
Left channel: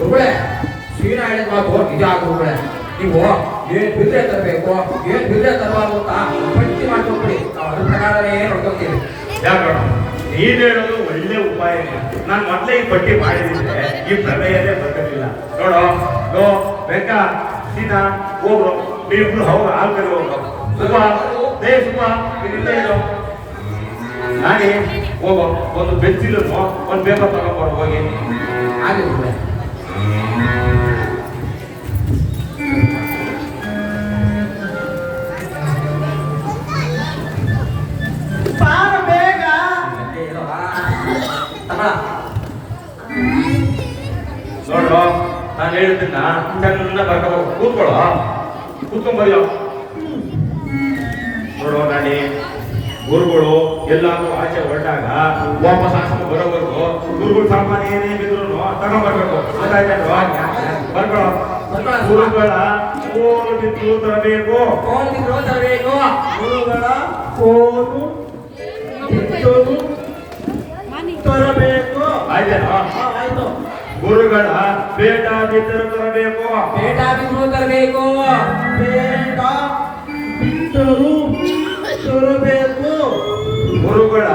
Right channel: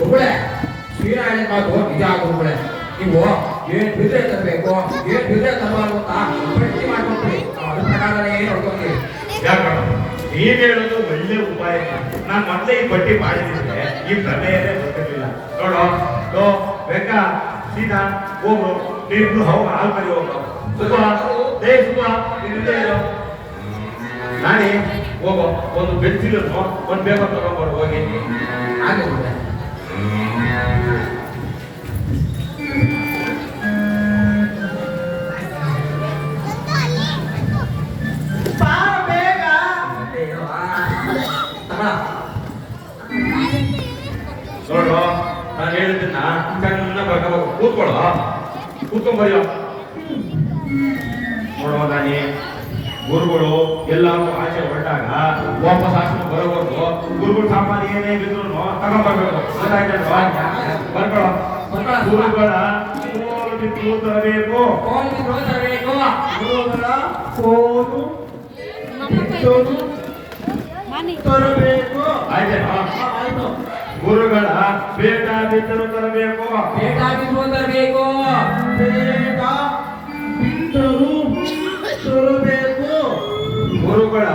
ಗುರುಗಳೇ, ಶ್ರೀನ ಹೇಳಿದ ಮಾತು ನಿಜ ಗುರುಗಳೇ. ನೀವು ಏನ್ ಬಿದ್ರೆ ತರಬೇಕು, ಏನ್ ಬಿದ್ರೆ ತರಬಾರ್ದು ಅಂತ ಪಟ್ಟಿ ಮಾಡ್ಕೊಂಡ್ರಿ. ನಾವು ಅದ್ರ ಪ್ರಕಾರನೇ ನೋಡ್ಕೊತೀವಿ. ಯಾಕೋ ನೀನ್ ಹೇಳೋದು ಒಳ್ಳೆ ಉಪಾಯ. ನಾನು ಮೊದಲೇ ಈ ಪಟ್ಟಿ ಮಾಡಿದ್ರೆ ಈ ಪ್ರಮೇಯನೇ ಬರ್ತಿರ್ಲಿಲ್ಲ. ನೋಡೋ ಗೋ ಬೇಕಾ ಸೀದಾ ಹೋಗ್ರು, ನೀವಿಬ್ರು ಹೋಗ ಆಲ್ಕರಿ ಹೋಗ್ರು. ಸುಬ್ಬ ದೇ ಸುಬ್ಬ ಇಲ್ಲಿಂದ ಇರೋ ನಾನೇ ಹೋಗೋ. ಒಂದು ಪೆನ್ಸಿಲ್ ಒಂದು ಪೇಪರ್ ತಗೊಂಡ್ಬಾರು ಹೋಗಿ. ಹಾಗೆ ಗುರುಗಳೇ. ಬೇಗ ನೋಡು, ನಾನು ಹೇಳಿದ್ದನ್ನ ಚೆನ್ನಾಗಿ ಬರ್ಕೋ. ಕೂತ್ಕೊಂಡ್ಬರಿಯೋ. ನೋಡೋ ನಾನಿ, ಗುರುಗಳು ಎಲ್ಲಾರು ಆಚೆ ಹೊರಟಾಗ ವಾಪಸ್ ಆಶ್ರಮ ಬರೋವರೆಗೂ ಗುರುಗಳು ಸಾಮಾನ್ಯ ಏನೇ ಬಿದ್ರು ತಗೊಂಡ್ಬರ್ಬೇಕು. ಬರ್ಕೊಳ್ಳೋ. ಗುರುಗಳ ಕೋಲು ಬಿದ್ದು ತರಬೇಕು. ಗುರುಗಳ ಕೋಲು ಬಿಟ್ಟೋದು ತರಬೇಕು. ಆಯ್ತೇನೋ? ಆಯ್ತು. ಗುರುಗಳ ಬೇಟ ಬಿದ್ದರು ತರಬೇಕು. ಬೇಟ ಬಿದ್ರು ತರಬೇಕು. ಬೇಗ ಬಿಟ್ಟರು ತರಬೇಕು. ಗುರುಗಳ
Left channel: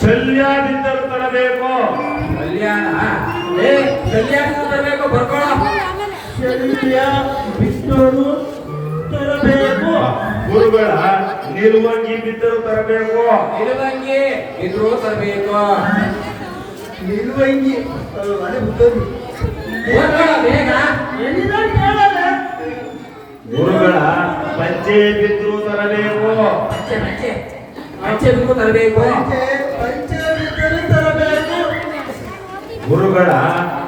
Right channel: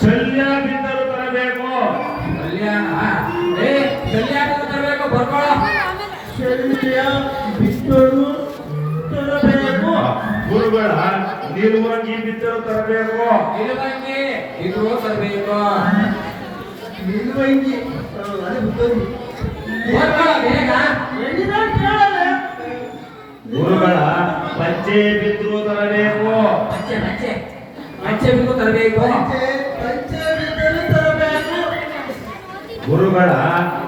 ಶಲ್ಯ ಬಿದ್ದರು ತರಬೇಕು. ಕಲ್ಯಾಣ ಕಲ್ಯಾಣ ತರಬೇಕು. ಬರ್ಕೊಳ್ಳೋ. ಶಲ್ಯ ಬಿಟ್ಟರು ತರಬೇಕು. ಗುರುಗಳ ನಿಲುವಂಗಿ ಬಿದ್ದರು ತರಬೇಕು. ನಿಲುವಂಗಿ ಇದ್ರು ತರಬೇಕು. ನಿಲ್ವಂಗಿ ಅದೇ ಬಿಟ್ಟೋದು. ಬರ್ಕೊಳ್ಳೋ ಬೇಗ. ಎಲ್ಲಿಂದ ಕೇಳಲ್ಲ. ಗುರುಗಳ ಪಂಚೆ ಬಿದ್ರು ತರಬೇಕು. ಪಂಚೆ ಪಂಚೆ ಪಂಚೆ ಬಿದ್ರು ತರಬೇಕು. ಪಂಚೆ ಬಿಟ್ಟರು ತರಬೇಕು. ಗುರುಗಳ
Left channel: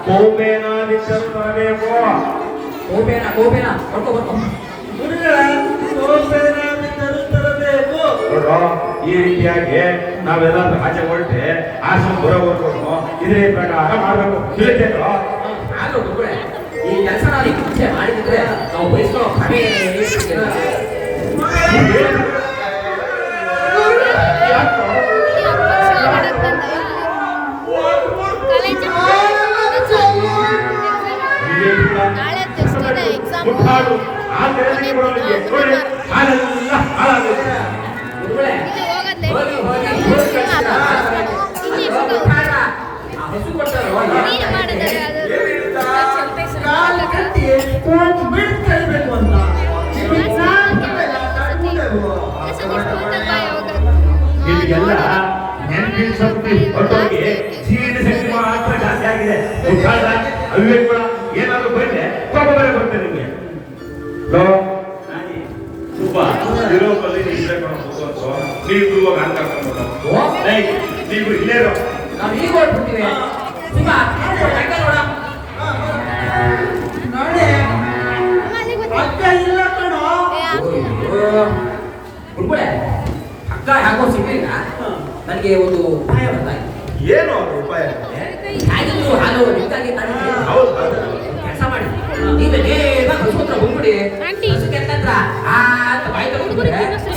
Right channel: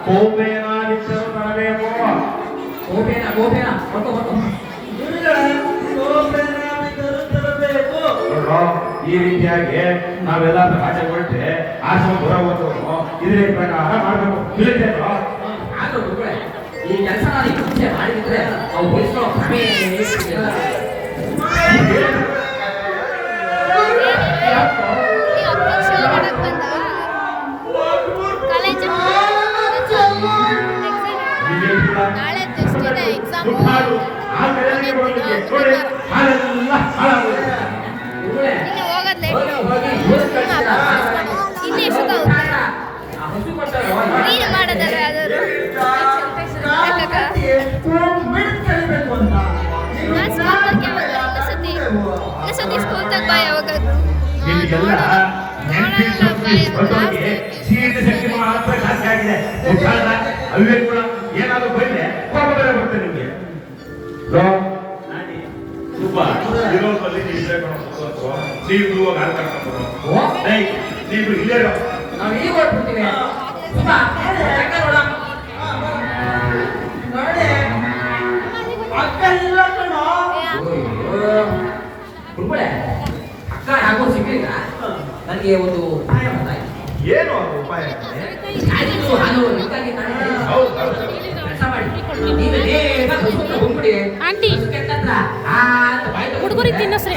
ಕೋಪೇನ ಬಿದ್ದರು ತರಬೇಕು. ಗೋಬೇನ ಗೋಬೇನ ಬರ್ಕೊ ಬರ್ಕೊ. ಗುರುಗಳ ಕೋಪೇನ ಬಿಟ್ಟರು ತರಬೇಕು. ನೋಡ್ರೋ, ಈ ರೀತಿಯಾಗಿ ನಾವೆಲ್ಲ ಆಚೆ ಹೊರಟ್ರೆ ಆಶ್ರಮ ಬರೋವರೆಗೂ ಇದೇ ಪ್ರಕಾರ ಮಾಡಬೇಕು. ತಿಳಿತೇನೋ? ಆದ್ರೂ ಗುರುಗಳೇ ಈ ಕೆಲಸ ನಾನು ಈ ಮುಂಚೆ ಮಾಡಿದ್ರೆ ನಾವು ವಹಿಸ್ಕೊಳ್ಳೋ ಕ್ರಮೇ ನಾಳೆ ಟೆಸ್ಟ್ ಇದೆ ಎಕ್ಸಾಮ್ ಗುರುಗಳೇ ಹೋಗಿ ಹಸು ಕೊಟ್ಟರು ಕಲಿಬೇಕು ಅಂತ ಇಲ್ಲಿಗೆಲ್ಲ ನೆನಪಿನ ಶಕ್ತಿ ಹೊರಟೋಗಿ ಜೀರ್ಣ ಶಕ್ತಿ ಮಾತ್ರ ಜಾಸ್ತಿ ಆಗಿದೆ. ಅವೇ ಕೂಡ ಏನಾದ್ರು ಬಂದ್ರೆ ಬರ್ತೇನೆ ನಿಮ್ಗೆ ನೀವು ಇವಾಗ ಆಟ ನೀವು ಇಲ್ಲೇ ನಾವು ಈಗ ಹೊರಡ್ಬಿಡ್ತೀವಿ ನೋಡಿ ಅಕ್ಕ ಇಲ್ಲ ಕಣೋ. ಗುರುಗಳೇ ಅಕ್ಕ ಯಾಕೋ ಸಿಗ್ಲಿಲ್ಲ ನನಗೆ ಒಂದು ಉಪಾಯ ಬಂದಾಯ್ತು. ಏನು ಉಪಾಯ? ಆಯ್ತು ನಾನು ನಿಂತಾಗಿ ಹೌದು ಕೆಲಸ ಮಾಡಿ ನೀನು ನೇರ ಹೊಸತ್ರ ಹೋಗ್ಬಿಡಿ ಹತ್ರ ಹುಡುಗರಿಗೆ ತಿನ್ನಸ್ರಿ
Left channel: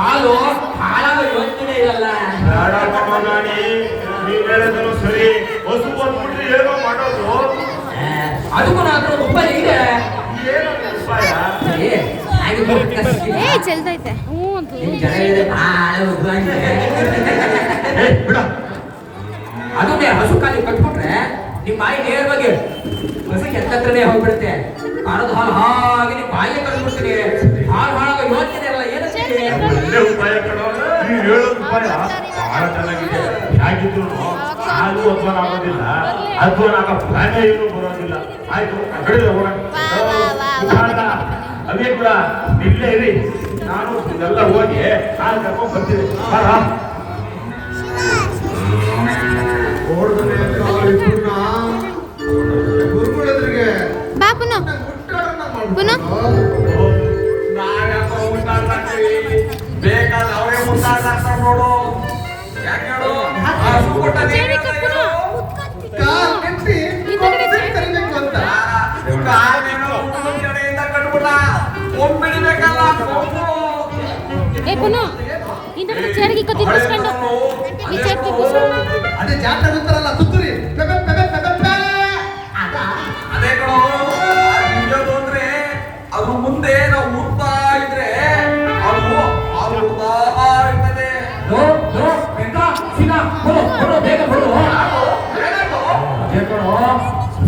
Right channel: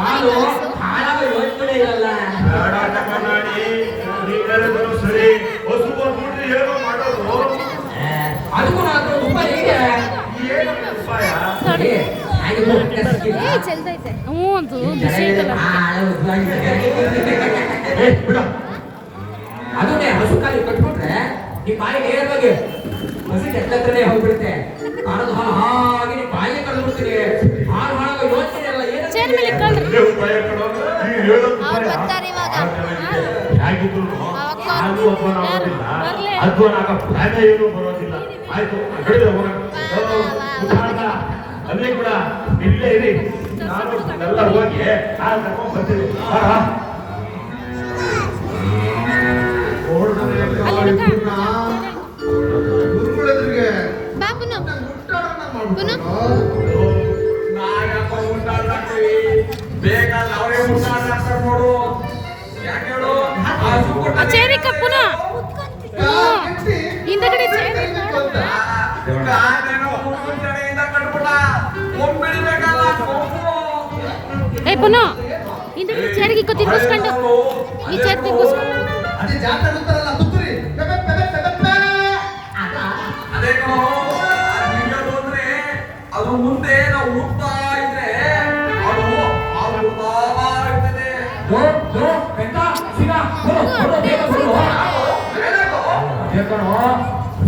ಹಾಲು ಹಾಲಾಗ ಹೋಗ್ತಾನೆ ಇರಲ್ಲ ನೀವು ಹೇಳಿದ್ರು ಸರಿ. ಹೊಸು ಬಂದ್ಬಿಟ್ರೆ ಏನೋ ಮಾಡೋದು. ಅದಕ್ಕೂ ನಾನು ಉಪಾಯ ಇದೆ. ಏನು ಉಪಾಯ? ಚೆಲ್ದೈತೆ ಅದನ್ನೇ ಹಸು ಕಾಲಿ ಕಟ್ಬಿಟ್ರೆ ನಿಮ್ ಬಾಯಿ ನೇರವಾಗಿ ಹಸು ಕೆತ್ತತ್ರನೇ ಹೋಗ್ಬಿಡುತ್ತೆ. ಕಾಲದ ಹಾಲು ಹಾಗೆ ನಿಮ್ ಬಾಯಿಗೆ ತಂದ್ಬಿಡ್ತೀನಿ. ಹಾಳು ಹಾಳಾಗ ಯೋಚನೆ ಎಲ್ಲ ಒಳ್ಳೆ ಉಪಾಯ ಕಣೋ. ನೀವು ಹೇಳೋ ಉಪಾಯ ಬಹಳ ಚೆನ್ನಾಗಿದೆ. ಹೇಗಿದ್ರು ನಾನು ಅಧ್ವಾನ ಆಗೋದಿಲ್ಲ, ಅಧ್ವಾನ ಆಗ ಪ್ರಾಯ ಏನೂ ಬರೋದಿಲ್ಲ. ಆಯ್ತು ಹೇಳಿದ್ರೆ ಹೋಗೋಣ. ಅದೇ ಕೂಡ ಇಲ್ಲೇ ಇರಿ, ನಾನು ಎಲ್ಲ ಹೋಗಿ ನಾನು ಕರ್ಕೊಂಡು ಬರ್ತೀನಿ. ಗುರುಗಳೆದುರಿಗೆ ಬಾ ಪುನು ಪುನು ಬೇಕಾದ್ರೆ ಅವರೇ ಮುಟ್ಟಾಡ್ತಾರೆ ನೋಡು. ಯಾಕೆ ಹೇಳು? ಹಸು ಕೊಟ್ಟ ಚೇರಿ ಕಪ್ಪುನ ಹಿಂದಗಡೆ ಚೇರಿ ಕರಿಬೇಕು ಅಂತ ಕಾಲೇನೋ ಹುಡುಗನ ಕಡೆಯಿಂದ ಕಟ್ಬಿಟ್ಟ. ಕೊಂಬಿಡಿಬೇಕಲ್ಲ ಕೊಂಬು. ಏ ಪುನು ಹಿಂದಗಡೆ ಚೇರಿಗೆ ತಿನ್ನಿಸ್ಕೊಂಡು ಈ ಚೇರ್ ತಿನ್ನಿಸ್ ಅದೇ ಜಾತ್ರೆ ಅಂತಾರಲ್ಲ ತುತ್ತೂರಿ ಪೆಪೆ ಪೆಪೆ ಪೆಪೆ ಪೆ. ಅದೇ ಕಣೋ, ನಿಜದು ಅಂದ್ರೆ ಅದು ಮುಂದೆ ನಾವು ಹುಡ್ತಾ ಇದ್ರೆ ಅದು ಹುಡ್ತಾ ಇರ್ತದೆ.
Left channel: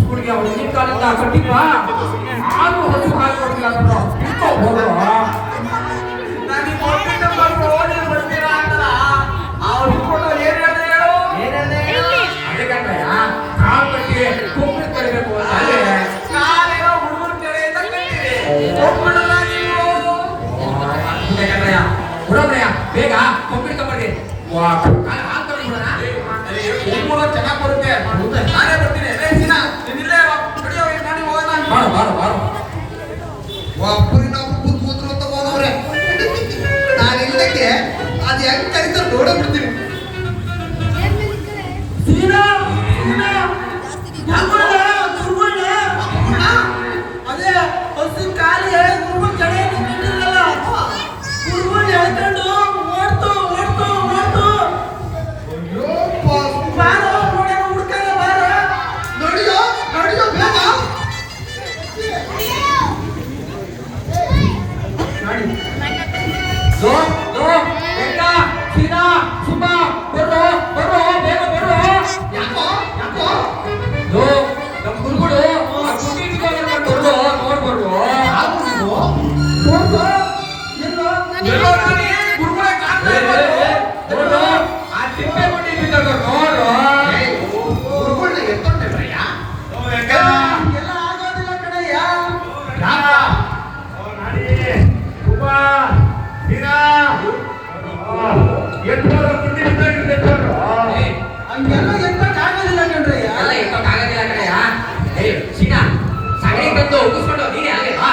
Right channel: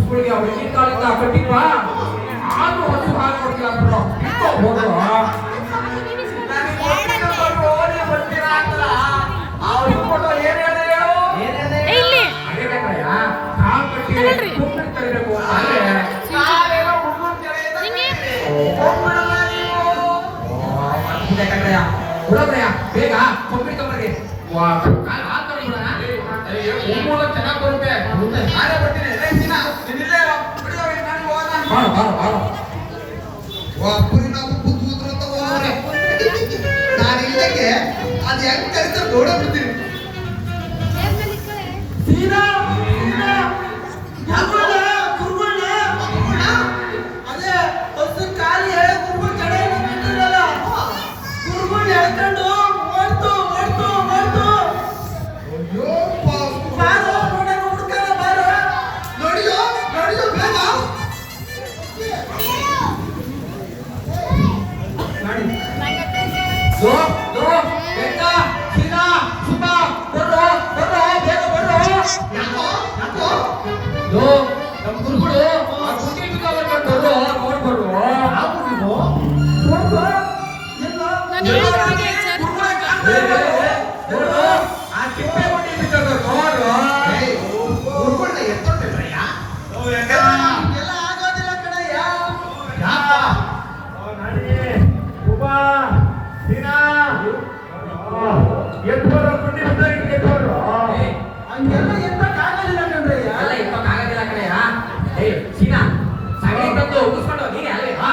ಸ್ಕೂಲ್ಗೆ ಹುಡುಗಿನ ಕಾಲದಿಂದ ಕೊಟ್ಟಿಪ್ಪ ಆದ್ರೂ ಹಸು ಹಾಕೊಡ್ತಿಲ್ಲ ಅಂದ್ರು. ಹೋದ್ರು ನನಗೆ ಗೊತ್ತಿದ್ದ ಬರ್ರು, ನೀವು ಬರ್ತೀರಾ ಅಂತಲ್ಲ. ಅವ್ರು ಇಟ್ಕೊಂಡು ಏನ್ ಹೇಳ್ದೆ ಹೇಳು? ಇಲ್ಲಿ ಅದೇ ಕಣ್ರಯ್ಯ, ಕಾಲ್ ಕಟ್ಟಿಗೆ ಕುಂಬ್ಳಕ್ಕೆ ಕರಿಬೇಕು ಅಂದ್ರೆ ಕಾಲೇನೋ ಹುಡುಗನ ಕಡೆಯಿಂದ ಕಟ್ಟಿದೆ. ಕೊಂಬಿಡಲ್ಲ ನೀವು. ಅದೇ ಕಣ್ರಯ್ಯ, ಬಿಡೋದ್ರಯ್ಯ ಬೇಗ ಕೊಂಬಿಡ್ಕೊಂಬರ್ರಿ. ಚೆನ್ನಾಗಿ ಬರುತ್ತೆ. ನಾನೇ ಬರ್ತೀನಿ. ನೀನಿಲ್ಲೇ ಬಿಡಿ ಅವ್ರಿಗೆ ಮಾಡಿ ಹೋಗೋಣ. ಒಬ್ಬರು ನಾವು ಕೂತ್ ಕೂತ್ರು ಅಂತ ಹೋದವ್ರೆ. ನಾನು ಇಲ್ಲಕ್ಕೆ ಅದು ಹೆಂಗ್ ಕರಿತ ನೋಡೇ ಬಿಡ್ತೀನಿ. ಅದೇ ಹೊಸ ಕಾಲಿ ಗುರುಗಳು ಕಡೆ ನಿಂತಿರಲ್ಲ ಗುರುಗಳು ಹೇಳ್ಕೊಂಡು ಓಡ್ತು ಓಡ್ತು ಓಡ್ತು ಅಯ್ಯೋ ಬಾರೋ ನೋಡೋಣ ಹುಡ್ಕಲ್ಲ ಬಾರೋ ನೋಡಿಯೋ ನೋಡಿಯೋ ಬೇಗ ಯಾಕೋ ಯಾಕೋ ನಮ್ ಗುರುಗಳು ನೋಡ್ಬೋದು ಯಾರು ನೀವು ನೋಡ್ತು ಎಲ್ಲೋ ಗುರುಗಳನ್ನ ಎತ್ತೊಂಡ್ರಯ್ಯ ಎಲ್ಲ ಆಗೋದಿಲ್ಲ ಕಣಯ್ಯ ಹಂಗೆಲ್ಲ ಎತ್ತಕ್ಕೆ ಆಗೋದಿಲ್ಲ ಕಣ್ರಯ್ಯ ಅಲ್ಲ ಇಪ್ಪಕ್ಕಾಗದಿಲ್ಲ ಕಡೆಯ ಸೀನಾ ಸಗಣಿ ತಂದು ಉಗಿಸ್ಕೊಂಡು ನೀನೇ ಆಗೇವಾ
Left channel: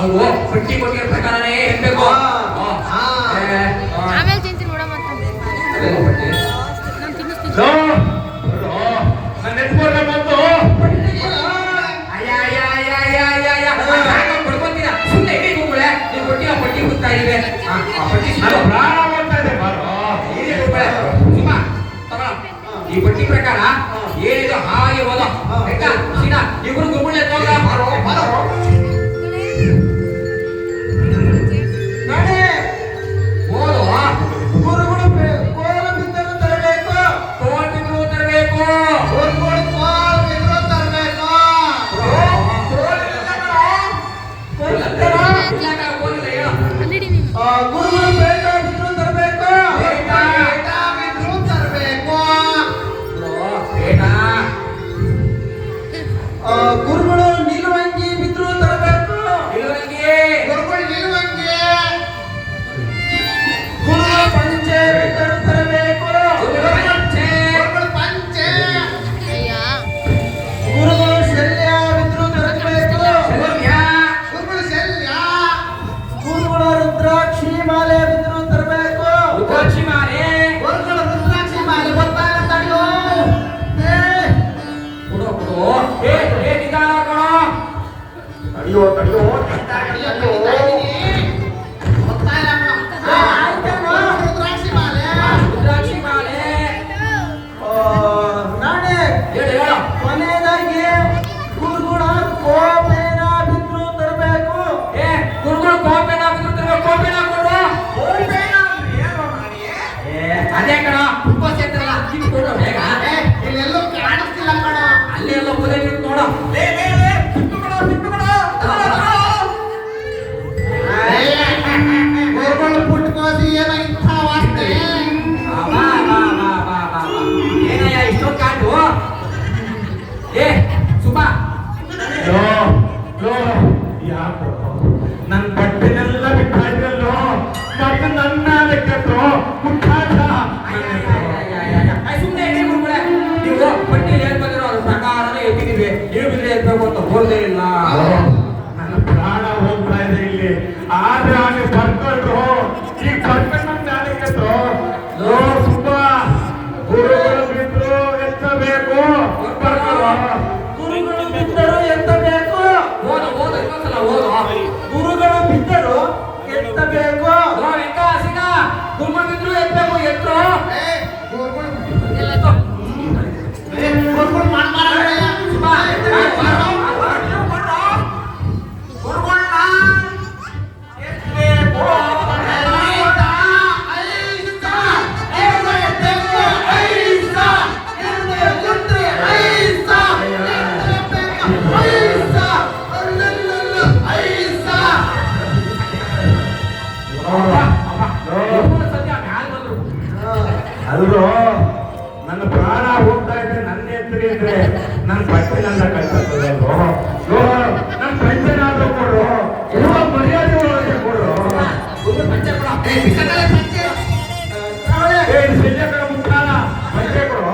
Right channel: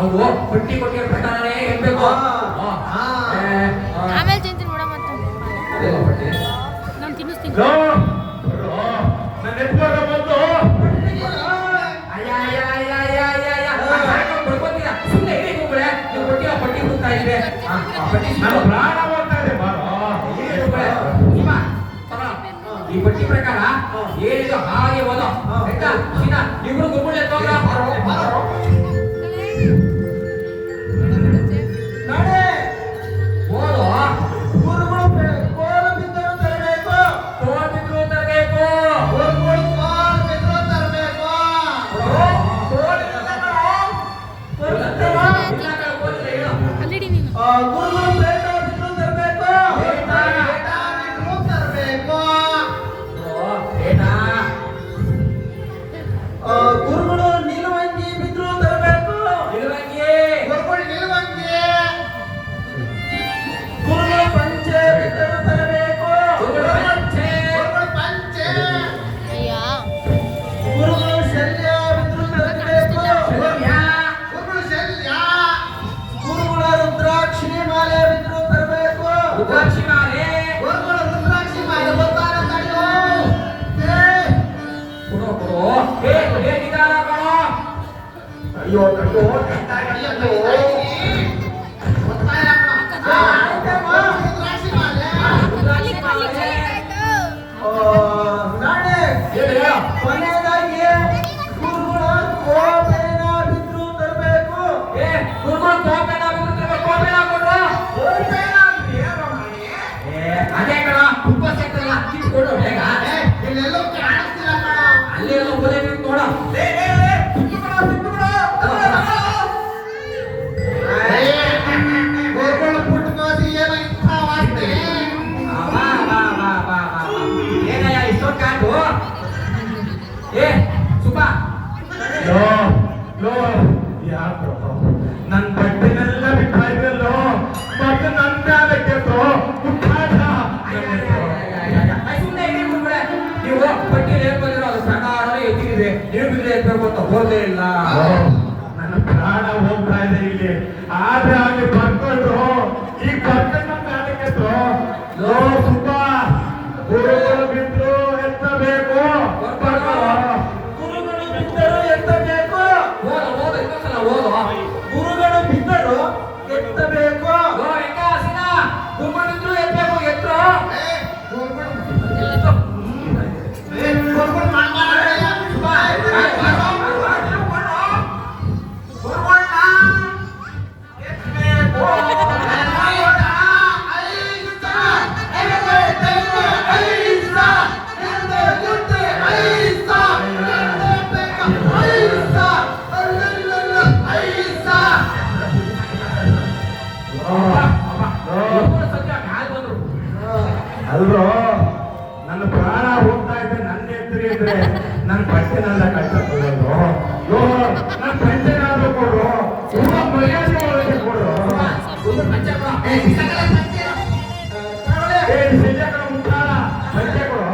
ಅವು ಪಟ್ಟಿ ಕೊಟ್ಟಿರೋ ಪ್ರಕಾರನೇ ಇರ್ಬೇಕು ಆಮೇಲೆ ತಿಂತೀನಿ ನೋಡ ಮತ್ತೆ ನಾನು ಹುಡುಕ್ತಾ ಇದ್ದೀವಿ ಪಟ್ಟಿ ನನ್ನ ಪ್ರಾಣ ಹೋಗ್ತಾ ಇದೆ ಬಾರೋ. ಈ ಪಟ್ಟಿ ಪ್ರಕಾರ ಏನಿದು ಹಾಗೆ ಓದೋ ಆಯ್ತಾ ಸೀನಾ ಇಬ್ರು ಗುರುಗಳೇ ತೋಗ ನಡೆ ಓದು ಗುರುಗಳು ಕೋಲ ಬಿದ್ದರು ತರಬೇಕು ಕೋಲ್ ಬಿದ್ರು ತರಬೇಕು ಗುರುಗಳು ಕೋಲ ಬಿದ್ದರು ತರಬೇಕು ಗುರುಗಳು ಬೇಟ ಬಿದ್ರು ತರಬೇಕು ಬೇಟ ಬಿದ್ರು ತರಬೇಕು ಗುರುಗಳು ನಿಲುವಂಗಿ ಬಿದ್ರು ತರಬೇಕು ಗುರುಗಳು ನಿಲುವಂಗಿ ಗುರುಗಳು ಪಂಚೆ ಬಿದ್ದರು ತರಬೇಕು ಗುರುಗಳು ಪಂಚೆ ಗುರುಗಳು ಶಲ್ಯ ಬಿದ್ರು ತರಬೇಕು ಗುರುಗಳು ಶಲ್ಯ ಗುರುಗಳ ರುದ್ರಾಕ್ಷಿ ಮಾಲೆ ಬಿದ್ರು ತರಬೇಕು ಗುರುಗಳ ರುದ್ರಾಕ್ಷಿ ಮಾಲೆ ಬರ್ತಾರ ತಡೆಯೋ ಅಯ್ಯೋ ಅಯ್ಯೋ ರುದ್ರಾಕ್ಷಿ ಮಾಲೆ ನಾಳೆ ಕೊನೆಯದಾಗಿ ಗುರುಗಳ ಕೋಪೆನ ಬಿದ್ರು ತರಬೇಕು ಅದೇ ಕಣ ತುಂಬ ಸೇರ್ತಾರಲ್ಲ ಕಿತ್ಕೊಂಡು ಬೇಗ ಇಲ್ಲೆಲ್ಲೂ ಕಾಣಿಸ್ತಿಲ್ಲ ಕಣ ಅಲ್ಲಿ ಎಲ್ಲ ಒದೇ ನಿಂತು ನೋಡ ಗುರುಗಳು ಪುಟ್ಕೋಸಿ ಏನೋ ಇಂಥ ವಾಸ್ತೆ ಏನಯ್ಯ ಇಷ್ಟೊಂದು ಕಾಟು ಏ ಸುಬ್ಬಾ ಲೋ ಲೋ ಯಾಕೋ ನನ್ನ ಬಟ್ಟೆನೆಲ್ಲ ಬಿಟ್ಟಾಯ್ತಲ್ಲೋ ಮತ್ತೆ ನನ್ನ ಅದಕ್ಕೆ ಮುಟ್ಟಾಟ ಸುಮ್ಮನೆ ಇದೆ ಗುರುಗಳೇ ನೀವು ಪಟ್ಟಿ ಹೇಳ್ತಿರೋ ಅದು ಪ್ರಕಾರ ಎತ್ತಿದ್ದೀವಿ ನೀವು ಬಿದ್ರೆ ಇರ್ಬೇಕು ಅಂತ ಹೋದೇ ಇಲ್ಲ ನನ್ನ ಪ್ರಾಣ ಹೋಗ್ತಾ ಇದೆ ಇಲ್ಲಿ ಆದ್ರೆ ಅಲ್ಲಿ ಬರ್ಕೊಂಡ್ರು ಈಗ ಬರ್ಕೊಂಡು ಅದಕ್ಕೆ ಲೋ ಸುಬ್ಬ ಗುರುಗಳು ಬಿದ್ರು ಎತ್ತಬೇಕು ಗುರುಗಳು ಬಿದ್ದರು ಎತ್ತಬೇಕು ಓದು ಓದು ಇನ್ನೊಂದ್ಸಲ ಓದು ಗುರುಗಳು ಬಿದ್ದರು ಎತ್ತಬೇಕು ವೆಂಕಟಾಸಿನ ಗುರುಗಳು ಬಿದ್ರು ಎತ್ತಬೇಕು ಎತ್ತರು ಗುರುಗಳು ಮಾಡ್ಮಾಡಯ್ಯ ಅಲ್ರೋ ನನ್ನ ಪ್ರಾಣ ಹೋಗ್ತಾ ಇದ್ರೆ ನನ್ನ ಎತ್ತರಿ ಇದ್ರೆ ನನ್ನ ಬಟ್ಟೆನೆಲ್ಲ ಕಳ್ಸಲ್ವೋ ನನ್ನ ಪಂಚನಾದ್ರೂ ಕೊಡ್ರು ಮರ್ಯಾದೆ ಒಳಗೆ ಕೊಡ್ರು ಏನ್ ಸಂಜೆ ಮುಖಾಲ ಪಂಚೆ ಕೊಡು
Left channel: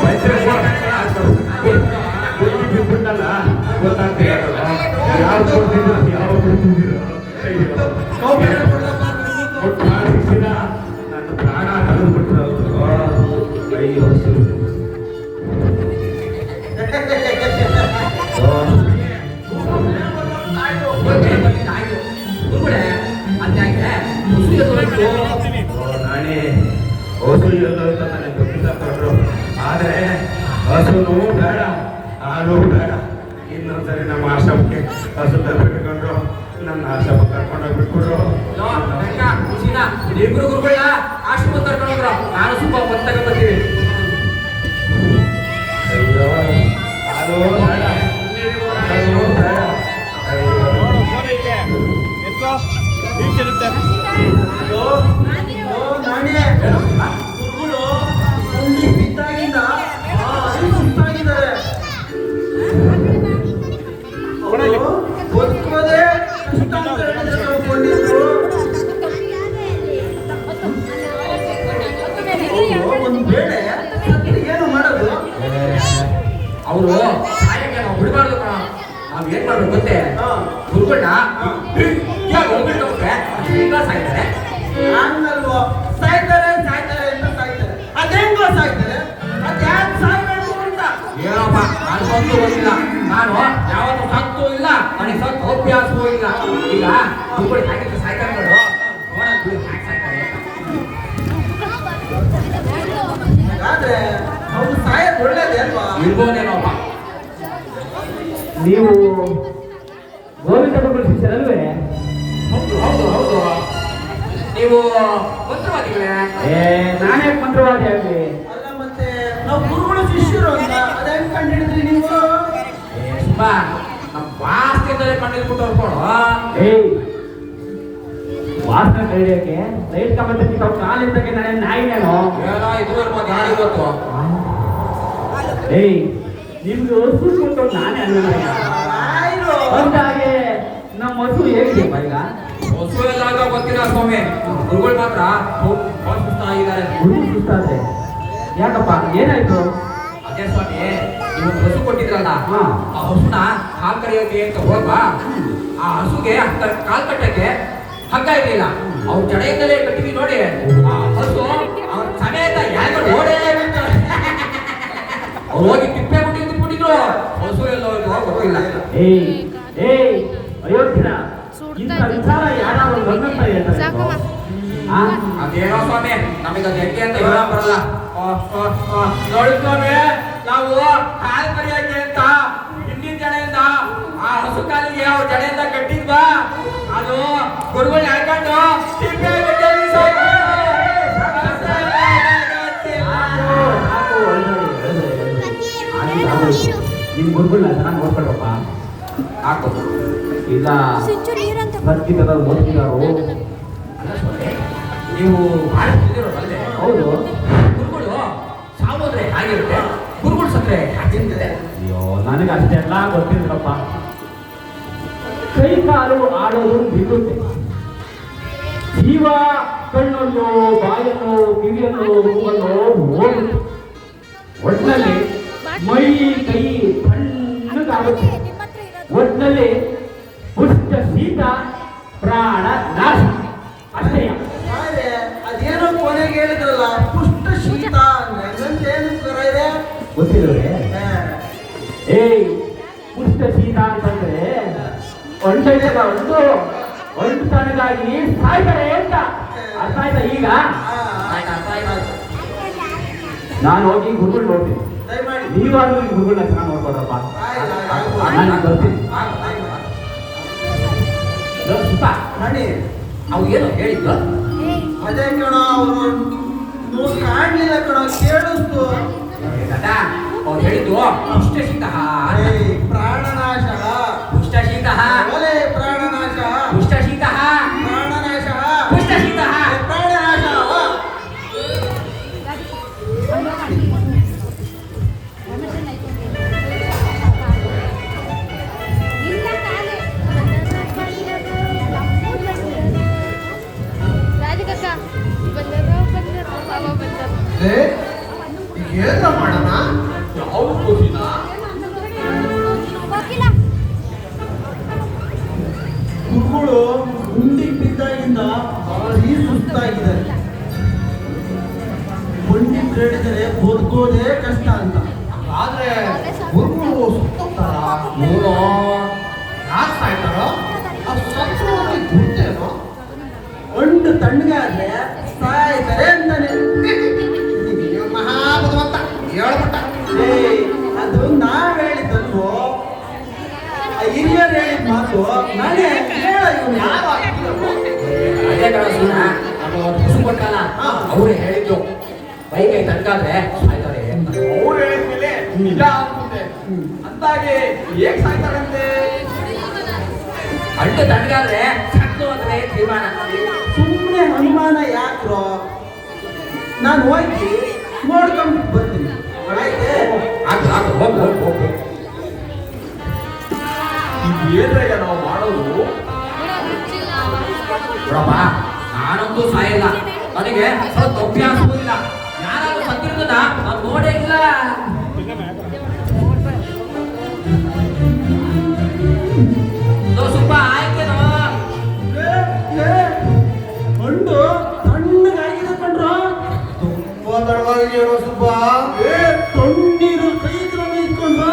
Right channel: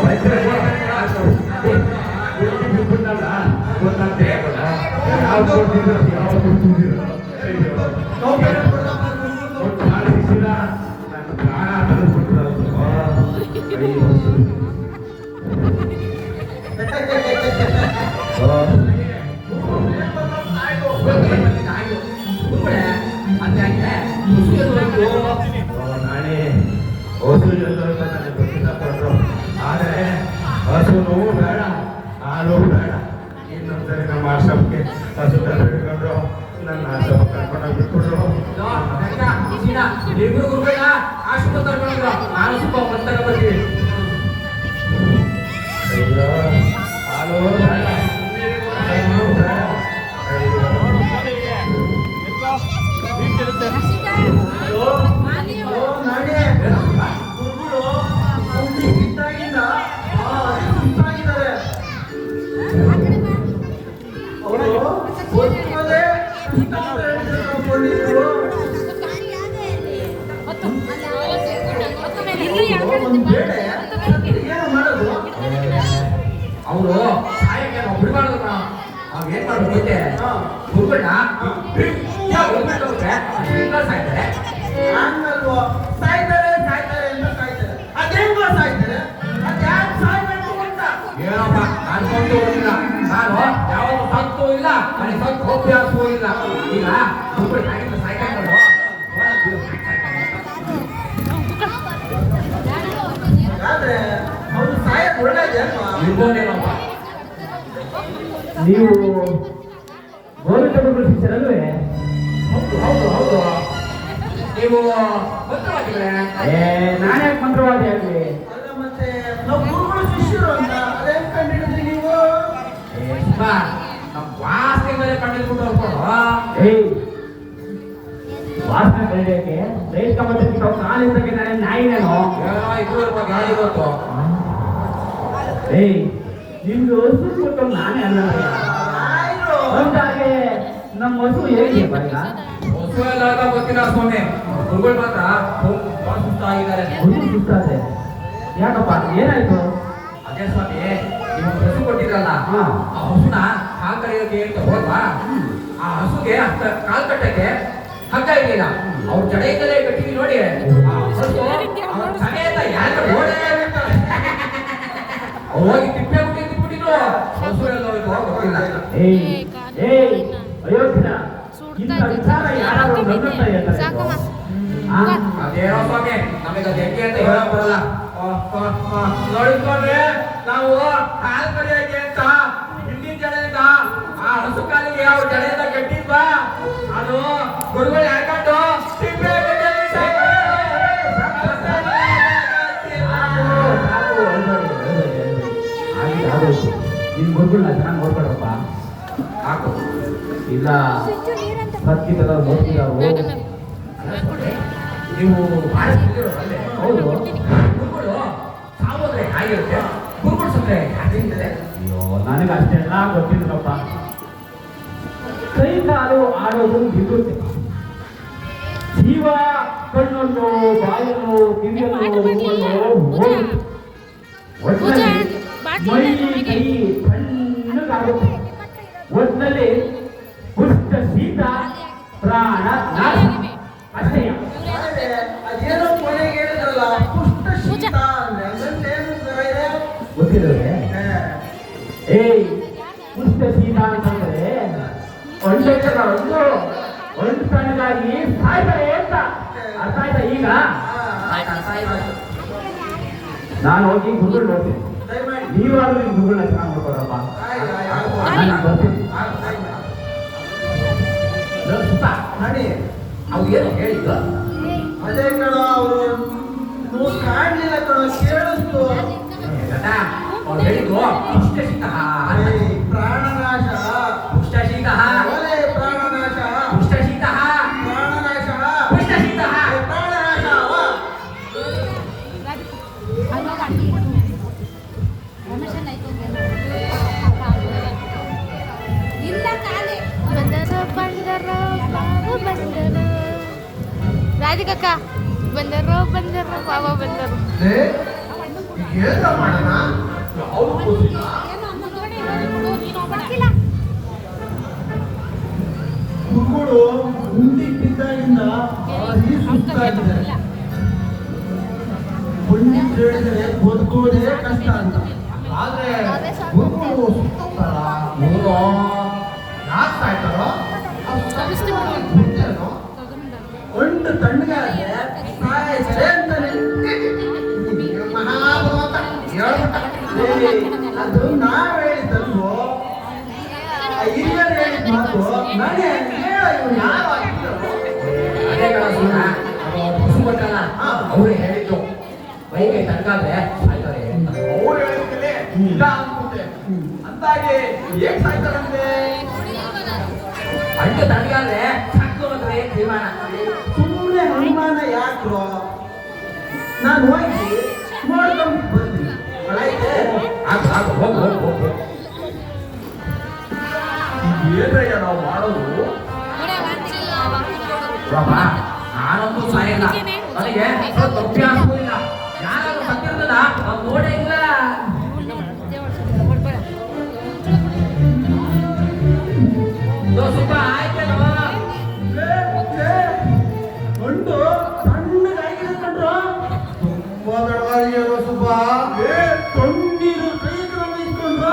ಪಂಚೆ ಬಿಟ್ಬಿಟ್ಟಲ್ಲ ಗೊತ್ತಾಗ್ತದೆ ಯಾವ್ದು ಕೊಡ್ತಿದ್ರು ಯಾವ್ದು ಕೊಡ್ತಿದ್ರು ನನ್ನ ಪ್ರಾಣ ತೆಗೆದುಕೊಟ್ಟಿರೋ ಅಯ್ಯೋ ನಾನೇ ಹಸು ಎಲ್ಲೋಯ್ತು ನನಗೆ ಗೊತ್ತಿಲ್ಲ ಕೊಟ್ಟರು ಆದರೆ ಹಸುನು ಬೇಡ ಹಾಲು ಬೇಡ ಇನ್ನೊಂದ್ಸರಿ ನಮ್ಮ ಆಶ್ರಮಕ್ಕೆ ಹಸು ತಗೊಂಡ್ರು ನನ್ನ ಆಶ್ರಮ ಕರ್ಕೊಂಡೋಗಿ ಬಿಟ್ಬಿಟ್ರು ಇಬ್ರು ಗುರುಗಳ ಆಶ್ರಮ ಕರ್ಕೊಂಡ್ರು ನಾನು ಸ್ವಲ್ಪ ಹೊತ್ತಾಗ ಬರ್ತೀವಿ ಅಯ್ಯೋ ಹಾಲು ಬೇಡ ಹಸು ಬೇಡ ಅಯ್ಯೋ ಗುರುಗಳು ಅಲ್ಲಿ ಬಿದ್ದಾಗಿಂದ ಸುಸ್ತಾಗಿದ್ದಾರೆ ಗೊತ್ತಿಲ್ಲದೆ ಒಂದು ಬೇಳೆ ಏನು ಮಾಡೋದು ಅವರು ಸಾಯಕ್ಕೆ ನಾವು ಬಿಡಬಾರ್ದು ನಾವು ಏನ್ ಮಾಡ್ಬೇಕು ಗೊತ್ತೇ ಗುರುಗಳನ್ನ ಸಾಯ್ತಾರೆ ಹಂಗಲ್ವೋ ಸಾಯ್ತಾರೆ ಸಾಯ್ತಾರೆ ಅಂತ ಸಾಯ್ತಾರೆ ಅದೇಂಗೋ ಸಾಯ್ತಾರೆ ಅದ್ಯಾಕೆ ಸಾಯ್ಬೇಕು ಅಂತ ಏನಪ್ಪ ನಾನು ಬಂದು ಹೋಗಿಲ್ಲ ನಾನು ಯಾವಾಗ ಸತ್ತು ಇಲ್ಲ ನನಗೆ ಸತ್ತು ಅಭ್ಯಾಸವೂ ಇಲ್ಲ ಈಗ ಗುರುಗಳು ಹಾಕಿದ್ರೆ ಸಾಯ್ತಾರೆ ನೋಡು ಅವನ ಗುರು ಹಾಕಿ ಸಾಯ್ತಾರೆ ಆದ್ರೆ ಅವ್ನು ಸಾಯಕ್ ಒಳ್ಳೇದೇ ಅಲ್ವಾ? ಇರ್ಬೋದೇನೋ ಅಪ್ಪ. ನೀವು ಗೋವಿಂದ ಗುರುಗಳ ಶಿಷ್ಯರಲ್ವೇ? ಹೌದು ಹೌದು ಹೌದು. ನೀವು ಮಂತ್ರವಾದಿಗಳೇ? ನಾನೇ ಮಂತ್ರವಾದಿ ಆಗ್ಲಿ. ಅಲ್ಲ ಮತ್ತೆ ನಾವು ಗುರುಗಳ ಶಿಷ್ಯರು ಅಂತ ಅದೇ ಕಂಡಿಡಿದ್ರಿ ನೀವು? ಸುಮ್ಮ ನಮ್ಮ ವಾಸ್ತಿಯಿಂದಲೇ ಕಂಡಿದ್ಬಿಟ್ಟು ಹೊರ್ಕೊಡು. ವಾಸನೆ ಕಲಿಯೋಕೆ ರೈತ ಕಮ್ಮಿ ಕಾಲಿದ್ದಾಗ ನಾನೇ ನಾಯಿನೇನೋ. ಏನೋ ಇಬ್ಬರು ಗಾಳಿ ಗೊತ್ತು. ನಿಮ್ದು ಹಸು ಕೊಟ್ಟು ನಾನೇ ಅನ್ನೋದಯ್ಯ. ಆಯ್ತು. ಅಂದಾಗೆ ನಮ್ಮ ಹಸು ಹೇಗಿದೆ ಈಗ? ಹೊಸ ಎಲ್ಲ ಗೊತ್ತಿಲ್ಲ ಸ್ವಾಮಿ. ಗುರುಗಳು ಮಾತ್ರ ಬಹಳ ಸುಸ್ತಾಗಿದ್ದಾರೆ. ಹುಡುಗಿ ಸುತ್ತಾದೆ ಯಾಕಪ್ಪ, ಏನಾಯ್ತು? ಅದೇ ಸ್ವಾಮಿ, ನೀವು ಹಸು ಕೊಟ್ಟಿದ್ರಲ್ಲ, ಹಾ. ಆ ಹಸುನ ಹಾಲು ಕರೆಯೋಕೆ ಅಂತ ಹೋದ್ವಾ, ಆ ಹಸುಗೆ ಕಾಲ್ ಕಟ್ಟಕ್ಕೆ ಹಗ್ಗ ಇರಲಿಲ್ಲ. ಅವ್ರ ಜಡೆಯಿಂದಲೇ ಕಟ್ಟಿಗೆ ನೋಡಿ ಆ ಹಸು ಅವ್ರ ಸಮೇತ ಯಾಕೆ ಓಡೇ ಬಿಡ್ತಾರೆ. ಅವ್ರು ಹೋಗಿ ತಿಪ್ಪೆ ಬಿಟ್ಟಿದ್ರು. ಹಸು ಎಲ್ಲ ಗೊತ್ತಿಲ್ಲ. ಅಯೋಗ್ಯನ ಇಂಥ ವಿಚಾರ ಯಾರಾದ್ರೂ ಬಂದಿರ್ತಾ ಇದ್ದಾರೆ. ಸಾಕಮ್ಮ. ಅದೇನೋ ಸ್ವಾಮಿ, ನಮಗೆ ಅದು ಹೆಂಗೆ ಅಂತ ಹೇಳಕ್ ಬರಲ್ಲ. ನೋಡಿ ಸ್ವಾಮಿ, ನಾವು ಹಾಲು ಕರೆಯೋಕೆ ಅಂತ ಹಿಂದಿನ ಜಡೆಯಿಂದ ಆ ಹಸು ಕಾಲಿಗೆ ಅವ್ರ ಜಡೆಯಿಂದ ಕಟ್ಟಿದ್ವಾ, ಅದು ಗುರುಗಳು ಹಾಕೊಂಡು ತಿಪ್ಪೆ ನಿಮ್ ಗುರುಗಳನ್ನ ಚೆನ್ನಾಗಿ ನೋಡ್ಕೊಳಪ್ಪ. ಹಾಕು. ಇಲ್ಲ ಬರ್ತಿದ್ದಲ್ಲ ಓದ್ತಿದ್ದಾರೋ. ನೀವು ಭಾಳ ಅಲ್ಲೇ ಹೌದು. ಗುರುಗಳು ಸಾವೋದ್ರೆ ಆಗಿರುತ್ತೆ, ಗುರುಗಳು ಸತ್ರೆ ಹಾಕಿರ್ತದೆ. ಅಯ್ಯೋ, ನನಗೆ ಅಷ್ಟೆಲ್ಲ ಗೊತ್ತಿಲ್ಲಪ್ಪ. ಕೈ ಕಾಲು ಆಡೋದು ಬಿಡುತ್ತೆ. ಜೀವ ಕಣ್ಣನ್ನು ಬಾಯನ್ನು ಕಿವಿಯನ್ನು ಹೋಗುತ್ತೆ. ಒಟ್ಟಿನಲ್ಲಿ ಮೈ ಕೈ ಕಣ್ಣುಗಾಗುತ್ತೆ. ಒಟ್ಟಿನಲ್ಲಿ ಪುಷ್ಟ ಶೀತ ಪ್ರಾಣ ನಾಶ ಅಷ್ಟೇ. ಆದ್ರೆ ಅದೇನೋ ಕೊನೆಗೆ ಹೇಳಿದ್ರಲ್ಲ, ಪುಷ್ಟ ಶೀತ ಏನಂತೇನು ಇದೆ? ಗೊತ್ತಿಲ್ಲವೇ? ಪುಷ್ಟ ಶೀತ ಅಂತಂದ್ರೆ ಒಂದು ತನಗಾಗಿ ಸಾಯ್ತಾರೆ ಅಂತ ಅರ್ಥ ಆಯ್ತಾ? ಈಗ ನಾನು ಹೋಗಿ ಗುರುಗಳು ನೋಡ್ತೀನಿ. ದಯಮಾಡಿ ನೀವಾದ್ರೂ ಈ ಗುರುಗಳನ್ನ ಚೆನ್ನಾಗಿ ನೋಡ್ಕೊಡಪ್ಪ. ನನಗೆ ಗೊತ್ತಿಲ್ಲ. ಸುತ್ತ ರಾಣಿ, ಅವು ಏನೋ ಹೇಳಿದ್ದು. ಅದೇ ಕಣ ಅವರು ಕಾಣ್ಲಿಲ್ಲ ಕಣ, ಕೇಳಿಸ್ತು. ಅವ್ರು ಹೇಳಿದ್ದು ಪುಷ್ಟ ಶೀತ, ಪ್ರಾಣನಾಶ, ಪುಷ್ಟ ಶೀತ, ಒಲೆ ಪ್ರಾಣನಾಶ, ಪುಷ್ಟ ಶೀತ, ಪ್ರಾಣನಾಶ, ಪುಷ್ಟ ಶೀತ. ಪ್ರಾಣನಾಶ. ರಾಧಿಕಕ್ಕ ಬಂದರು ಬಾಬಾ ಬಂದರು. ಏನು ಮಾಡೋಣ? ಯಾವ್ದು ಗೊತ್ತಿಲ್ಲ. ಗುರುಗಳು ಗುಂಡಿ ಬಿದ್ದಾಗಿಂದ ಭಾರಿ ಸುಸ್ತಾಗಿದ್ದಾರೆ. ಪಂಡಿತ್ ಹೇಳಿದರೆ ಬದುಕೋದೇ ಕಷ್ಟ ಅಂತ. ಆದ್ರೆ ಗುರುಗಳು ಸುತ್ತಾರ ಇವನು ಯಾಕೆ ಸಾಯ್ತಾರೋ? ಗುರ್ತೇನೋ? ಒಂದು ತಣ್ಣಗಾದ್ರೆ ಸಾಯ್ತಾರೆ ಅಂತಾನೆ. ಮಹಾಭಗವಂತ ಹೇಳ್ಬಿಟ್ಟ. ಅದು ನಾವ್ ಹೇಳಿದ್ದಲ್ವೋ, ಹಿರಿಯರು ಹೇಳಿದ ಮಾತು ನಾನೇ ಹೇಳ. ಇವ್ನು ಯಾವ ಅದೇ ಕಡೆ ಸುಮ್ಮನೆ ಹಸು ಕೊಟ್ಟಲ್ಲ, ಅವರೇ ಹೇಳಿದ್ದು ಬೈಕೈ ತನಕಾದ್ರೆ ಸಾಯ್ತಾರೆ ಅಂತ. ಅವ್ರು ಹೇಳಿದ್ಮೇಲೆ ಇಲ್ಲ ಅನ್ಸುತ್ತೆ. ಅಂದಾಗೆ ಹೇಗ್ ಸಾಯ್ತಾರಂತೆ? ಅಂಟು ತನಗಾದ್ರೆ ಸತ್ತು ಅಂದ್ರೆ ತೀರ್ಮಾನ. ಸುಮ್ಮನೆ ಅನುಮಾನ ಯಾಕ್ರೋ? ನಾನು ಹೋಗಿ ನೋಡ್ಕೊಂಡು ಬರ್ತೀನಿ. ಆಯ್ತೆ? ಹೋಗು. ಇದೇನ್ರಯ್ಯ ನಾವು ಮಾಡೋದು? ಪ್ರಭಾ, ನಾನಂತೂ ಸಾಯಿಲ್ಲ. ನನಗೆ ಸ್ವಲ್ಪ ಅಭ್ಯಾಸವೂ ಇಲ್ಲ. ಯಾರಾದ್ರೂ ಸತ್ತಿರೋದನ್ನ ನಾನು ನೋಡೇ ಇಲ್ಲ. ಸ್ವಲ್ಪ ಆಯ್ತೇನೋ? ಹೊಂಡು ತಣ್ಣಗಾಗಿದೆ ಕಣ್ರೋ. ತುಂಬಾ ತಡವಾಗಿರೋ ಸುಬ್ಬ. ತಣ್ಣೀರು ಕೈಗಳು ನಿಂತ್ಕೊಂಡು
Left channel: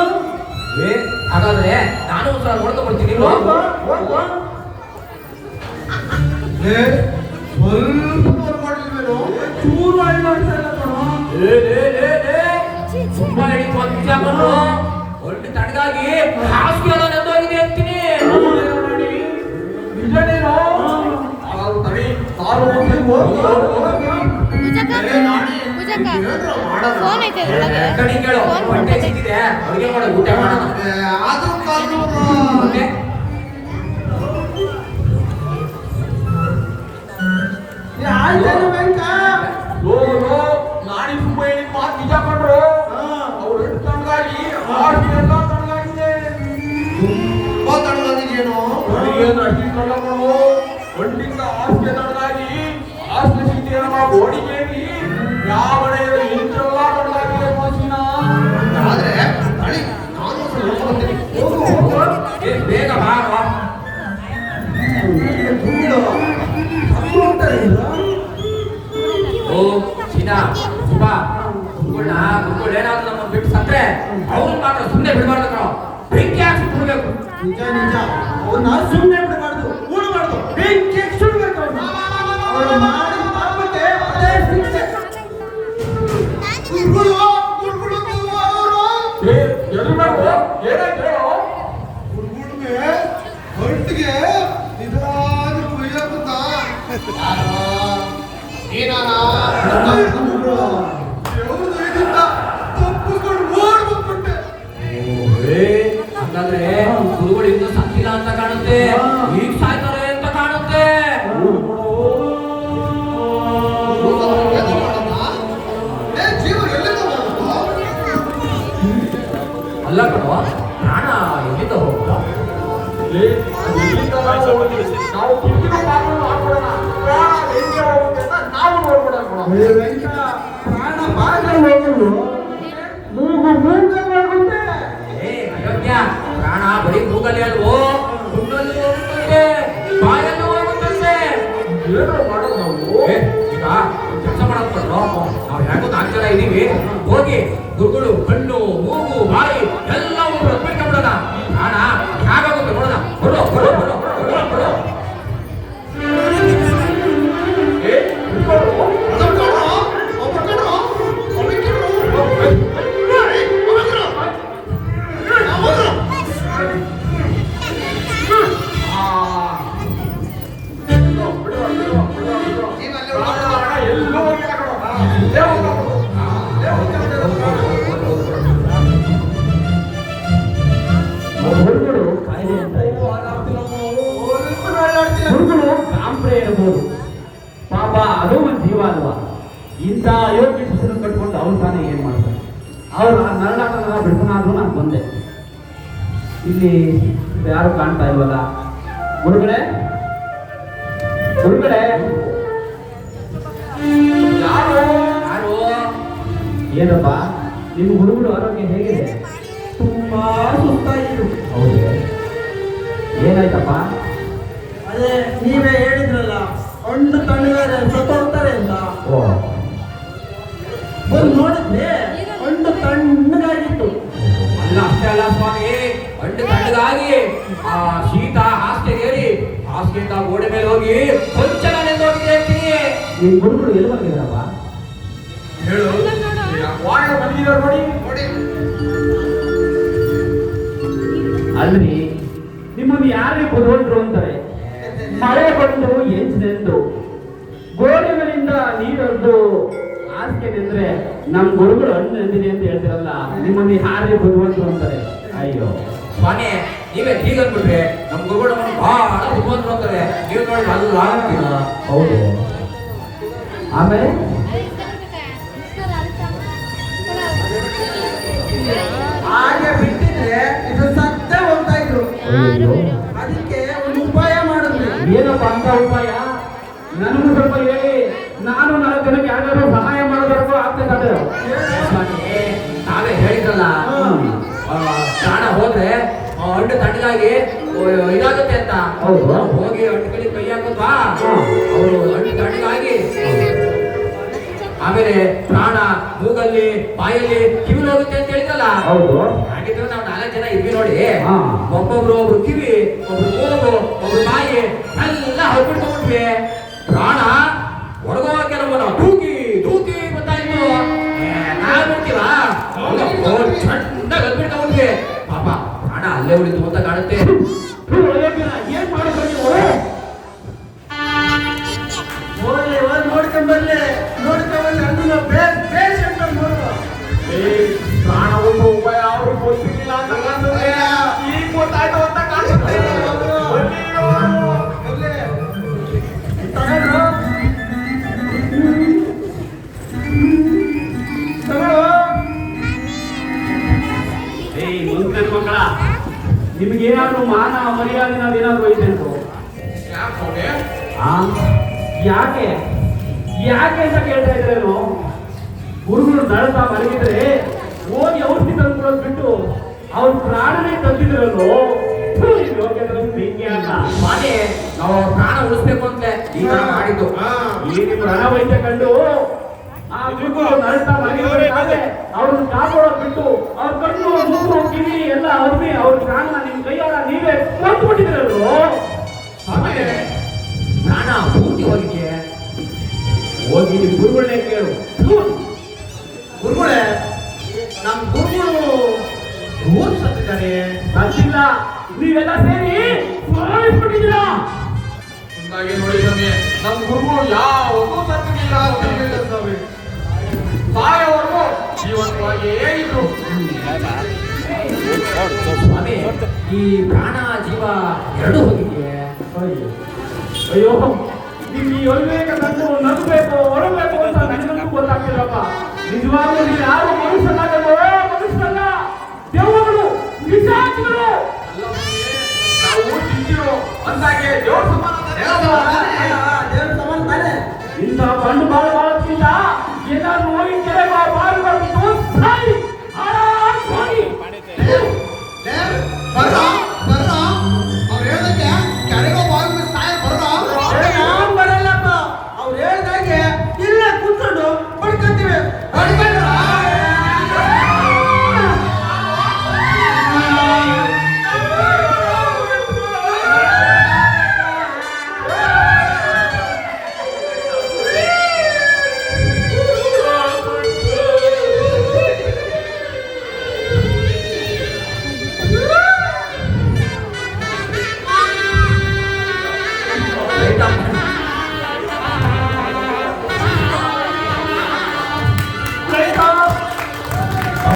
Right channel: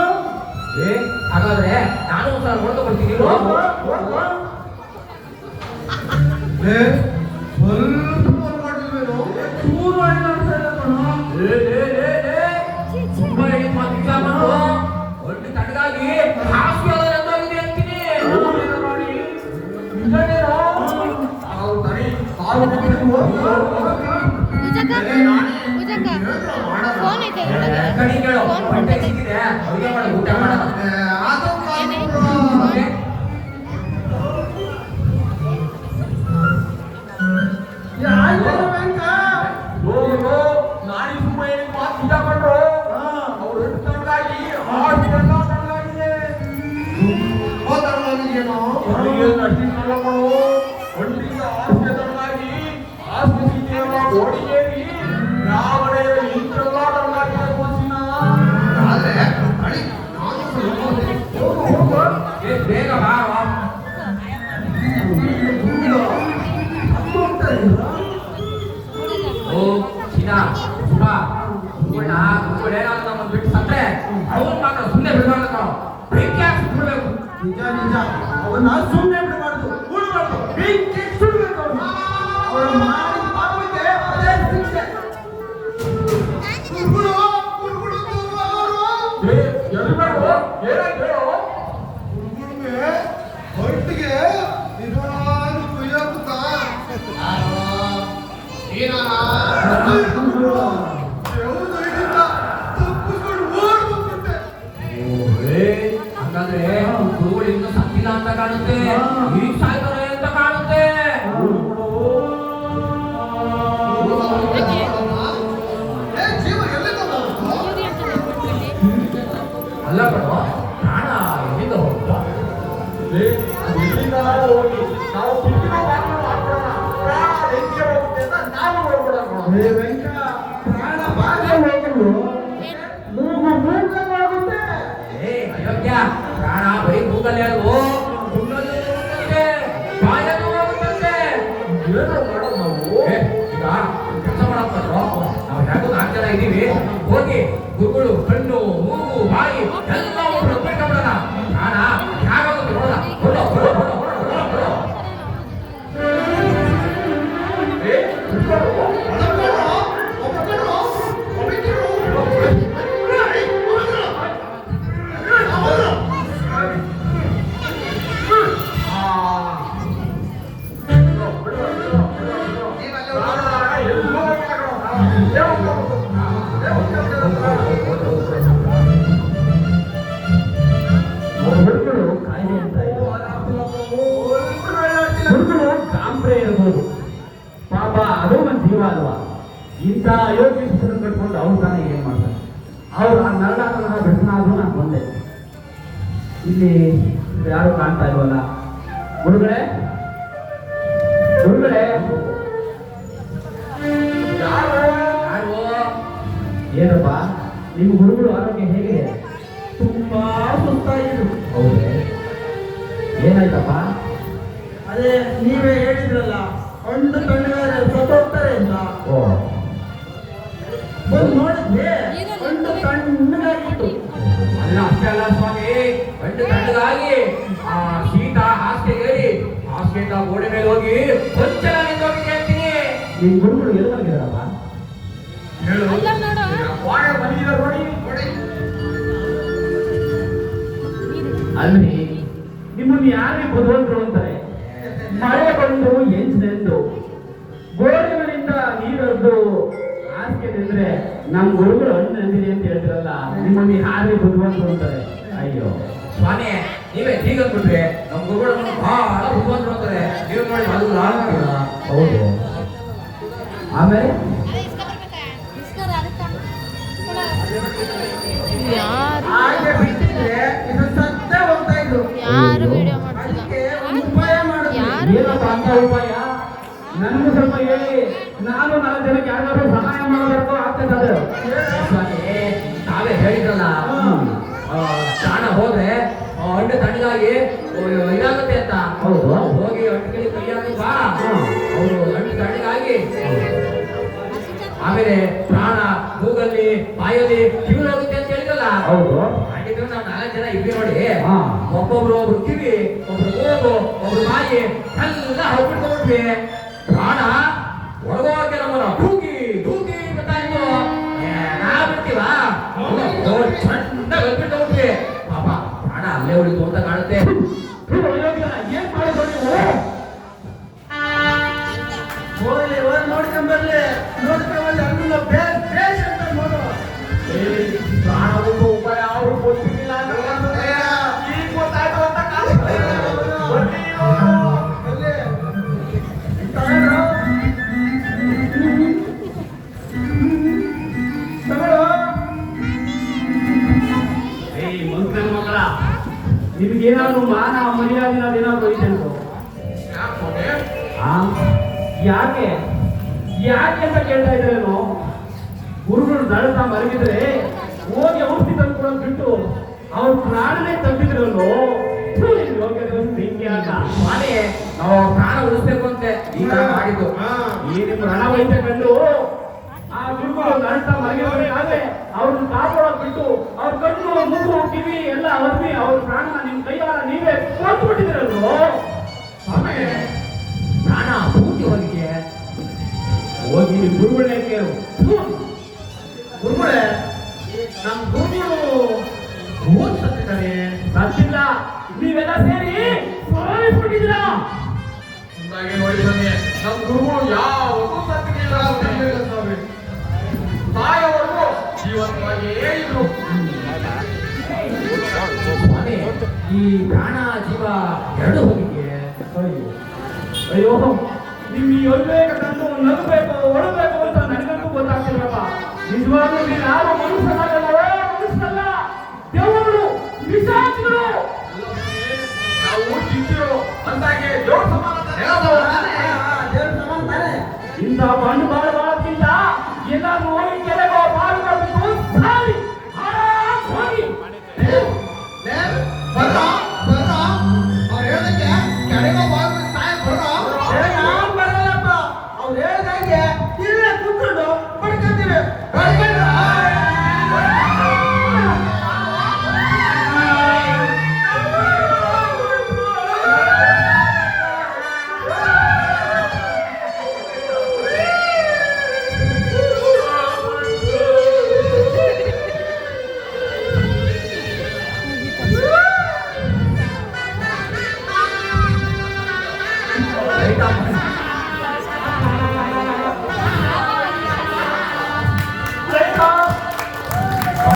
ಹಾಗಾದ್ರೆ ನಾನು ಹೊಡ್ಕೊಳ್ತೀನಿ. ಹೋಗು. ಸ್ವಲ್ಪ ಮಾಡಿಲ್ವೇನೋ? ಚೂರು ಅಳ್ಳ ಆಡ್ತಾ ಇಲ್ಲ ಕಣೋ. ತುಂಬಾ ಹಿಡಿದು ಒಂದು ನಿಜ ಬಂದ್ರು ಒಟ್ಟು ತಣ್ಣಗಾಗಿ ಹಾಸಿಗೆ ಎಲ್ಲ ನೆಂದೋಗಿದೆ ಅಂತೀನಿ. ಇಲ್ಲನೇನೋ? ಪೂಜಕ್ಕ ಫೋನ್ ಐತೆ ಒಳಗೆ ಕಣಿ ಕೇಳು ಫೋನ್ ಹೊಟ್ಟೆ ಬರ್ತದೆ. ಸಿಕ್ಕಿದೆ ಅಡುಗೆ ಮಾಡೋ ಊಟ ಮಾಡೋಣ ಮತ್ತೆ ಆಯ್ತಲ್ಲ ವೆಂಕ? ಹೋಗೋ ನಾಡಿ ಸುಮ್ಮ ಹೇಳಿ ಮಾತು ನಿಜ ಕಂಡ್ರು ಅವ್ರು ಎಷ್ಟು ತಣ್ಣಗಾಗಿ ಹಾಸಿಗೆ ಎಲ್ಲ ತಣ್ಣಗಾಗಿದೆ. ತುಂಬಾ ತಡವಾಗಿದೆಯೇನೋ? ಹೊರಗೆ ಅಂದ್ರೆ ಅಷ್ಟಿಷ್ಟು ತಣ್ಣಗಳು ಒಂಟಿಂದ ಹಾಸಿಗೆ ತಣ್ಣಗಾಗಿ ಹಾಸಿಗೆ ಸೀಟೆಯನ್ನ ಗೋಡಿಗೆಯಲ್ಲಿ ಯಾವ ಕಡೆಯಲ್ಲಿ ಇಂಚೆಲ್ಲ ತಣ್ಣಗಾಗಿದೆ ಮೋಸಿನ. ಆದ್ರೆ ಅಳಿ, ನಾನು ಸ್ವಲ್ಪ ಹೋಗ್ತೀನಿ. ಹೋಗು. ಬೇಗ ಬಾ ಓ ಸೀನಾ ಸುಬಾ ಗುರುಗಳನ್ನ ಗುರುಗಳು ಏನಾದ್ರು ನಮ್ಮನ್ನು ಬಿಟ್ಟು ಸತ್ರೆ ಅವ್ರು ಮಾತ್ರ ಸುಮ್ಮನೆ ಬಿಡಬಾರ್ದು ಬೆಂಕಿ ಹಾಕಿ ಬಿಡಬೇಕು. ನಿಜ ನಿಜ. ಅವನ್ನ ಸುಮ್ಮನೆ ಬಿಡಬಾರ್ದು, ಕೂಡಬಾರ್ದು, ಬೆಂಕಿ ಸುಡಬೇಕು ಅವ್ರನ್ನ. ಅವ್ರು ಮಾಡಿದ ಪಾಪಕ್ಕೆ ಅದೇ ಶಿಕ್ಷೆ. ಗುರುಗಳು, ಗುರುಗಳು ನೀವು ಅವರು? ಎಲ್ಲಿ ಮಾಡ್ಕೋ ಏನಾಯ್ತು ಹೇಳು. ಗುರುಗಳಿಗೆ ಹೊಟ್ಟಿಗೆ ನಿಜವಾದ ಕುಯ್ಯಾಗುತ್ತಾ? ದೇವ್ರು ದಯದಿಂದ ತಪ್ಪಿಸ್ಕೊಂಡು ಓಡ್ಬಿಟ್ಬಿಟ್ಟೆ. ಹಂಗಾದ್ರೆ ಗುರುಗಳು ಇನ್ನೂ ಸತ್ತಿಲ್ಲ ಅಂತ ಕಾಣುತ್ತೆ, ಈಗ ಸಾಯ್ತಾರೆ ಅಂತ ಕಾಣುತ್ತೆ. ಜೀವ ಎಲ್ಲಿಂದ ಬಂತು? ಅಲ್ಲ ಕಣೋ ಪ್ರಾಣ ಎಲ್ಲಿಂದ ಹೋಗ್ತೋ? ಇಲ್ಲಿಂದ ನಾವು ಕಿಟಕಿನ ಬಾಗಿಲು ಹಾಕೋಣ. ಪ್ರಾಣ ಬೆಂಕಿ ಹೋಗುತ್ತೆ ಅಂತ ನಾವು ನೋಡ್ಬಿಡೋಣ. ಏ ವೆಂಕ, ಪ್ರಾಣ ಬಾಗಿಲು ಹೋಗಲು ಮೂಗು ಮೂಗವಾಗುತ್ತೆ. ಅಯೋಗ್ಯ ಪ್ರಾಣ ಬರೀ ಮೂಗಲ್ಲೇ ಅಲ್ವೋ ಗುಂಡಲ್ಲಿ ಹೋಗುತ್ತದೆ, ಬಾಯಲ್ಲಿ ಹೋಗುತ್ತದೆ. ಏನು ಮಾಡೋದು ನಾವು? ಈಗ ಕೆಲಸ ಮಾಡೋದು ನಾವು ಹೇಗೋ ನಾಲ್ಕು ಜನ ಇದೀವಿ, ಹೋಗಿ ಗುರುಗಳು ಕಣ್ಣು ಮೂಗು ಬಾಯಿ ಎಲ್ಲ ಬಿಟ್ಕೊಂಡ್ಬಿಡೋಣ. ಪ್ರಾಣ ಹೇಗಾಗುತ್ತೆ ನೋಡೋಣ. ಬರೋ ಬರೋ ಬರೋ ಬರೋ ಬರೋ. ಗುರುಗಳು ಕಾಯಿಲೆ ಅಂತ ಗುರುಗಳು ಕಾಂಪ್ರೆ ಇರಬಹುದು, ಪಾಪ ಅದು ಒಂದು ಜೀವ ಅಲ್ವಾ. ಇಂಥ ಅಯೋಗ್ಯ ಶಿಕ್ಷಣ ಕಟ್ಕೊಂಡು ಅವ್ರ ತಾನೇ ಏನ್ ಮಾಡ್ತಾರೆ? ಅವ್ರು ನರಳಾಟ ಬಿಡ್ಸೋಣಾದ್ರು ನಾನು ಬಂದೆ. ಇಲ್ಲಿ ಯಾರು ಕಾಣ್ತಾ ಇಲ್ವಲ್ಲ? ಗುರುಗಳೇ, ಗುರುಗಳೇ, ಯಾರು ಏನಪ್ಪ ನಿಮ್ಮ ಗುರುಗಳು ಆರೋಗ್ಯ ಹೇಗಿದೆ? ತುಂಬಾ ಸುಸ್ತಾಯಿತು. ಹೌದೇ, ಏನಾಯ್ತಪ್ಪ? ಅದೇ ನೀವೇ ಹೇಳಿದ್ರಲ್ಲ, ಒಂದು ತಣ್ಣಗಾರೆ ಸತ್ತೋಗ್ತಾರೆ ಅಂತ. ಓ, ಬಂದು ನೋಡಿದ್ರೆ ಒಂದು ತಣ್ಣಗಾಗಿತ್ತು. ಅಲ್ಲ ಅಷ್ಟೇ ಅಲ್ಲ ಸ್ವಾಮಿ, ಗಂಡು ತಣ್ಣಗಾಗಿ ಆ ಶೀತ ಹಾಸಿಗೆ ಏರಿ ಹಾಸಿಗೆಯಿಂದ ಗೋಡೆ ಮೇಲೆ ಹೋಗಿ ಕೊಂಚನ ನೆಂದೋಗಿದೆ ಅಂತೀನಿ. ನಿಮ್ಮ ಗುರುಗಳು ಎಲ್ಲಿ ಹೋಗಿದಾರಪ್ಪ? ಹೇಳು ವಾರ್ಡ್ ಬಂದಿದ್ದಾರೆ ನೋಡಿ. ಅಲ್ರಿ, ನಿಮ್ಮನ್ನು ಯಾರೇ ಬರುವಂತರು ಅಂತಾರೆ. ಮಳೆ ಬಂದು ಎಂಚಿನೆಂದು ಗೋಡೆಗಳಿಂದ ನೀರೊಡ್ದು ಹಾಸಿಗೆ ನಿಂದ್ರೆ ನಮ್ಮ ಗುರುಗಳು ಹಣ್ಣು ನಂದಿನಿ ಅಂತ ಹೇಳ್ತಿರಲ್ಲ, ನಿಮ್ಮನ್ನು ಯಾರೇ ಬರುವಂತರು ಅಂತಾರೆ. ಅಯ್ಯೋ ಸ್ವಾಮಿ, ನೀವೇ ಹೀಗಂದ್ಬಿಟ್ರೆ ನಮ್ಮ ಗುರುಗಳು ನಮ್ಮನ್ನು ಬಹಳ ಬುದ್ಧಿವಂತರು ಅಂತಾರೆ. ನೀವು ನೋಡಿ ಅದು ಆಗಿಲ್ಲ. ಹೌದು. ಆಮೇಲೆ ಹಾಗೆ ಬಿಟ್ಟಿದ್ರೆ ಇದು ಸತ್ತೇ ಹೋಗ್ತಾ ಇದ್ರು. ಯಾರು ವಿಡಿಯೋ ಅದಕ್ಕೆ ಒಂದು ಉಪಾಯ ಮಾಡಿದ್ವಿ. ಏನಪ್ಪ ಅಂತ ಉಪಾಯ? ನನಗೂ ಸ್ವಲ್ಪ ಹೇಳಿ, ನಾನು 4 ಜನಕ್ಕೆ ಯಾರ್ಯಾರು ಸಹಾಯ ಮಾಡಬೇಕು ಆಗ್ತದೆ. ಸ್ವಾಮಿ, ತಾವೇ ಹೇಳಿದ್ರಲ್ಲ ಪ್ರಾಣ ಹೋದ್ರೆ ಹಣ್ಣು ತಣ್ಣಗಾಗಿ ಇದಾಗುತ್ತೆ ಅಂತ. ಹೌದು. ಹೋಗಿ ಹಣ್ಣು ಕೈ ಕೈ ಹಾಕಿ ಬಾ, ಅವರು ಹಣ್ಣು ತಣ್ಣಗಾಗಿ ಆಮೇಲೆ ಪ್ರಾಣ ಮೂಗಲ್ಲಿ ಬಾಯಲ್ಲಿ ಕಿವಿಲಾಗುತ್ತೆ ಅಂತ ಹೇಳಿದ್ರಲ್ಲ. ಹೌದು. ಹಾಗಿದ್ರೆ ನಾವು 4 ಜನ ಇದ್ವಿ ನೋಡಿ, ಹಾ. ಒಬ್ಬೊಬ್ರು ಕಿವಿ, ಒಬ್ರು ಮೂಗು, ಒಬ್ರು ಬಾಯಿ ಎಲ್ಲ ಹೊರಬಿಟ್ಕೊಂಡ್ಬಿಟ್ವಿ. ಪ್ರಾಣ ಒಳಗೋ ಕೆಲವನ್ನ ಧೂಕಿ ಧೂಕಿ ಗೊತ್ತಾಯ್ತು. ನಾವ್ ಬಿಡ್ತೀವ ಚಂದ ಹೊರಬಿಟ್ಕೊಂಡ್ಬಿಟ್ವಿ. ಪಾಪ ಪ್ರಾಣ ಅಲ್ಲೇ ಉಳಿತು ಅಂತ ಕಾಣುತ್ತೆ. ಏನ್ ಮಾಡಿದ್ರು ನೋಡ್ಕೊಂಬರ್ಲಿ ಅಲ್ಲಿ ಪೇಷಂಟ್ ನೋಡು. ಪ್ರಾಣ ಉಂಟು ಉಪಾಯ ಅವ್ರು ಗೊತ್ತಿಲ್ಲ ಅಂತಂದ್ರೆ ಈಗ ಗೊತ್ತಾಯ್ತು ಅಂತ ಕಾಣುತ್ತೆ. ಮಂತ್ರ ಮಕ್ಕಳ, ನಿಮ್ಗೇನಾದ್ರೂ ಮಾನ ಮರ್ಯಾದೆ ಏನಾದ್ರು ಐತೆ ಅಂತ ಯಾಕೆ ಯಾಕೆ ಅಂತ ಕೇಳ್ತಾ ಇದ್ರೇನು? ಗುರುಗಳು ದಳತ ಮಲಗಿದ್ರೆ ಹೋಗಿ ಔಷಧಿ ತಂದ್ಕೊಡೋದು ಬಿಟ್ಟು ಅವ್ರ ಪ್ರಾಣನೇ ತಂದಿದ್ರಲ್ಲೋ. ಮಾನೆ ನಾವು ಪ್ರಾಣ ಉಳಿಸ್ಬೇಕು ಅಂತ ಈ ತರ ಮಾಡಿದ್ದು. ಈ ನಿಮ್ಮ ರಣವೈದ್ಯ ಕಂಡು ಆ ಗುರುಗಳು ನರಳ್ತಾ ಮಲಗಿದ್ರೆ ಅವ್ರನ್ನ ಕಾಪಾಡೋದು ಬಿಟ್ಟು ಅವ್ರ ಕಣ್ಣು ಮೂಗು ಕಿವಿ ಎಲ್ಲ ಅವ್ರಿಗೆ ಅವ್ರ ಪ್ರಾಣ ನಿಮ್ ಕೈಯಾರ ನೀವೇ ಕೊಟ್ಬಿಟ್ಟಿದ್ರಲ್ವೋ. ಪ್ರಾಣ ಪೂರ್ತಿ ಹೋಗಿದ್ದೆ. ಹೋಗಿ ನಿಮ್ ಗುರುಗಳನ್ನೇ ಕೇಳು. ಗುರುಗಳೇ, ನಮ್ಮ ಗುರುಗಳು ಓದ್ ಸತ್ತಿದ್ದಾರೆ. ಸತ್ತಿಲ್ಲ, ನೀವೆಲ್ಲ ಸೇರಿ ಸಾಯಿಸ್ಬಿಟ್ಟಿದ್ದೀರಾ. ಮುಂದಾಗಿ ನೋಡಿ ಸ್ವಾಮಿ, ನಮ್ಮ ಗುರುಗಳು ಯಾವತ್ತೂ ಸತ್ತಿಲ್ಲ ಸ್ವಾಮಿ. ಸಾಯೋವರೆಗೂ ಜೀವಂತವಾಗಿಯೇ ಇದ್ರು. ಸ್ವಾಮಿ, ಈ ಪ್ರಾಣ ಜೀವ ಎರಡು ಹೋಗಿದ್ದೆ. ಅಯ್ಯೋ, ನಿಮ್ಗೆ ಈ ಅವಿವೇಕ ಕಂಡು ನಗಬೇಕು ಒಳಬೇಕು ಅಂತ ನನಗಂತೂ ಗೊತ್ತಾಗ್ತಿರಪ್ಪ. ನಿಜವಾಗ್ಲೂ ನೀವು ಯಾವ ಮನುಷ್ಯರಾಗಲ್ವೋ? ಮನುಷ್ಯರಲ್ಲ, ದೇವರುಗಳು, ಪಿಶಾಚಿಗಳು. ನಾವು ಚಿಂತಿರು ಅಂದಾಗೆ ದೇವ್ರ ಸಮಾನ ದೇವ್ರ ಸಮಾನ ತಾನೆ. ಇಂಥ ಬಂಡು ಬಾಳ